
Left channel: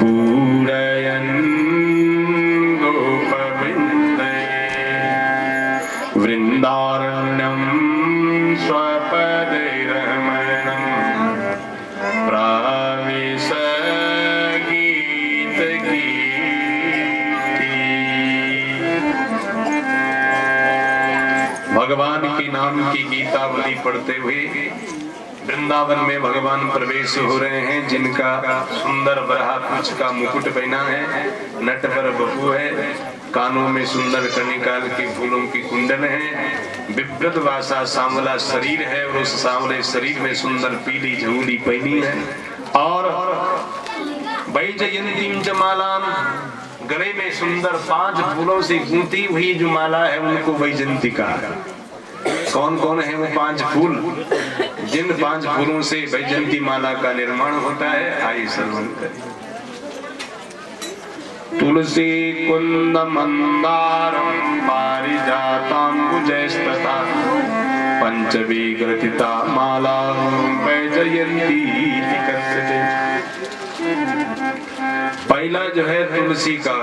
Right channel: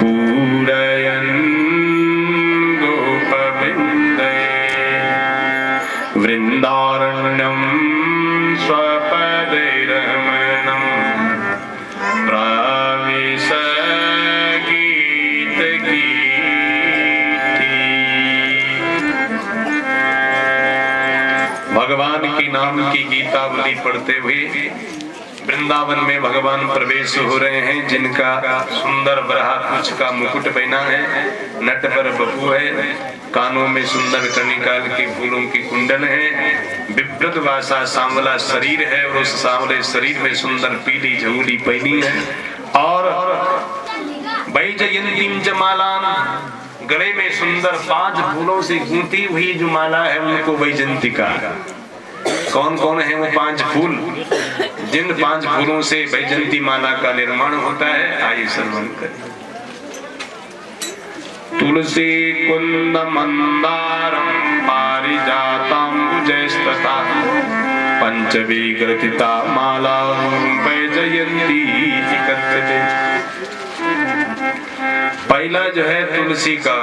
पूरयन् गोपविन्दे वृन्दारण्यं स्वपदैरमणं प्राविश गीतगीति। भगवान के नाम की गीतावली पढ़ते हुए वृंदावन में भगवान प्रवेश हो रहे हैं, जिनका सुंदर बरहाकुच का मुकुट पहना है, नट पर बपू है, कानों में सुंदर कनिकाल के फूलों की कुंडल है, विप्रत वासा सांवला शरीर है और उस सांवले शरीर में सुंदर पीली झूली पहनी है, और वैजयंतीम च मालाम, गले में सुंदर 5 फूलों से गूंथी हुई जो माला है उनको वैजयंती कहा। कौन कौन है वो 5 फूल? जिन 5 फूलों से वैजयंती माला का निर्माण होता है, आइए श्रवण करें। तुलसी कुंद मंदारम पारिजाताम्बुजस्तथा पंचविग्रथिता माला वैजयंती कथ्यते। पहला जो है तुलसी का,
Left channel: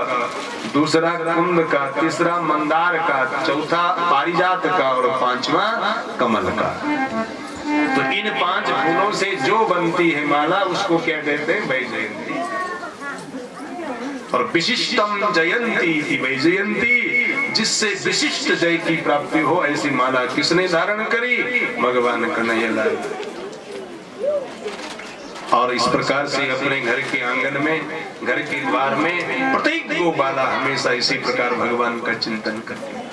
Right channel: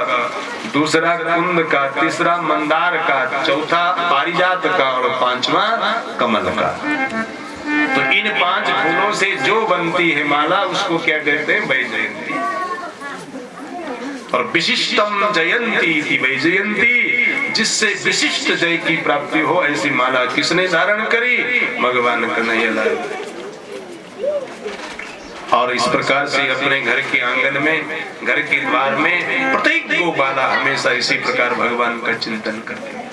दूसरा कुंद का, तीसरा मंदार का, चौथा पारिजात का और 5वां कमल का। तो इन 5 फूलों से जो बनती है माला उसको क्या कहते हैं? वैजयंती। और विशिष्टम जयंती थी वैजयंती, जिससे विशिष्ट जय की प्राप्ति हो, ऐसी माला किसने धारण करी? भगवान कन्हैया लाल। और इस प्रकार से अपने घर के आंगन में, घर के द्वार में प्रत्येक गोपाला हमेशा इसी प्रकार भगवान का चिंतन करते हैं।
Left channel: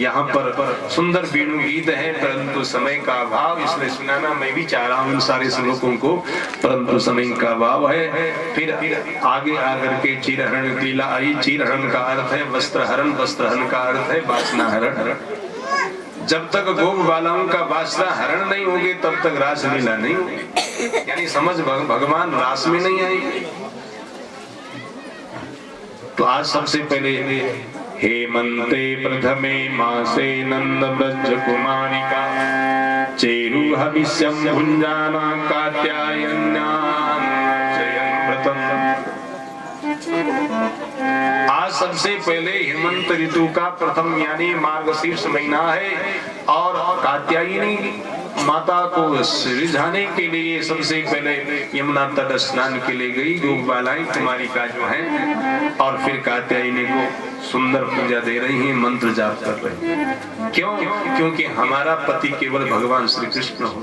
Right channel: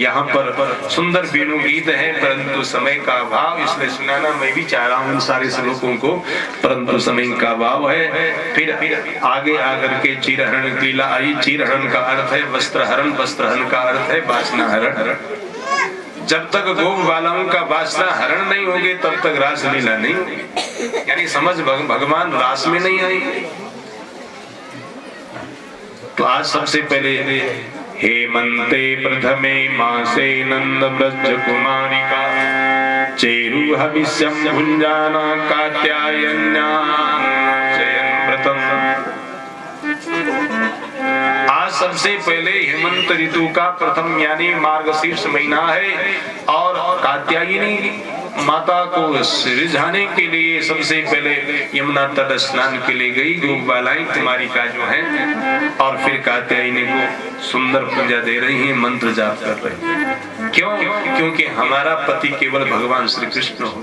यहाँ पर सुंदर वेणु गीत है, परंतु समय का अभाव, इसलिए सुनाना मैं भी चाह रहा हूँ सारे श्लोकों को, परंतु समय का अभाव है। फिर आगे आकर के चीरहरण लीला आई। चीरहरण का अर्थ है वस्त्रहरण, वस्त्रहरण का अर्थ है वासना हरण। जब तक गोप बालाओं का वासना हरण नहीं होगी तब तक रासलीला नहीं होगी। यानी समझ भगवान रास में नहीं आएंगे। तो आज सबसे पहले हेमंते प्रथमे मासे नंद ब्रज कुमारिका चेरु हविष्यम भुंजाना कात्यायन्यान व्रतम। आज सबसे पहले हेमंत ऋतु का प्रथम यानी मार्गशीर्ष महीना है और कात्यायनी माता को रिझाने के लिए सबसे पहले यमुना तट स्नान के लिए गई गोपबालाएं कुमारिका जो हैं, और फिर कात्यायनी को सुंदर पूजा दे रही हैं, मंत्र जाप कर रही हैं। क्यों? क्योंकि हमारा पति केवल भगवान श्री कृष्ण हो।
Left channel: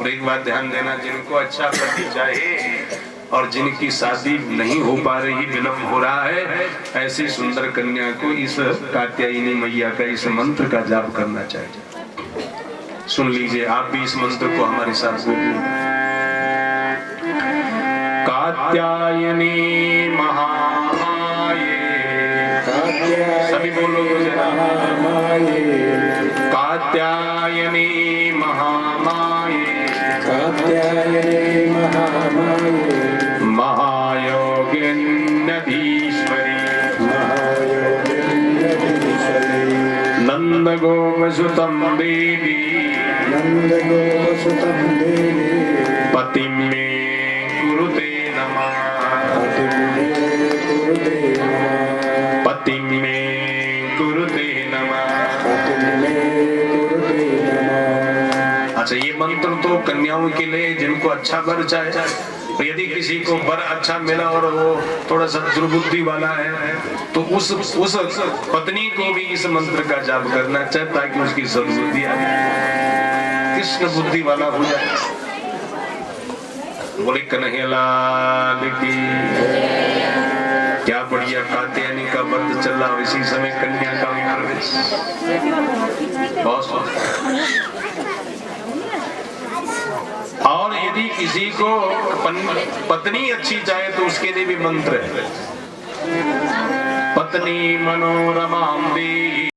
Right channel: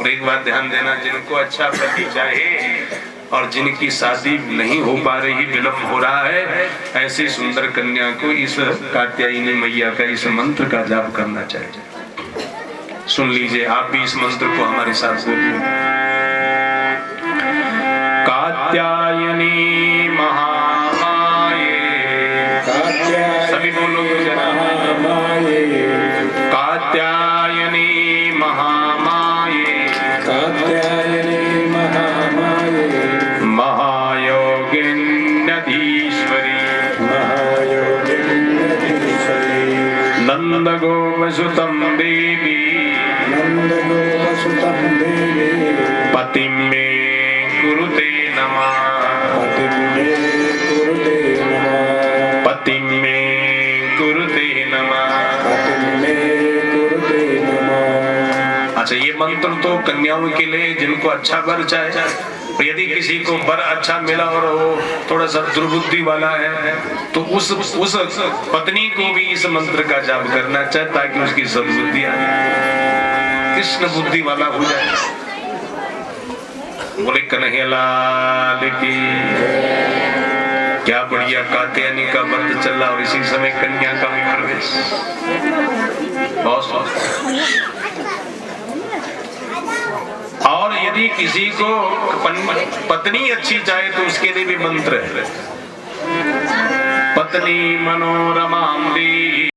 और एक बात ध्यान देना, जिनको अच्छा पति चाहे और जिनकी शादी नहीं हो पा रही, विलंब हो रहा है, ऐसी सुंदर कन्या को इस कात्यायनी मैया का इस मंत्र का जाप करना चाहिए। सुन लीजिए, आप भी इस मंत्र को हमारे साथ बोलिए। कात्यायनी महामाये, सभी बोलो जरा। कात्यायनी महामाये, कात्यायनी महामाये, महायोगिन्यधीश्वरी, महायोगिन्यधीश्वरी, नंद गोपसुतं देवी, नंद गोपसुतं देवी, पतिं मे कुरुते नमः, पतिं मे कुरुते नमः, पतिं मे कुरुते नमः, पतिं मे कुरुते नमः। अच्छा, ये मंत्र तो कन्याओं के लिए जिनको अच्छा वर चाहे। यदि किसी को वर अच्छा मिला और वो थोड़ा सा दुर्बुद्धि वाला है तो उस पत्नी को भी इस मंत्र का जाप करना चाहिए ताकि उसकी सद्बुद्धि आ जाए, कृष्ण बुद्धि वाला हो जाए। बोले कन्हैया लाल की। क्या बढ़िया कात्यायनी का व्रत चल रहा और इसी समय कन्या का भी प्रवेश। बहुत। और यदि किसी को पत्नी अच्छी चाहे तो उसके लिए भी मंत्र है। पत्नी मनोरमां देहि,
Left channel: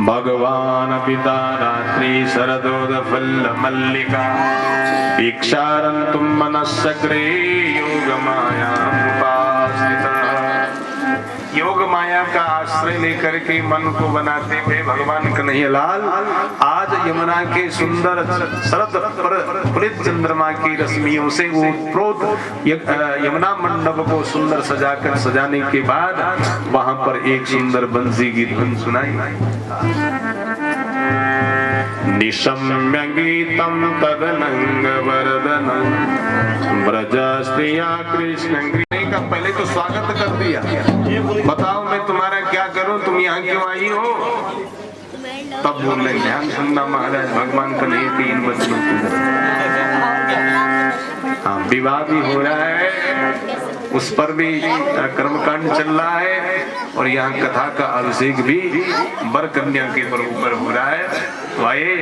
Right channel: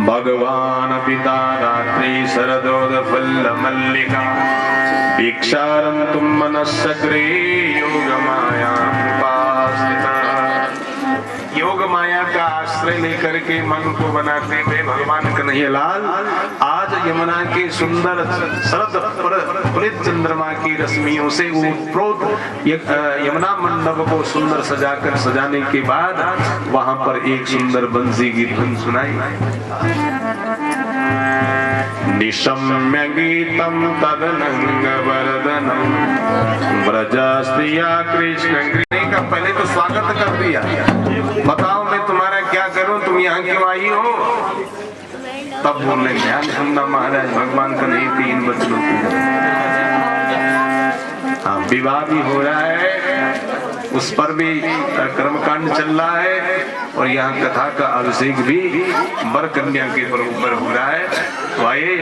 भगवान पिता रात्रि शरदोद फल मल्लिका, भिक्षारन्तुं मनस्सग्रे योगमाया उपासिता। योग माया का आश्रय लेकर के मन को बनाते हुए भगवान कन्हैयालाल आज यमुना के सुंदर शरद पुलित चंद्रमा की रश्मियों से यमुना मंडप को सुंदर सजाकर सजाने के बाद वहां पर एक सुंदर बंसी की धुन सुनाई। निशम्य गीतम तदनंग वरदनम ब्रजा स्त्रिया कृष्ण का पहले तो स्वागत कर दिया। बताओ मैं तुम्हारा क्या करूं, तुम यहाँ क्यों आई हो? तब बोल रहे ध्यान सुनना महाराज, भगवान का नहीं 3 बचनों की। हाँ, विवाह भी हो रहा है, उस पर भी कर्मकांड चल रहा है और यहाँ कथा का अभिषेक भी वर कन्या के ऊपर हो रहा है। तो आइए,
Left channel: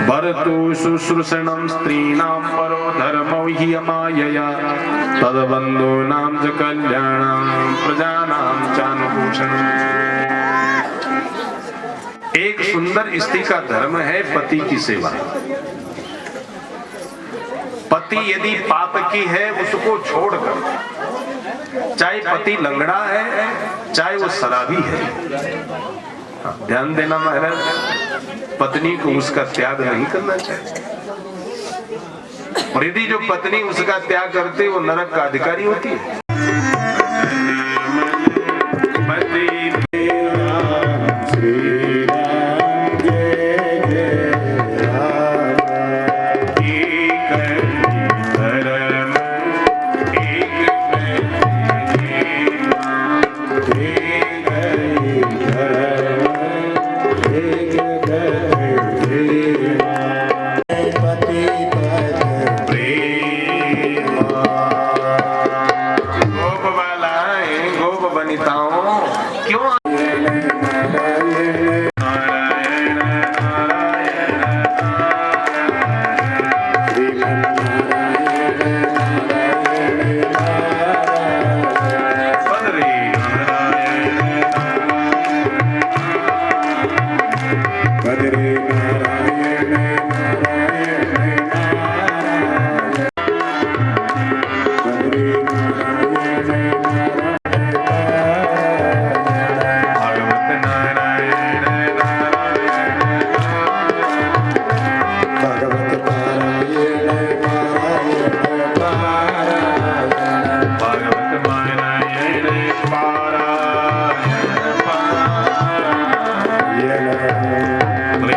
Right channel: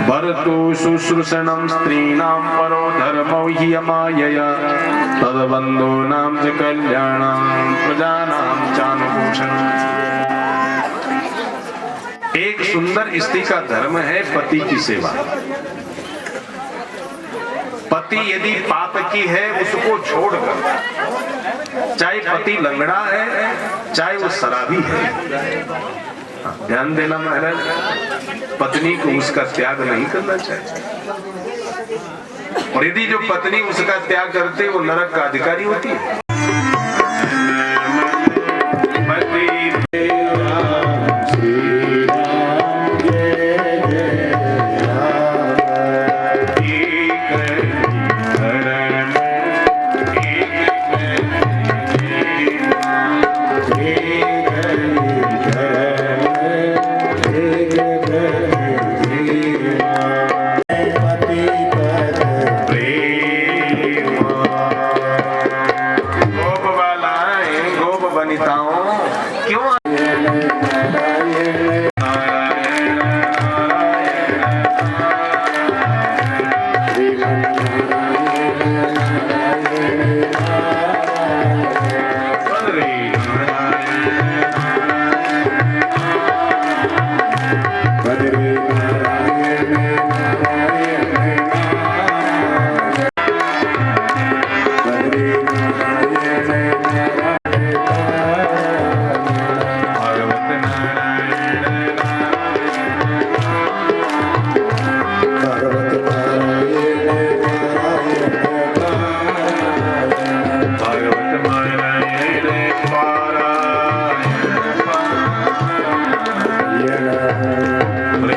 भरतु शुश्रूषणं स्त्रीणां परो धर्मो हि अमायया तद्बन्धूनां च कल्याणं प्रजानां चानुभूषणम्। एक सुंदर स्त्री का धर्म है पति की सेवा। पति यदि पाप की है उसको छोड़कर, चाहे पति लंगड़ा है चाहे वो शराबी है, ध्यान देना महाराज, पत्नी को उसका त्याग नहीं करना चाहिए। और यदि जो पत्नी उसका त्याग करते वो नरक का अधिकारी होती है।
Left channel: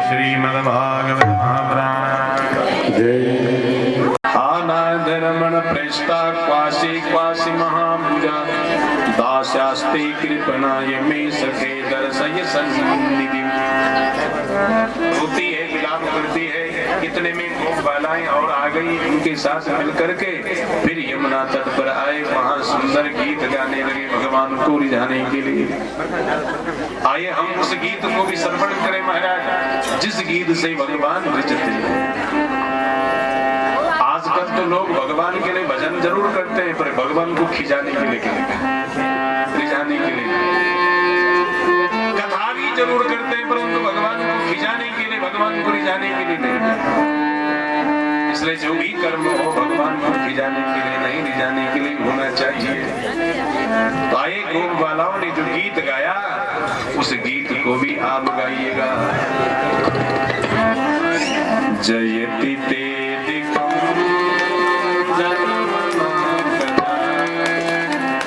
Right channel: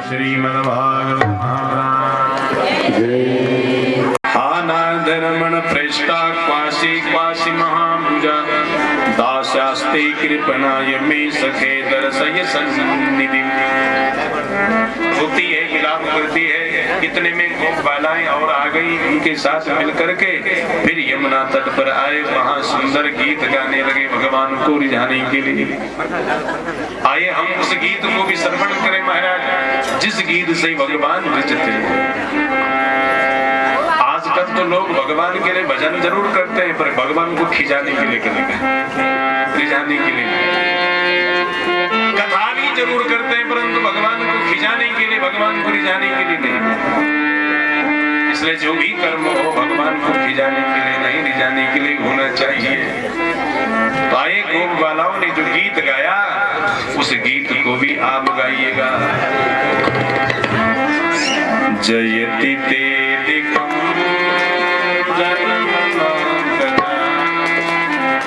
श्रीमद्भागवत महापुराण आनाधर्मण प्रेष्टा क्वासी क्वासी महाभुजा दास्यास्ते कृपणाय मे सखे दर्शय सन्निधि। होती है विलाप करती है, इतने में गोप बालाएं और आ गई, उनके साथ मिलकर के फिर यमुना तट पर आए, वहां सुंदर गीत गाने लगे भगवान को रिझाने के लिए। आइए हम उस गीत को भी श्रवण करें महाराज, जिस गीत से भगवान रिझते हैं। आजकल तो लोग भगवान के लिए भजन जरूर करते हैं, पर भगवान को खिंचाने के लिए रिझाने के लिए कथा भी जरूर करते हैं, परंतु भगवान को खिंचाने के लिए, भगवान को रिझाने के लिए नहीं। इसलिए जो भी कर्म हो भगवान को खिंचाने के लिए नहीं, रिझाने के लिए होना चाहिए। तो आए गोप बालाओं ने जो गीत गाया, उस गीत को भी आप गाइएगा। जयति तेदिकं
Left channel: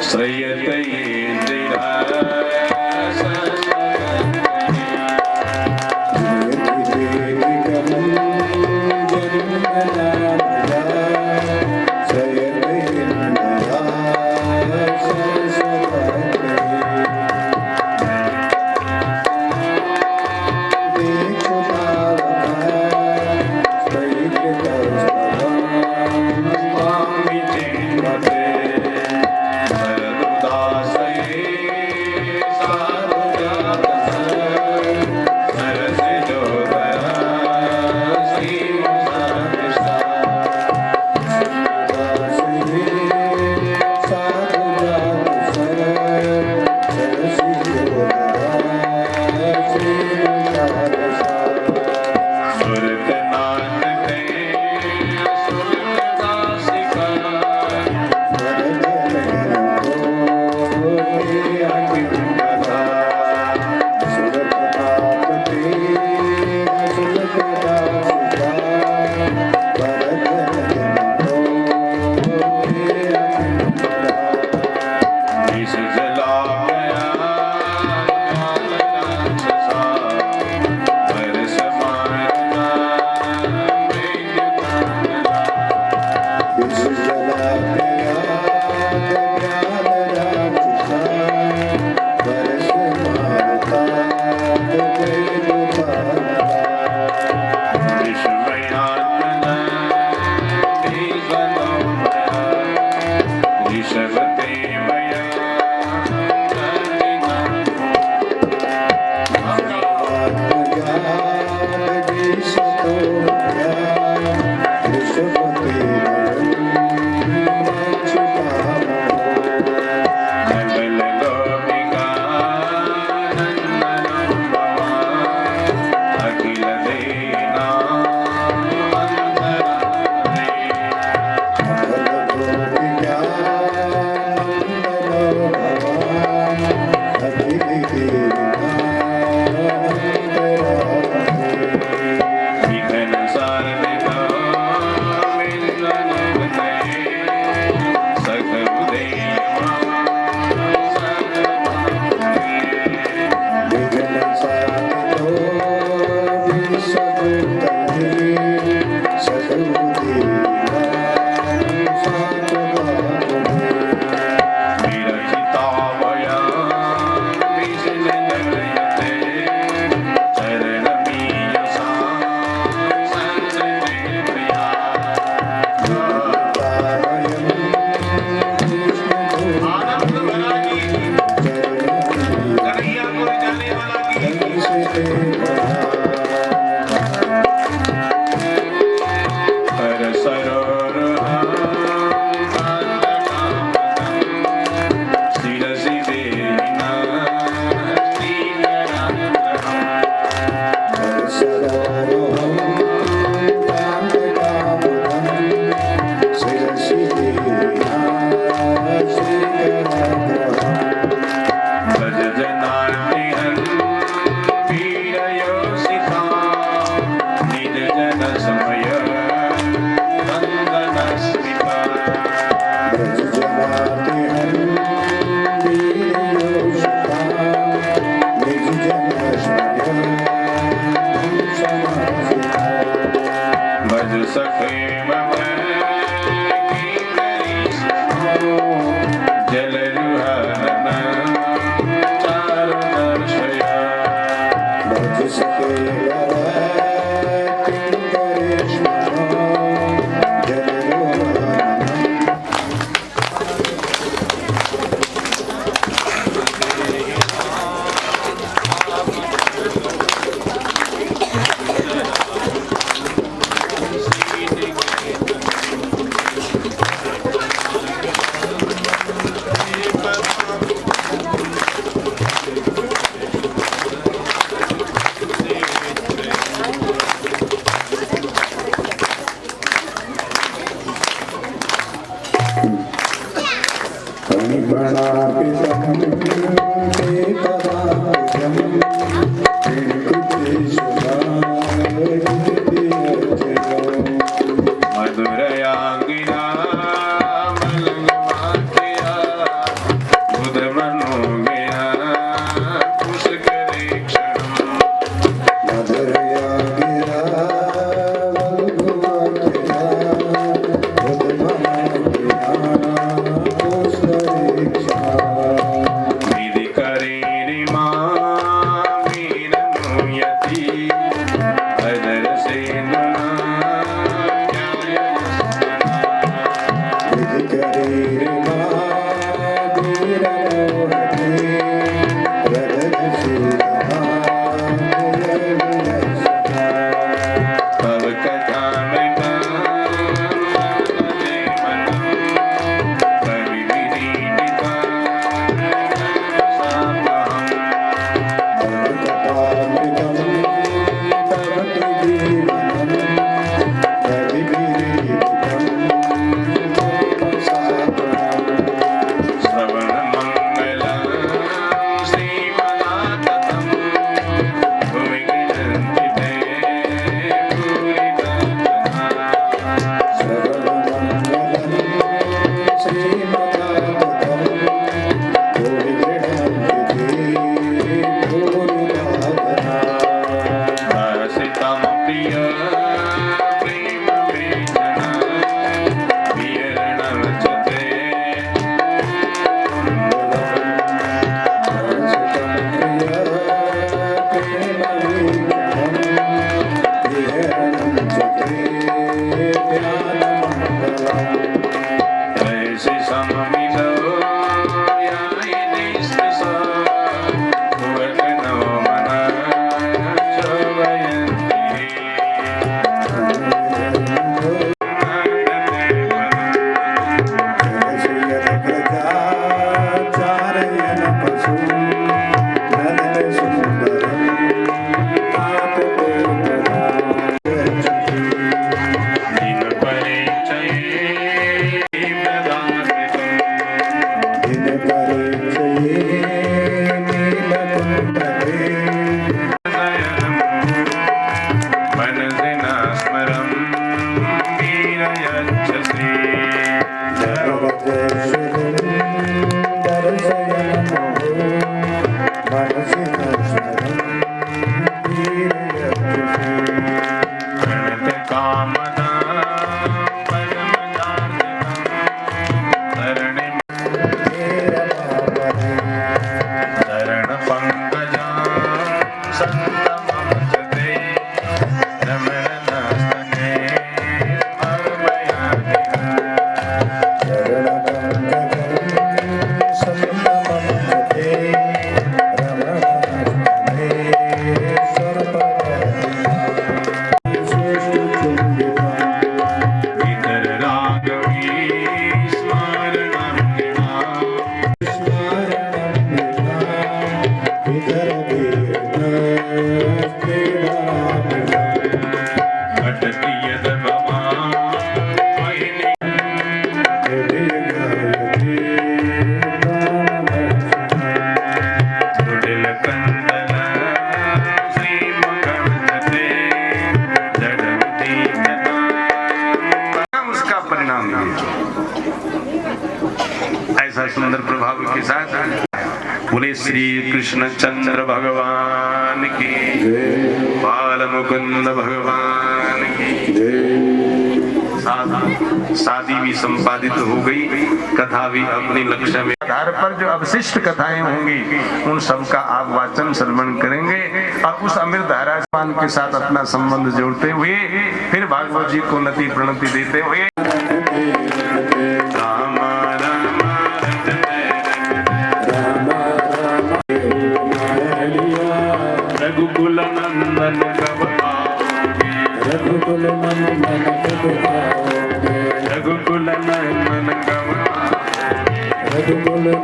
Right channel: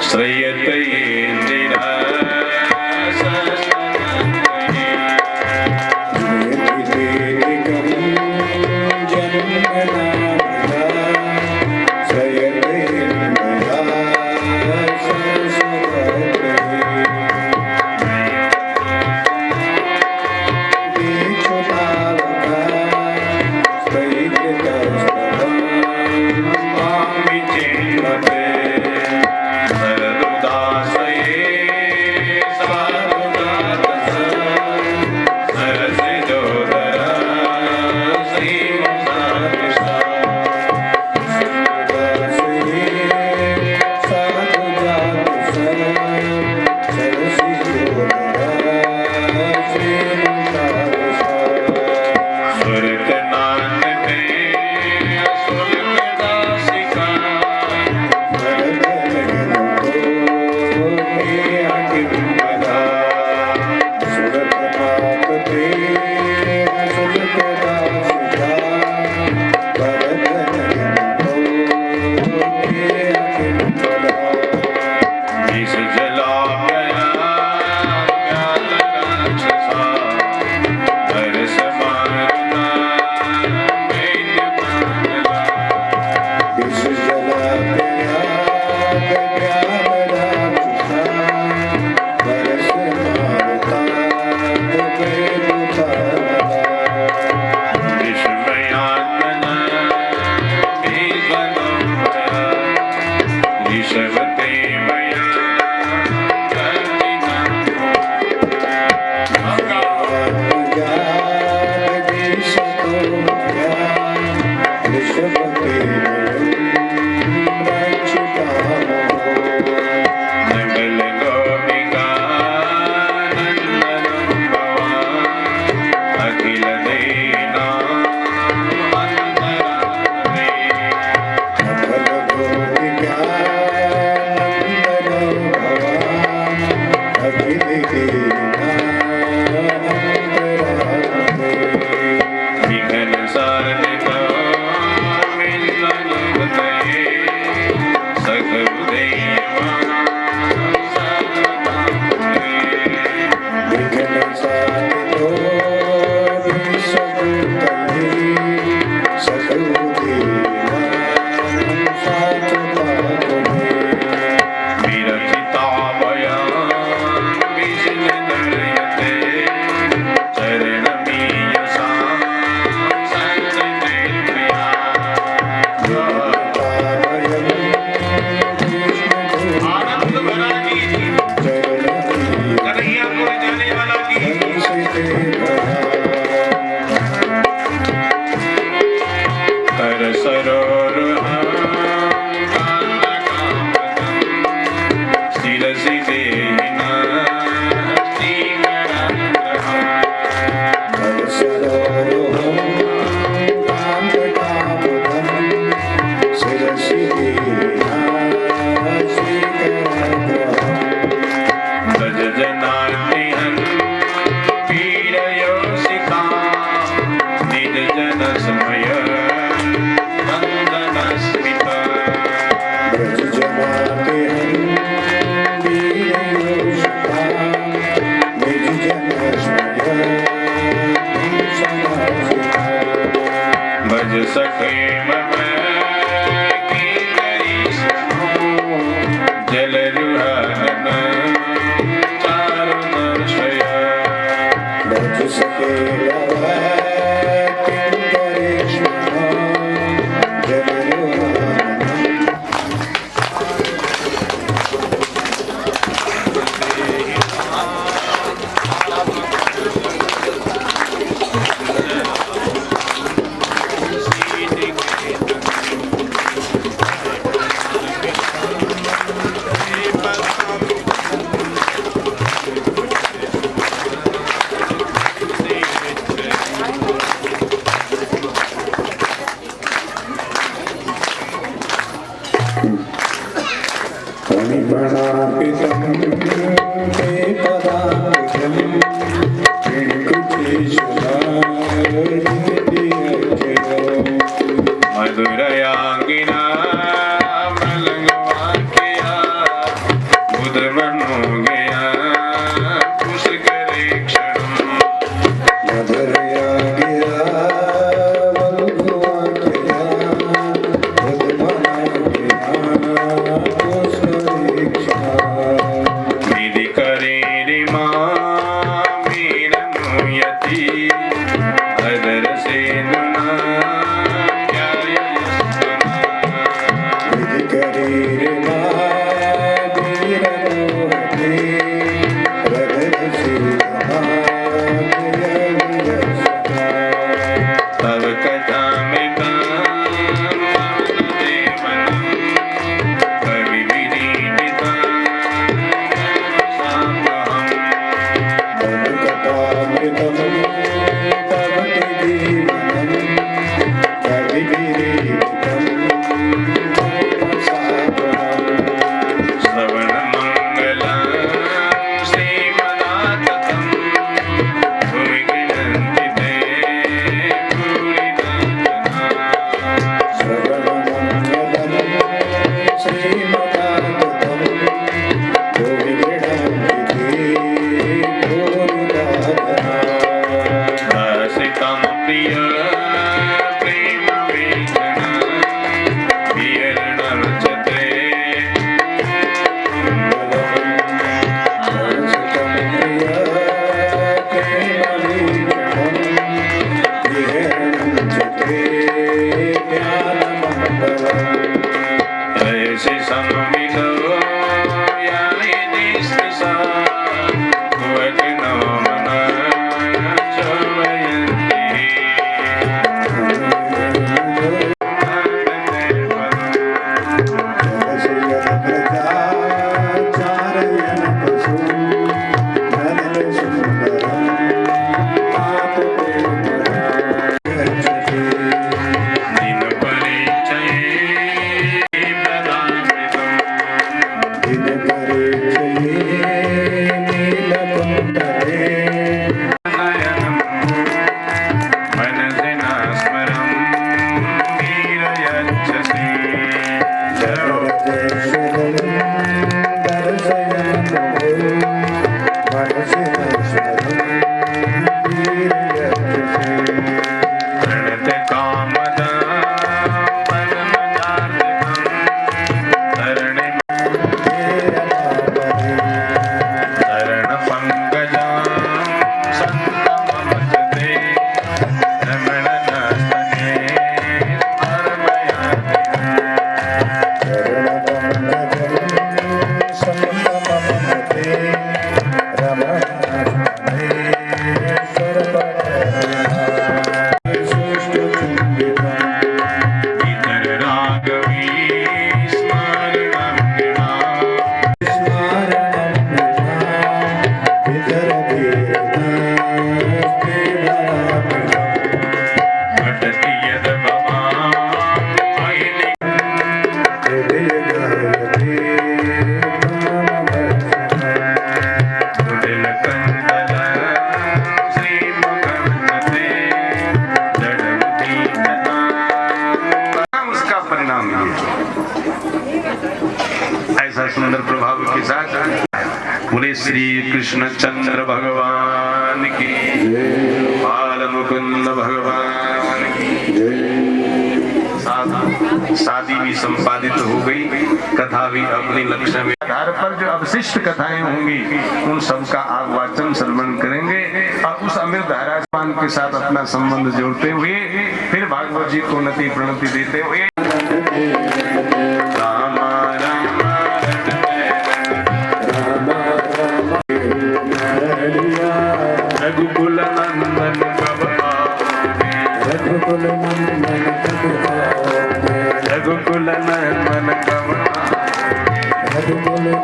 श्रयते इंदिरा ऐसा सुंदर प्रभाव के साथ बोले श्री कृष्ण चंद्र भगवान की बाल मुकुंद भगवान की शादी भी संपादित हो गई, कथा भी अपने लक्ष्य में आधार पर जो अवशिष्ट कथाएं होंगी उन सबका आप वाचन श्रवण करेंगे और उस अमृत धारा के साथ अपना संबंध जोड़ते हुए फिर भागवत जी को नति प्रणति देते हुए रघुकुल नंदन रघुकुल नंदन रघुकुल नंदन रघुकुल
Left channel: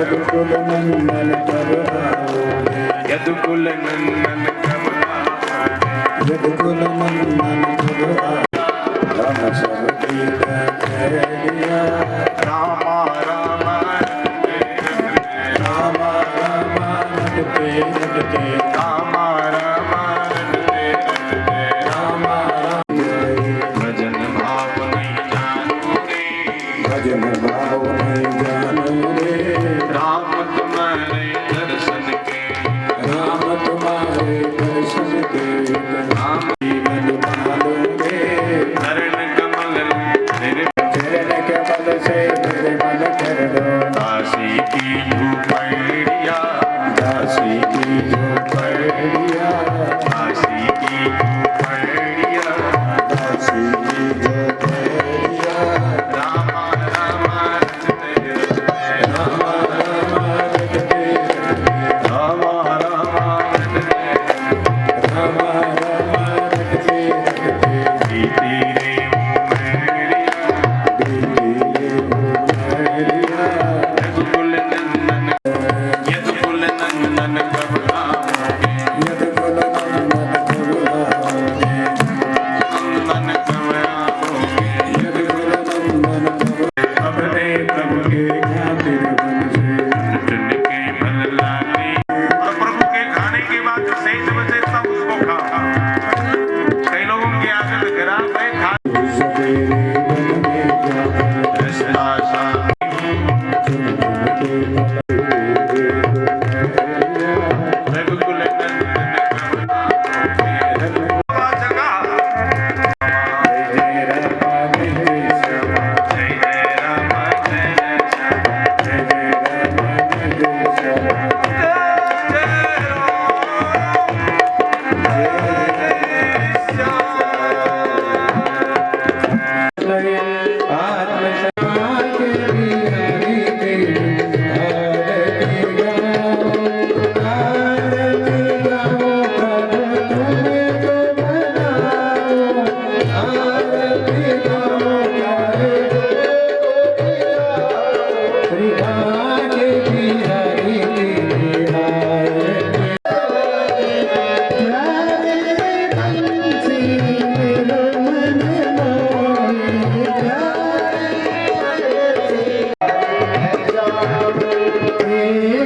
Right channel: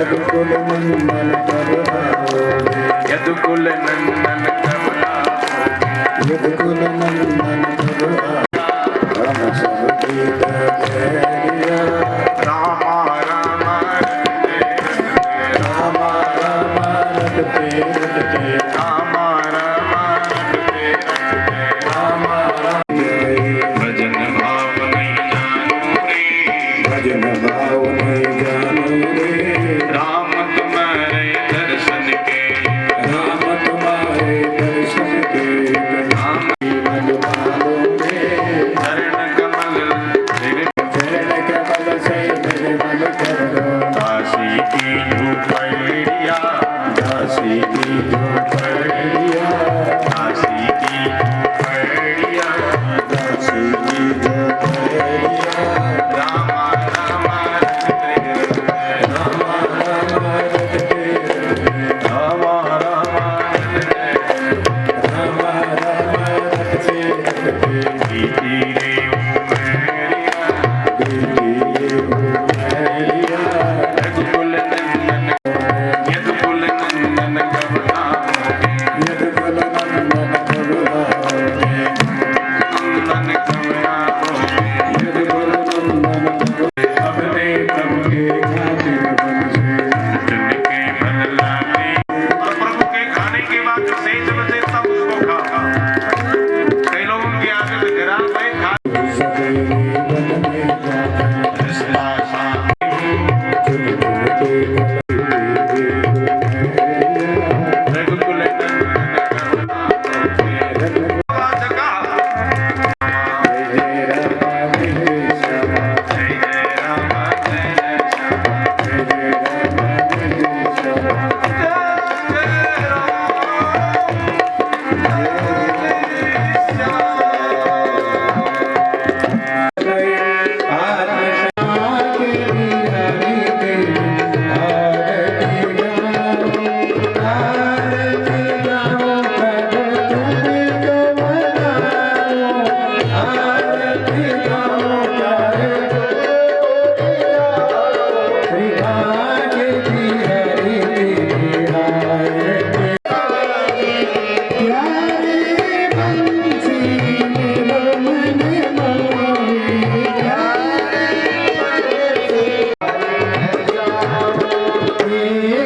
यदुकुल नंदन कब आओगे, यदुकुल नंदन कब आओगे, यदुकुल नंदन कब आओगे। राम सब गीत करिया, रामा रामा रामा रामा रटते रटते, रामा रामा रामा राम भजन भाव नहीं जानू रे, भजन भाव नहीं जानो रे। राम तुम्हारे दर्शन के, राम तुम्हारे दर्शन के, राम मन मानो रे। चरण कमल चरण कमल से निर्मल कर दो, दासी की झोपड़िया, दासी की झोपड़िया, दासी की झोपड़िया, दासी की झोपड़िया। रामा रामा रटते रामा रामा रटते, रामा रामा रामा रामा रटते रटते, बीती रे उमरिया, बीती ये उमरिया। यदुकुल नंदन, यदुकुल नंदन कब आओगे, यदुकुल नंदन कब आओगे, नंदन कब आओगे, यदुकुल नंदन कब। अपने प्रभु के खातिर बन से, चुन के मन लाते, और प्रभु के खाने के बाद जो शेष बचे तब उसको खाओ। कई लोगों की आदत खराब है, सवेरे बन में जाता, कृष्णा शांति चुन चुन के यदुकुल नंदन कब आओगे, जगह जय रामा जय श्यामा, जय जय राम जय जय श्याम, जय रामा जय श्यामा, जय आत्मा के बिहारी के आरती गाओ, आरती गाओ प्रभु तुम्हें जो बनाओ, आरती गाओ तारे श्री भाग्य बिहारी की आरती। प्यारे बंसी मेरे मन मोही, प्यारे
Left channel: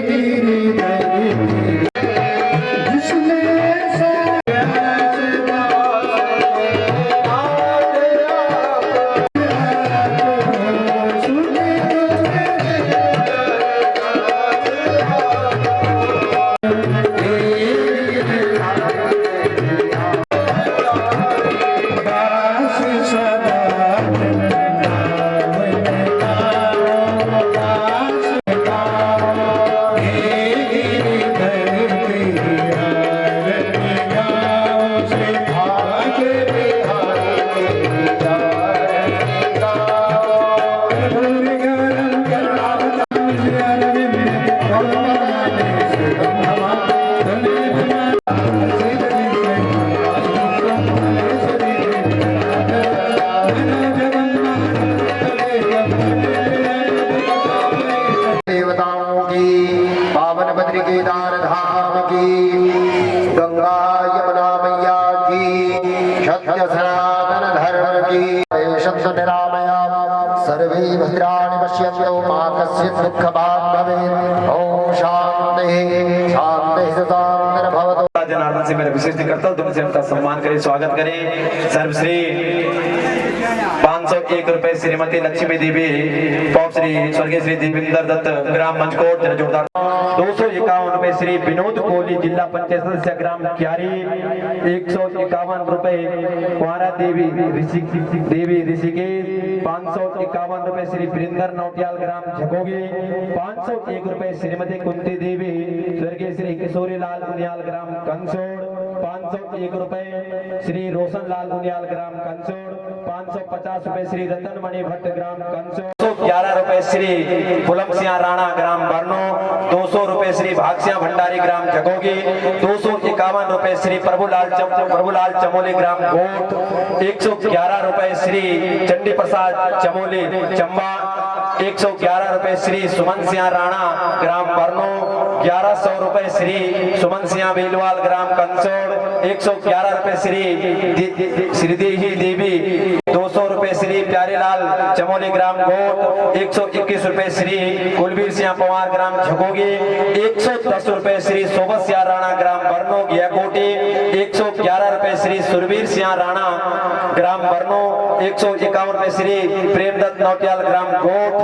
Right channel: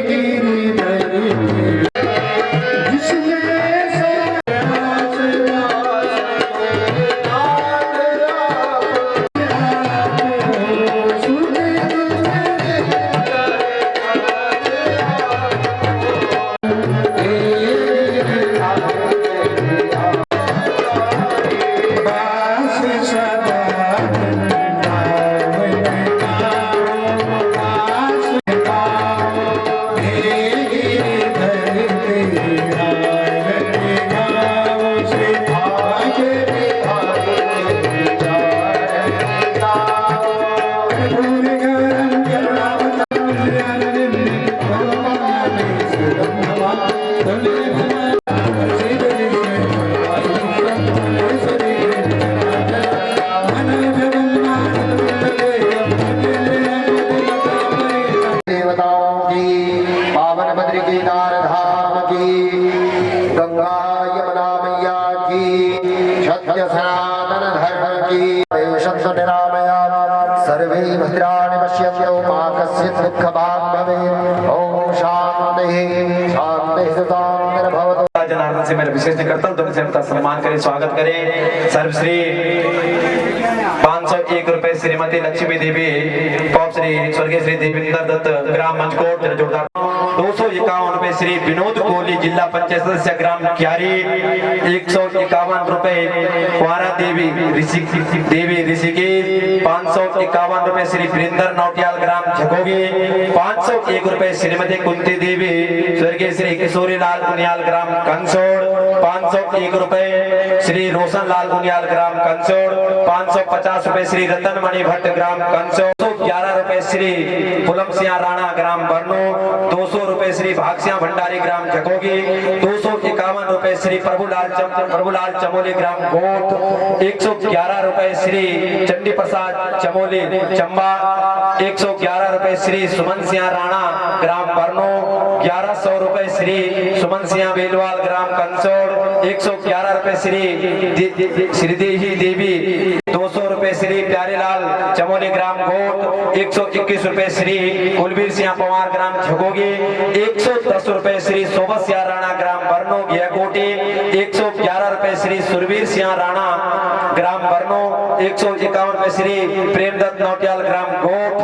गिरिधर जिसने देवताओं की, पावन बद्री केदार धाम की, गंगा यमुना मैया की, सत्य सनातन धर्म की, सत्य निरामया सर्वे भद्राणि पश्यन्तु मा कश्चित् दुःखभाग् भवेत्। ओम शांति शांति शांतिर्भवतु। जनार्दन से मेरा विशेष कर्तव्य तुमसे उनका सम्मान करें, स्वागत करें। सर्वश्री 501 रुपए श्रीमती लक्ष्मी देवी पॉप श्री स्वर्गीय श्री देवेंद्र दत्त ग्राम मंचकोट जोरदार। 251 रुपए श्री विनोद कोहली जिला पंचायत सदस्य ग्राम क्यारी। 151 रुपए कुंवारा देवी ऋषिकेश। 551 रुपए श्री वीरेंद्र नौटियाल ग्राम झकोगे। 501 रुपए श्रीमती कुंती देवी स्वर्गीय श्री किशोरी लाल उनियाल ग्राम कंसो। कंसोड़ 501 रुपए श्री रोशन लाल बुनियाल ग्राम कंसोड़, 550 रुपए श्री रतन मणि भट्ट ग्राम कंसोड़, 211 रुपए श्री पुलम सिंह राणा ग्राम बरनो, 200 रुपए श्री भागसिया भंडारी ग्राम खगोगी, 251 रुपए श्री प्रभुलाल चमोली ग्राम गोट, 111 रुपए श्री चंडी प्रसाद चमोली चंबा, 111 रुपए श्री सुमन सिंह राणा ग्राम बरनो, 1100 रुपए श्री सुमन सिंह बेलवाल ग्राम कंसोड़, 111 रुपए श्रीदेही देवी, 200 रुपए श्री प्यारेलाल चमोली ग्राम गोट, 121 रुपए श्री कुलबीर सिंह पवार ग्राम झकोगी, 110 रुपए श्री सोबत सिंह राणा ग्राम बरनो गियाकोटी, 111 रुपए श्री सुरवीर सिंह राणा ग्राम बरनो, 151 रुपए श्री प्रेमदत्त नौटियाल ग्राम गोट,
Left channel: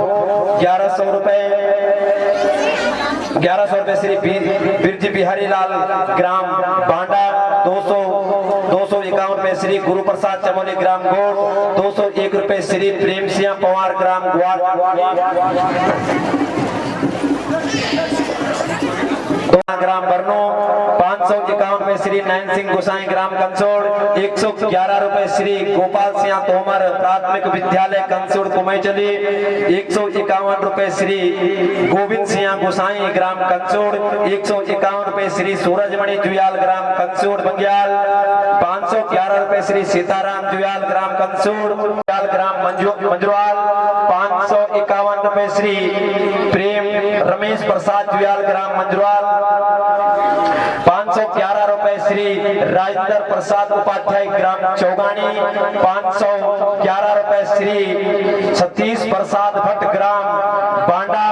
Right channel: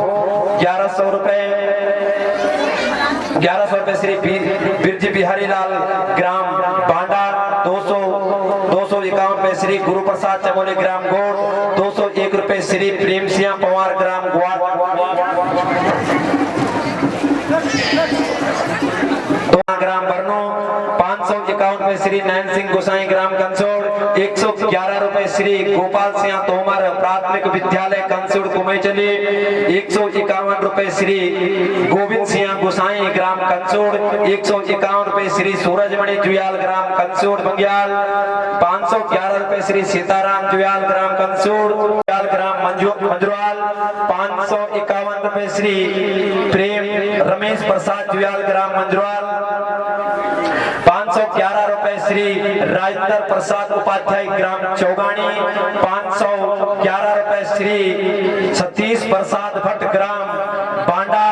1100 रुपए श्री बिरजी बिहारी लाल ग्राम बांडा, 251 रुपए श्री गुरु प्रसाद चमोली ग्राम गोट, 201 रुपए श्री प्रेम सिंह पवार ग्राम ग्राम बरनो, 551 रुपए श्री नयन सिंह गोसाई ग्राम कंसोड़, 111 रुपए श्री गोपाल सिंह तोमर प्राथमिक विद्यालय कंसोड़ कुमैचली, 151 रुपए श्री गोविंद सिंह गोसाई ग्राम कंसोड़, 151 रुपए श्री सूरजमणि जुयाल ग्राम कंसोड़ बंग्याल, 511 रुपए श्री सीताराम जुयाल ग्राम कंसोड़ ग्राम मंजरवाल, 551 रुपए श्री प्रेम रमेश प्रसाद जुयाल ग्राम मंजरवाल, 511 रुपए श्री राजेंद्र प्रसाद उपाध्याय ग्राम चौगानी, 511 रुपए श्री सतीश प्रसाद भट्ट ग्राम बांडा,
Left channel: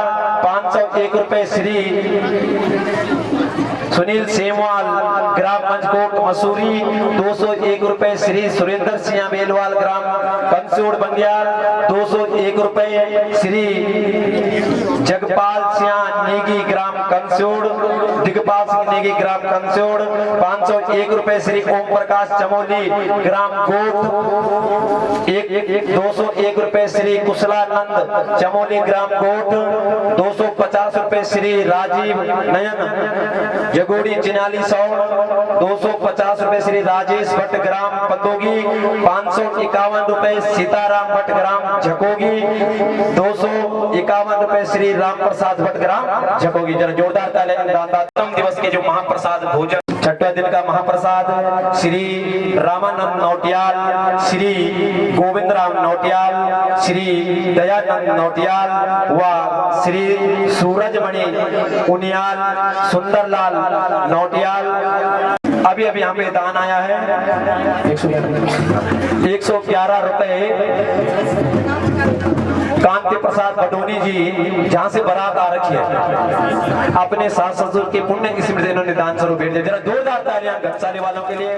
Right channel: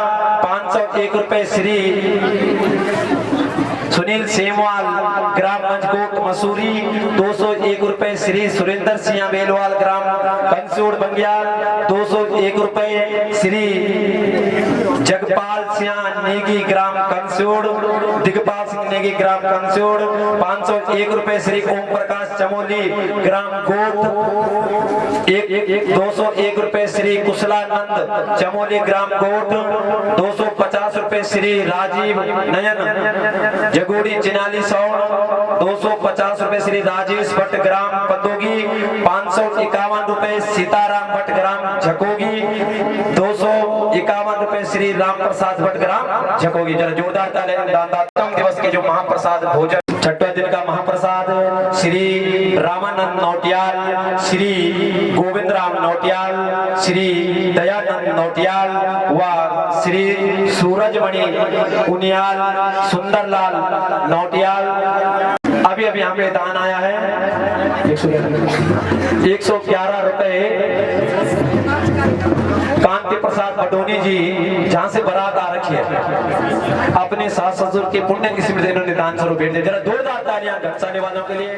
501 रुपए श्री सुनील सेमवाल ग्राम मंचकोट मसूरी, 201 रुपए श्री सुरेंद्र सिंह बेलवाल ग्राम कंसोड़ बंग्याल, 201 रुपए श्री जगपाल सिंह नेगी ग्राम कंसोड़, दिगपाल सिंह नेगी ग्राम कंसोड़, 501 रुपए श्री ओम प्रकाश चमोली ग्राम गोट, 201 रुपए श्री कुशलानंद चमोली ग्राम गोट, 250 रुपए श्री राजीव नयन जगोड़ी चिनाली सौड़, 250 रुपए श्री राजेश भट्ट ग्राम पंदोगी, 551 रुपए सीताराम भट्ट ग्राम झकोगी, 251 रुपए श्री राम प्रसाद भट्ट ग्राम झकोगी। जरा जोरदार ताली दान दिवस के जो महाप्रसाद भोजन 6वां दिन का महाप्रसाद श्री रामानंद नौटियाल, श्री गोविंद राम नौटियाल, श्री दयानंद नौटियाल व श्री सूरजमणि उनियाल सुंदरलाल नौटियाल। अभी यहाँ पे दान आया है 111 रुपए कांति प्रसाद भटोनी जी, जहाँ से बारात आ रखी है, अपने सास ससुर के पुण्य की स्मृति इन्होंने दान स्वरूप भेज दिया। जरा जोरदार तालियां घटसाने वालों के लिए।